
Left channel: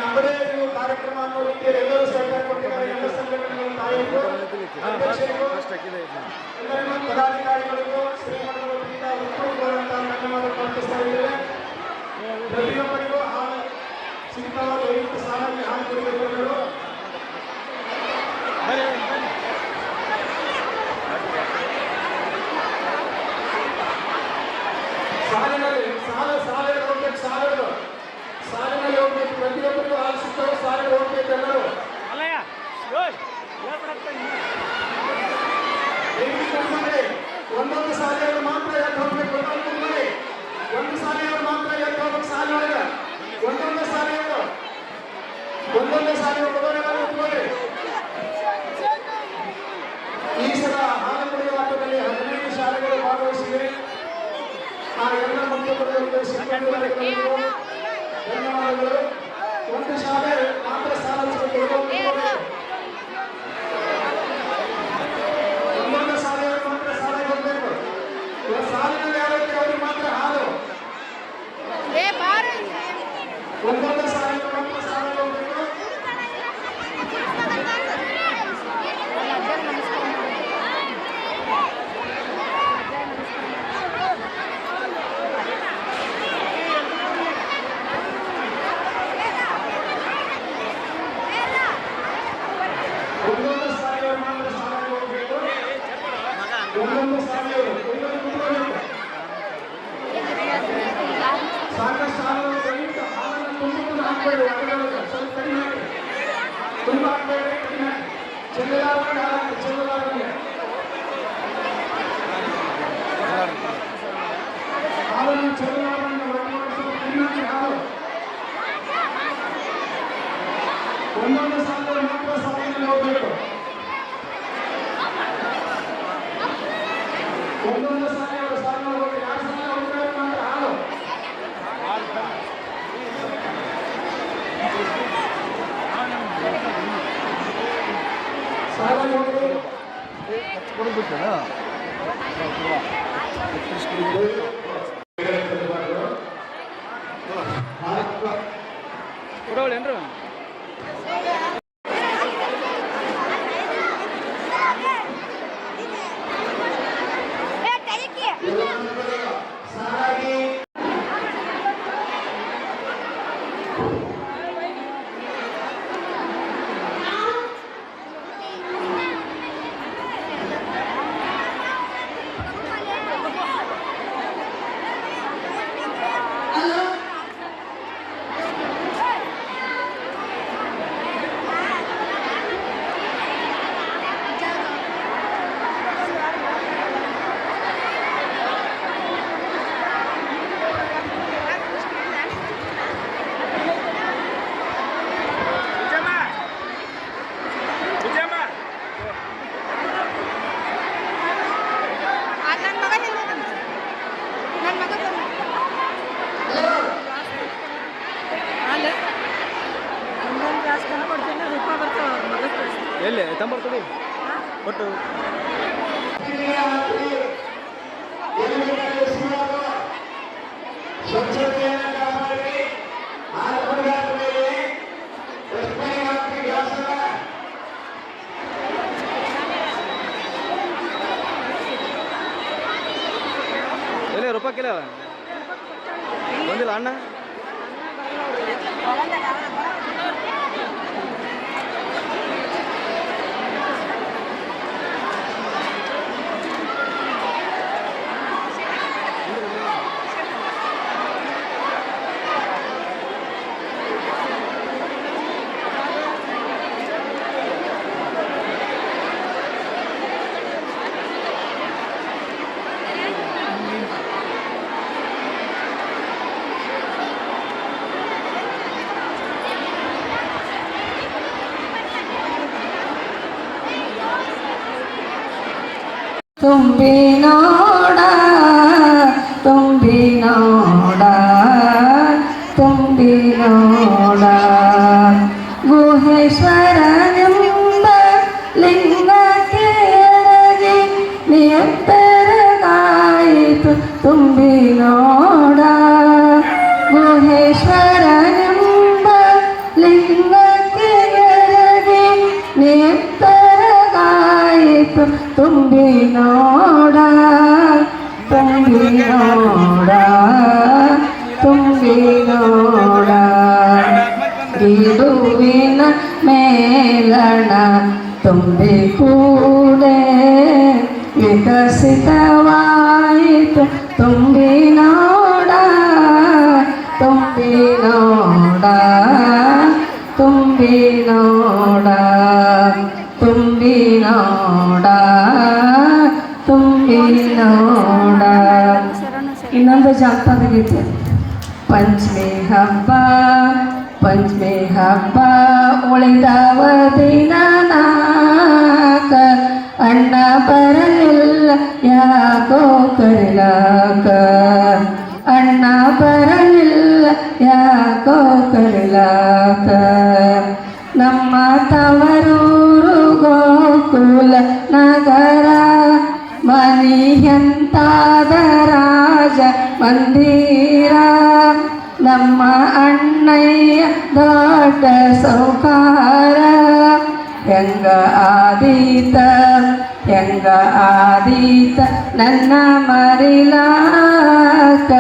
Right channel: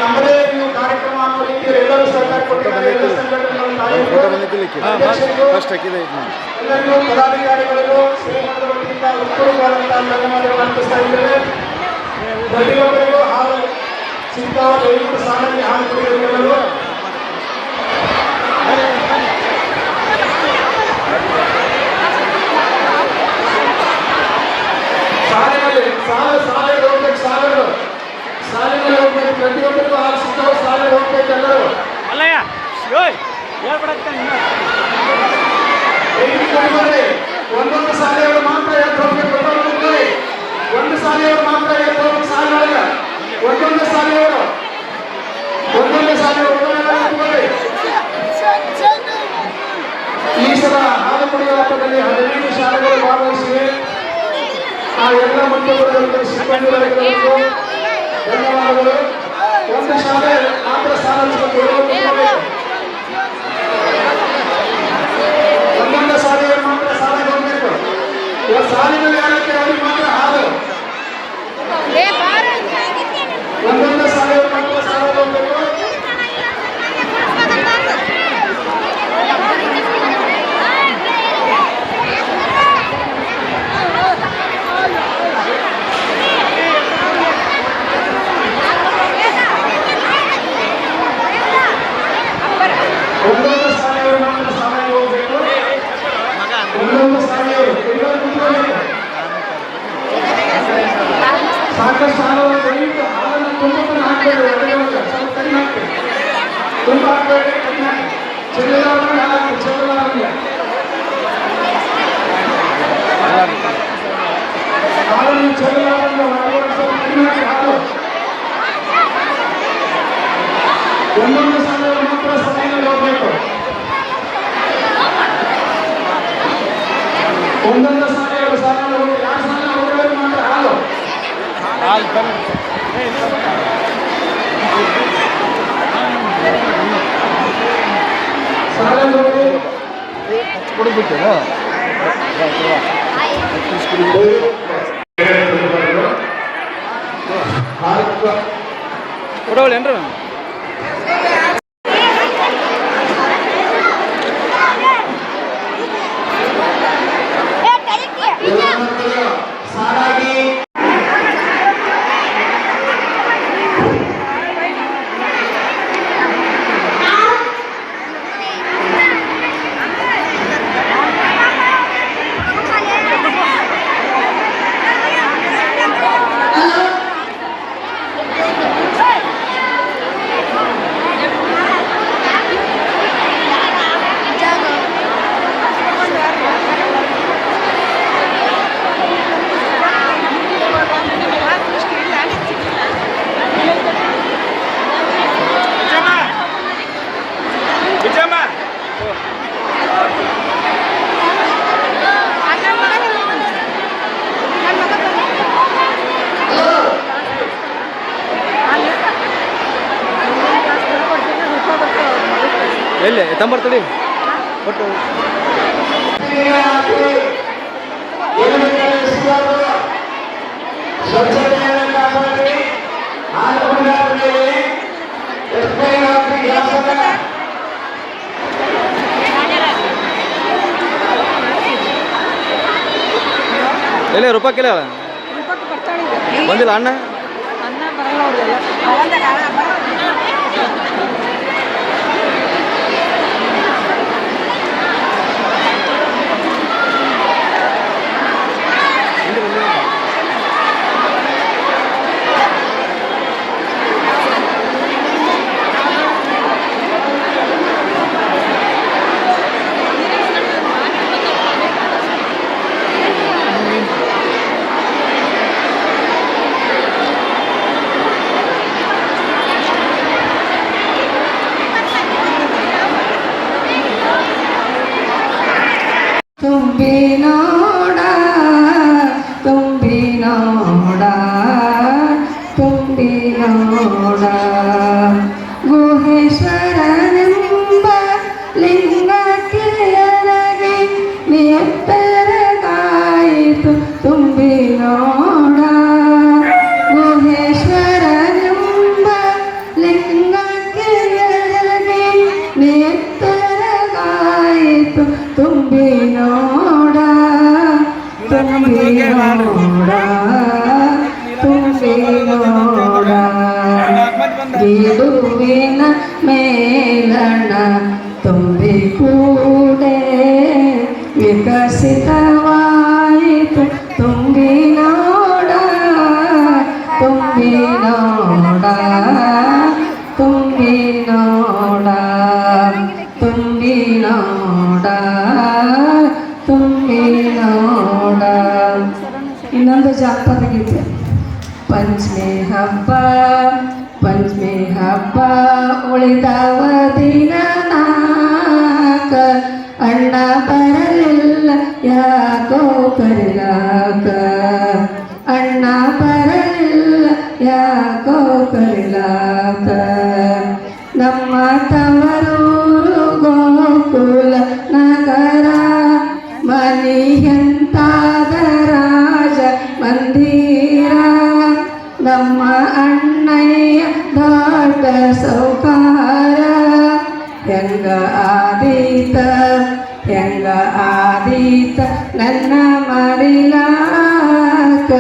ನಮ್ಮದೇ ನೀವು ಕಾರ್ಯಕ್ರಮ ಅನ್ನೋ ರೀತಿಯಲ್ಲಿ ಎಲ್ಲರೂ ಸಹಕಾರ ಕೊಟ್ಟಿದ್ದಾರೆ. ಎಲ್ಲ ಸಂಘಟನೆಗಳು ತಾಯಂದಿರು, ಅಧ್ಯಕ್ಷರು, ಎಲ್ಲರಿಗೂ ಪದಾಧಿಕಾರಿಗಳಿಗೂ ಶ್ರೀಮಂತರ ವತಿಯಿಂದ ಉತ್ತಮವಾದಂತಹ ಧನ್ಯವಾದಗಳು ಅರ್ಪಿಸ್ತಾ ಇದ್ದೇವೆ. ಪ್ರತಿಯೊಬ್ಬರಿಗೂ ಹಾಲು ಸಿಗ್ತಾವ, ದಯವಿಟ್ಟು ಸಾಲಲ್ಲಿ ಹಾಲು ಕೊಡಿದವರು. ಸಾಲಿನಲ್ಲಿ ಹೋಗ್ಬೇಕು, ಪ್ರತಿಯೊಬ್ಬರಿಗೂ ಹಾಲು ಸಿಗ್ತಾವ, ಸಾಲಿಗೆ ಹೋಗ್ಬೇಕು ಎಲ್ಲರೂ. ಒಂದೊಂದು ಶಾಲೆಯವರು ಮಾತ್ರ ಎದ್ದು ಹೋಗ್ಬೇಕು, ಒಂದು ಶಾಲೆಯವರು ಮಾತ್ರ ಎದ್ದು ಹೋಗ್ಬೇಕು. ಸಾಲಿನೊಳಗೆ ಒಂದೊಂದು ಶಾಲೆಯವರು ಈ ಸಲ ಹಾಲು ಕುಡಿಯುವ ಹಬ್ಬದಲ್ಲಿ 15 ಶಾಲೆಗಳು ಭಾಗವಹಿಸಿವೆ. ಆ ಎಲ್ಲ ಮಕ್ಕಳು ಸಿಬ್ಬಂದಿಗಳಿಗೂ ಧನ್ಯವಾದಗಳು. ಒಂದು ಶಾಲೆ ಮಾತ್ರ ಸಾಲಿಸಬೇಕು, ಒಂದೊಂದು ಶಾಲೆಯವರು ಮಾತ್ರ ಸಾಲ ಹೋಗಬೇಕು. ಸಾಲಿನಲ್ಲಿ ಯಾರಕ್ಕೆ ಅವರಿಗೆ ಮಾತ್ರ ಹಾಲು, ಒಂದೊಂದು ಶಾಲೆಯವರು ಮಾತ್ರ ಸಾಲ ಹೋಗಬೇಕು. ಒಂದೊಂದು ಶಾಲೆಯವರು ಮಾತ್ರ ಸಾಲಾಗಿ ಹೋಗಬೇಕು. ಒಂದೊಂದು ಶಾಲೆಯವರು ಸಾಕಷ್ಟು ಹಾಲನ್ನು ದಯವಿಟ್ಟು ಹಾಲನ್ನು ತುಂಬ ಹಾಕಬೇಡಿ, ಒಳಗೆ ಸ್ವಲ್ಪ ಕಡಿಮೆ ಹಾಕಬೇಡಿ, ತುಂಬ ಹಾಕಬೇಡಿ, ಕಡಿಮೆ ಹಾಕಿ. ಚೆಲ್ಲಲಾರದೆ ಹಾಕಿ, ಚೆಲ್ಲಲಾರದೆ ಹಾಲನ್ನು ಚೆಲ್ಲಲಾರದೆ ಒಳಗೆ ಸ್ವಲ್ಪ ಕಡಿಮೆ ಹಾಕಿ ಹಾಲು. ಒಂದೊಂದು ಶಾಲೆಯವರು ಮಾತ್ರ ಸಾಲಿನಲ್ಲಿ ಹೋಗಬೇಕು. ಒಂದೊಂದು ಶಾಲೆಯವರು ಸಾಲಿನಲ್ಲಿ ಹೋಗಿ, ಯಾರು ಸಾಲಿನಲ್ಲಿ ಹೋಗಿರೋರಿಗೆ ಮಾತ್ರ ಹಾಲು. ಸಾಲಲ್ಲಿ ಹೋಗಿ ಕೊಡವಳೇನ್ರಿ? ಸಾಲಾಗಿ ಎಲ್ಲಿ ತಂಬರ್ತಡಿ ಒಟ್ಟು ಸ್ವಚ್ಛತೆಯನ್ನು ಕಾಪಾಡಿ, ಹಾಲು ಕುಡಿದಾದ ಮೇಲೆ ಎಕ್ಸ್ಪೈರ್ ಆಗಿ ಗ್ಲಾಸನ್ನ ಎಲ್ಲಿ ರೂಪಾಯಿಲ್ಲ ಬಂದಿಲ್ಲ ಅಣ್ಣ. ತುಂಬಿ ನೋಡ ತುಂಬಿ ನೋಡ ತುಂಬಿ ನೋಡ ಗುಹೇಶ್ವರನೆಂಬ ಲಿಂಗಕ್ಕೆ ಅರಗಿ ನಿಯತ್ತರಗಾಯಿತು ತುಂಬಿ ನೋಡ ಗುಹೇಶ್ವರನೆಂಬ ಲಿಂಗ ತುಂಬಿ ನೋಡ ತುಂಬಿ ನೋಡ ತುಂಬಿ ನೋಡ ಗಿಡುವಿನ ಮೇಲಣ ತುಂಬಿ ಕೂಡೆ ವಿಕಸಿತವಾಯಿತು ತುಂಬಿ ನೋಡ ತುಂಬಿ ನೋಡ ತುಂಬಿ ನೋಡ ತುಂಬಿ ನೋಡ ತುಂಬಿ ನೋಡ. ಇನ್ನೊಂದು ಜಾನಪದ ಗೀತೆ. ಪಂಚಮಿ ಹಬ್ಬ ಪಂಚಮಿ ಹಬ್ಬ ಉಳಿದವ ದಿನ ನಾಕ ಅಣ್ಣ ಬರಲಿಲ್ಲ ಯಾಕೋ ಕರಿಲಾಕ ಅಣ್ಣ ಬರಲಿಲ್ಲ ಯಾಕೋ ಕರಿಲಾಕ. ನಮ್ಮ ತವರೂರು ಗೋಕುಲ ನಗರ ಮನಿಯಂತಾದ ರಾಜ ಮಂದಿರ ನಮ್ಮ ಅಣ್ಣಯ್ಯ ದೊಡ್ಡ ಸೌಕಾರ ಹೆಂಗ ಆದೀತ ಹೆಂಗ ಆದೀತ ನನ್ನ ಮರಿಲಾಕ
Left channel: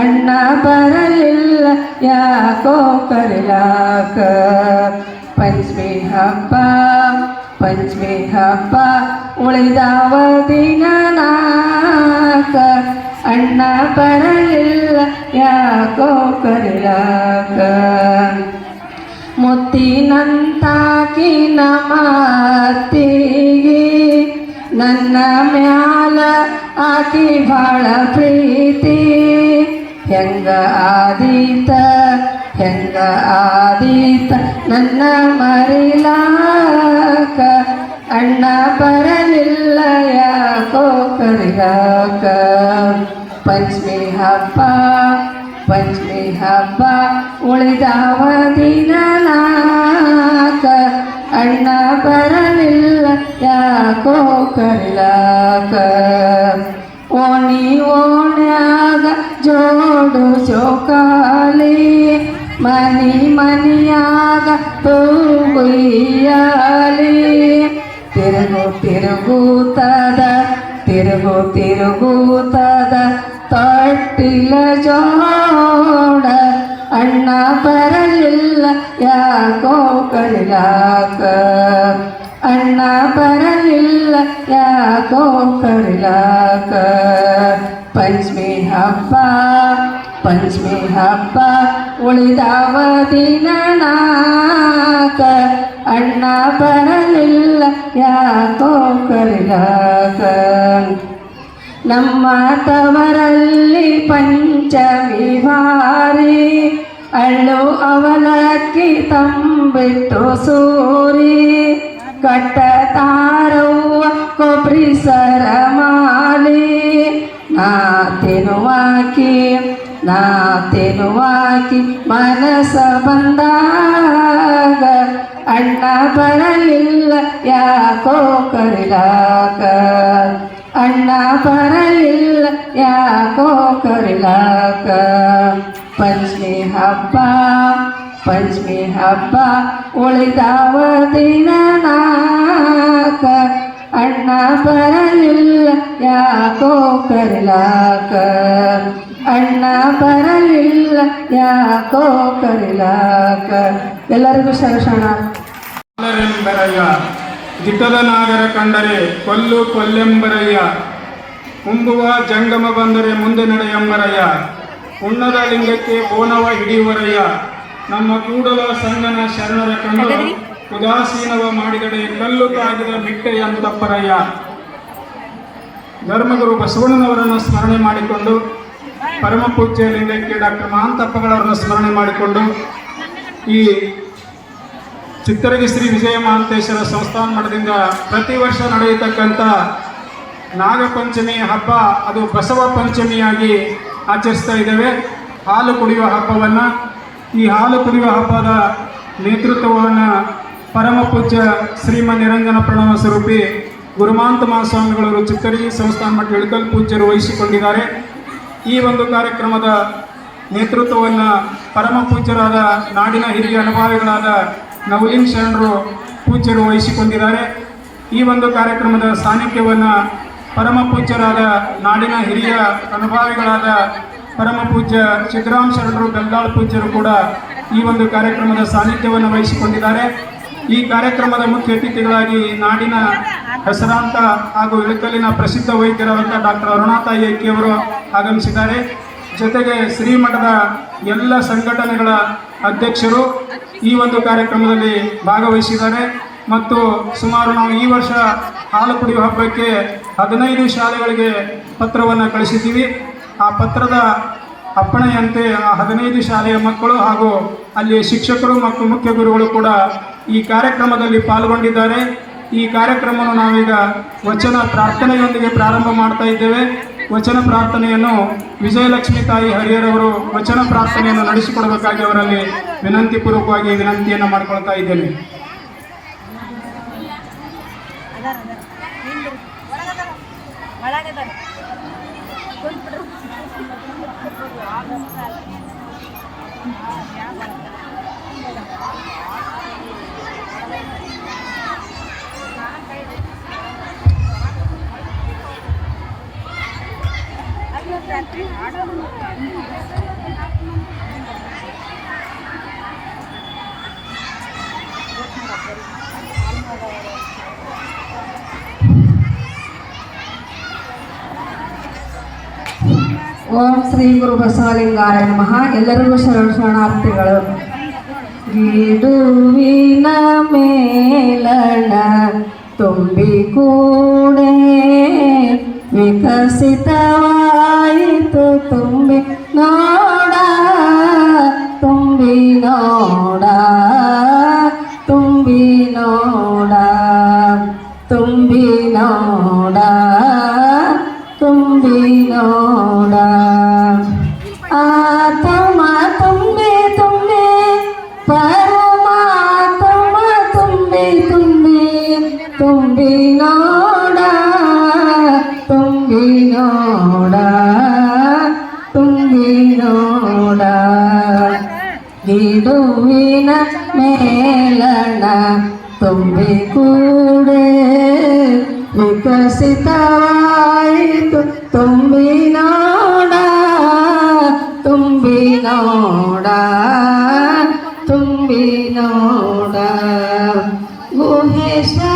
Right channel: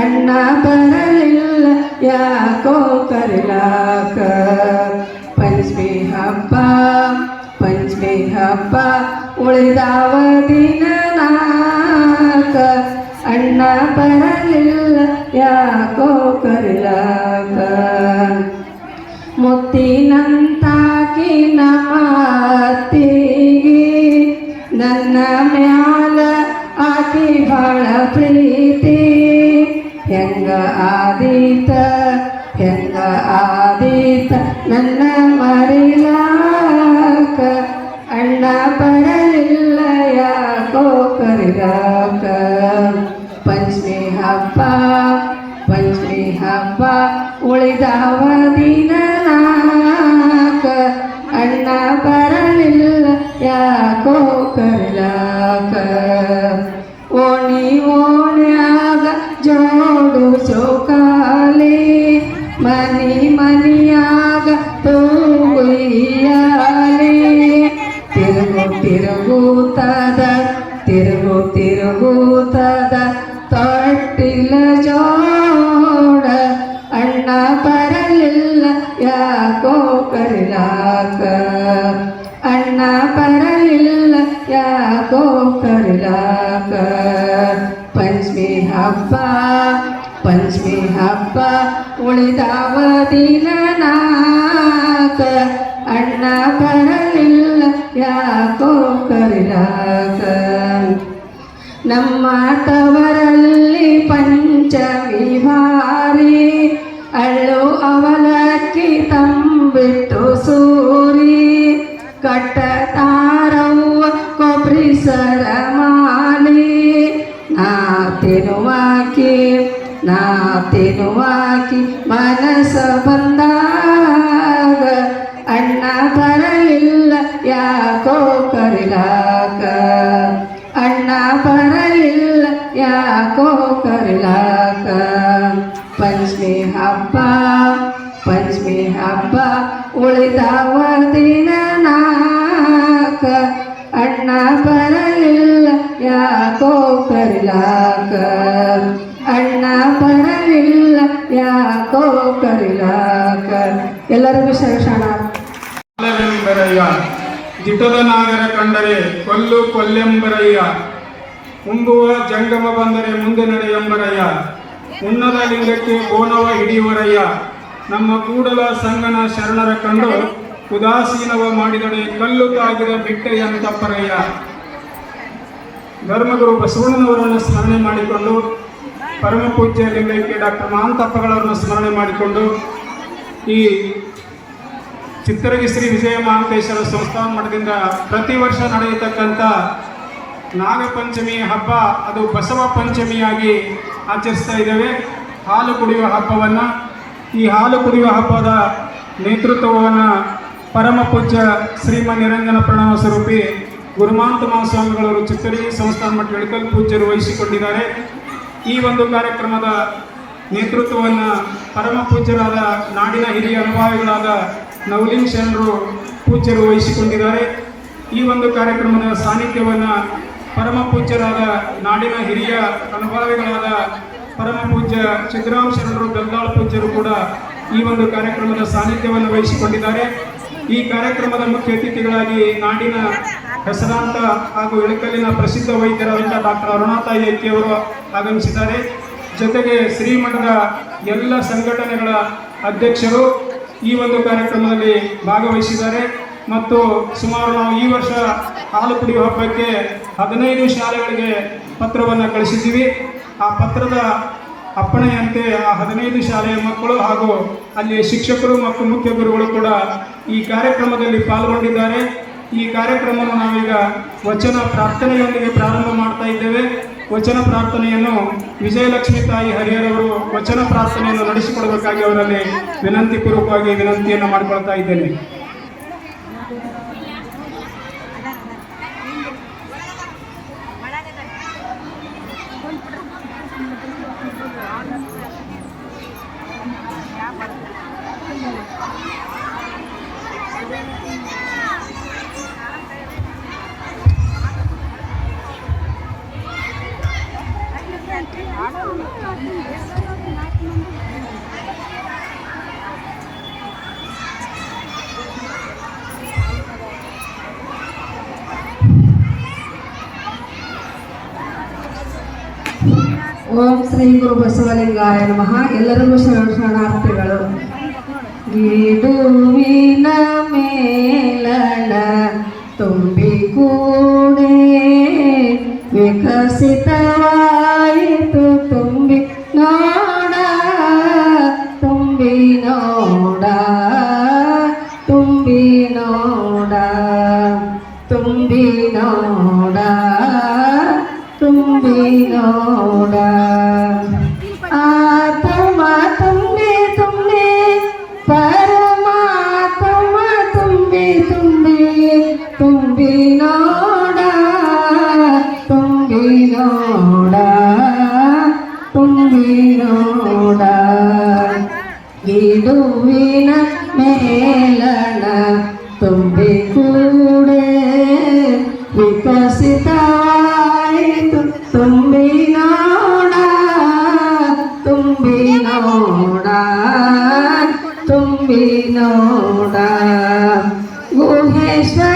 ಅಣ್ಣ ಬರಲಿಲ್ಲ ಯಾಕೋ ಕರಿಲಾಕ. ಪಂಚಮಿ ಹಬ್ಬ ಪಂಚಮಿ ಹಬ್ಬ ಉಳಿದವ ದಿನ ನಾಕ ಅಣ್ಣ ಬರಲಿಲ್ಲ ಯಾಕೋ ಕರಿಲಾಕ. ಮುತ್ತಿನಂತಾಕಿ ನಮ್ಮ ಅತ್ತಿಗೆ ನನ್ನ ಮ್ಯಾಲ ಆಕಿ ಭಾಳ ಪ್ರೀತಿ ಹೆಂಗ ಆದೀತ ಹೆಂಗ ಆದೀತ ನನ್ನ ಮರಿಲಾಕ ಅಣ್ಣ ಬರಲಿಲ್ಲ ಯಾಕೋ ಕರಿಲಾಕ. ಪಂಚಮಿ ಹಬ್ಬ ಪಂಚಮಿ ಹಬ್ಬ ಉಳಿದವ ದಿನ ನಾಕ ಅಣ್ಣ ಬರಲಿಲ್ಲ ಯಾಕೋ ಕರಿಲಾಕ. ಓಣಿ ಓಣ್ಯಾಗ ಜೋಡು ಚೋಕಾಲಿ ಮನಿ ಮನಿಯಾಗ ತೂಗುಯ್ಯಾಲಿ ತಿರುಗು ತಿರುಗೂತದ ತಿರುಗು ತಿರುಗೂತದ ತೊಟ್ಟಿಲ ಜೋಡ ಅಣ್ಣ ಬರಲಿಲ್ಲ ಯಾಕೋ ಕರಿಲಾಕ ಅಣ್ಣ ಬರಲಿಲ್ಲ ಯಾಕೋ ಕರಿಲಾಕ. ಪಂಚಮಿ ಹಬ್ಬ ಪಂಚಮಿ ಹಬ್ಬ ಉಳಿದವ ದಿನ ನಾಕ ಅಣ್ಣ ಬರಲಿಲ್ಲ ಯಾಕೋ ಕರಿಲಾಕ. ನಮ್ಮ ತವರಲ್ಲಿ ಪಂಚಮಿ ಭಾರಿ ಅಳ್ಳು ಅವಲಕ್ಕಿ ತಂಬಿಟ್ಟು ಸೂರಿ ಕಟ್ಟತಾರವ್ವ ಕೊಬ್ರಿ ಸರಮಾಲಿ ನಾ ತಿನ್ನುವಾಕಿ ಮನಸ ಬಂದಾಗ ಅಣ್ಣ ಬರಲಿಲ್ಲ ಯಾಕೋ ಕರಿಲಾಕ ಅಣ್ಣ ಬರಲಿಲ್ಲ ಯಾಕೋ ಕರಿಲಾಕ. ಪಂಚಮಿ ಹಬ್ಬ ಪಂಚಮಿ ಹಬ್ಬ ಉಳಿದವ ದಿನ ನಾಕ ಅಣ್ಣ ಬರಲಿಲ್ಲ ಯಾಕೋ ಕರಿಲಾಕ ಅಣ್ಣ ಬರಲಿಲ್ಲ ಯಾಕೋ ಕರಿಲಾಕ. ಎಲ್ಲರಿಗೂ ಶರಣ. ಬರಯ್ಯ ದಿಟ್ಟದ ನಾಗರ ಕಂಡರೆ ಕೊಲ್ಲು ಕೊಲ್ಲೆಂಬರಯ್ಯ ಉಂಬುವ ಜಂಗಮ ಬಂದರೆ ಮುಂದೆ ನಡೆಯಂಬರಯ್ಯ ಉಣ್ಣದ ಲಿಂಗಕ್ಕೆ ಓನವ ಹಿಡಿಯುವರಯ್ಯ ನಮ್ಮ ಕೂಡಲ ಸಂಗನ ಶರಣರ ಕಂಡು ಉದಾಸೀನವ ಮಾಡಿದಡೆ ಕಲ್ಲು ತಾಗಿದ ಬಿಟ್ಟೆಯಂತಪ್ಪರಯ್ಯ. ಧರ್ಮಗುರು ಬಸವಣ್ಣನವರನ್ನು ಸ್ಮರಣೆ ಮಾಡಿಕೊಂಡು ಪರಮ ಪೂಜ್ಯ ಲಿಂಗೈಕ್ಯ ಡಾಕ್ಟರ್ ಮಹಾಂತಪ್ಪಗಳವರನ್ನು ಸ್ಮರಣೆ ಮಾಡಿಕೊಂಡು ಈ ಚಿತ್ತರಗಿ ಶ್ರೀ ವಿಜಯ ಮಹಾಂತೇಶ್ವರ ಸಂಸ್ಥಾನ ಮಠದಿಂದ ಪ್ರತಿ ವರ್ಷ ನಡೆಯತಕ್ಕಂಥ ನಾಗಪಂಚಮಿ ಹಬ್ಬ ಅದು ಬಸವ ಪಂಚಮಿಯಾಗಿ ಆಚರಿಸ್ತಾ ಇದ್ದೇವೆ. ಹಾಲು ಕುಡಿಯುವ ಹಬ್ಬವನ್ನು ಈ ಹಾಲು ಕುಡಿಯುವ ಹಬ್ಬದ ನೇತೃತ್ವವನ್ನು ಪರಮ ಪೂಜ್ಯ ಶ್ರೀಮನ್ ನಿರಂಜನ ಪ್ರಣವ ಸ್ವರೂಪಿ ಗುರುಮಾಂತ ಮಹಾಸ್ವಾಮಿಗಳವರು ಚಿತ್ತರಗಿ ಸಂಸ್ಥಾನ ಮಠ ಇಳಕಲ್ ಪೂಜ್ಯರು ವಹಿಸಿಕೊಂಡಿದ್ದಾರೆ. ಈ ಒಂದು ಕಾರ್ಯಕ್ರಮದ ನೇತೃತ್ವವನ್ನು ಪರಮ ಪೂಜ್ಯರಾದ ನಾಡಿನ ಹಿರಿಯ ಅನುಭಾವಿಗಳಾದ ನವಲಿಂಗ ಶರಣರು ಪೂಜ್ಯರು ವಹಿಸಿಕೊಂಡಿದ್ದಾರೆ. ಈ ಒಂದು ಕಾರ್ಯಕ್ರಮದ ಸಾನ್ನಿಧ್ಯವನ್ನು ಪರಮ ಪೂಜ್ಯರಾದ ನಾಡಿನ ಹಿರಿಯ ಅನುಭಾವಿಗಳಾದ ಪರಮ ಪೂಜ್ಯ ಸಿದ್ದರಾಮ ಶರಣರು ಬೆಲ್ಲಾಳ್ ಪೂಜ್ಯರು ಕೂಡ ಈ ಒಂದು ಕಾರ್ಯಕ್ರಮದ ಸಾನ್ನಿಧ್ಯವನ್ನು ವಹಿಸಿಕೊಂಡಿದ್ದಾರೆ. ಈ ಕಾರ್ಯಕ್ರಮದ ಮುಖ್ಯ ಅತಿಥಿಗಳಾಗಿ ನಾಡಿನ ಹೆಸರಾಂತ ಹಾಗೂ ಇಳಕಲ್ಲಿನ ಪ್ರಸಿದ್ಧ ವೈದ್ಯರಾದಂಥ ಡಾಕ್ಟರ್ ಅರುಣಾತಾಯಿ ಐಕ್ಯವರು ಆಗಮಿಸಿದ್ದಾರೆ. ಜೊತೆಗೆ ಶ್ರೀಮಠದ ಎಲ್ಲ ಸಂಘಟನೆಗಳ ಅಧ್ಯಕ್ಷರು ಈ ಒಂದು ಕಾರ್ಯಕ್ರಮದಲ್ಲಿ ಭಾಗವಹಿಸಿದ್ದಾರೆ. ಮತ್ತು ಸುಮಾರು ನಾವು ಈ ವರ್ಷ ಹಾಲು ಕುಡಿಯುವ ಹಬ್ಬಕ್ಕೆ 15 ಶಾಲೆಗಳಿಗೆ ಪತ್ರವನ್ನು ಕಳಿಸಿದ್ದೀವಿ. ಆ ಪತ್ರದ ಅಪ್ಪಣೆಯಂತೆ ಆ 15 ಶಾಲೆಯ ಮಕ್ಕಳು ಹಾಗೂ ಅಲ್ಲಿ ಶಿಕ್ಷಕರು ಮತ್ತು ಮುಖ್ಯ ಗುರುಗಳು ಕೂಡ ಈ ಕಾರ್ಯಕ್ರಮದಲ್ಲಿ ಪಾಲ್ಗೊಂಡಿದ್ದಾರೆ. ಈ ಕಾರ್ಯಕ್ರಮವನ್ನು ನಾವೀಗ ವಚನ ಪ್ರಾರ್ಥನೆಯೊಂದಿಗೆ ಪ್ರಾರಂಭ ಮಾಡ್ತಾ ಇದ್ದೇವೆ. ವಚನ ಪ್ರಾರ್ಥನೆಯನ್ನು ವಿಜಯಲಕ್ಷ್ಮಿ ತಾಯಿ ಹರಿಹರವರು ವಚನ ಪ್ರಾರ್ಥನೆಯನ್ನು ನಡೆಸಿಕೊಡಬೇಕಾಗಿ ಅವರಲ್ಲಿ ವಿನಂತಿಪೂರ್ವಕವಾಗಿ ವಿನಂತಿಯನ್ನು ಮಾಡಿಕೊಳ್ತಾ ಇದ್ದೇನೆ. ಓಂ ಶ್ರೀ ಗುರು ಬಸವಲಿಂಗಾಯ ನಮಃ. ಎಲ್ಲರಿಗೂ ಶರಣಾರ್ಥಿಗಳು. ಗಿಡುವಿನ ಮೇಲಣ ತುಂಬಿ ಕೂಡೆ ವಿಕಸಿತವಾಯಿತು ತುಂಬಿ ನೋಡ ತುಂಬಿ ನೋಡ ತುಂಬಿ ನೋಡ ತುಂಬಿ ನೋಡ ತುಂಬಿ ನೋಡ ಆತ್ಮ ತುಂಬಿ ತುಂಬಿ ಪರಮಾತ್ಮ ತುಂಬಿ ತುಂಬಿ ತುಂಬಿ ನೋಡ ತುಂಬಿ ನೋಡ ತುಂಬಿ ನೋಡ ಗಿಡುವಿನ ಮೇಲಣ ತುಂಬಿ ಕೂಡೆ ವಿಕಸಿತವಾಯಿತು ತುಂಬಿ ನೋಡ ತುಂಬಿ ನೋಡ ತುಂಬಿ ನೋಡ ಗುಹೇಶ್ವರ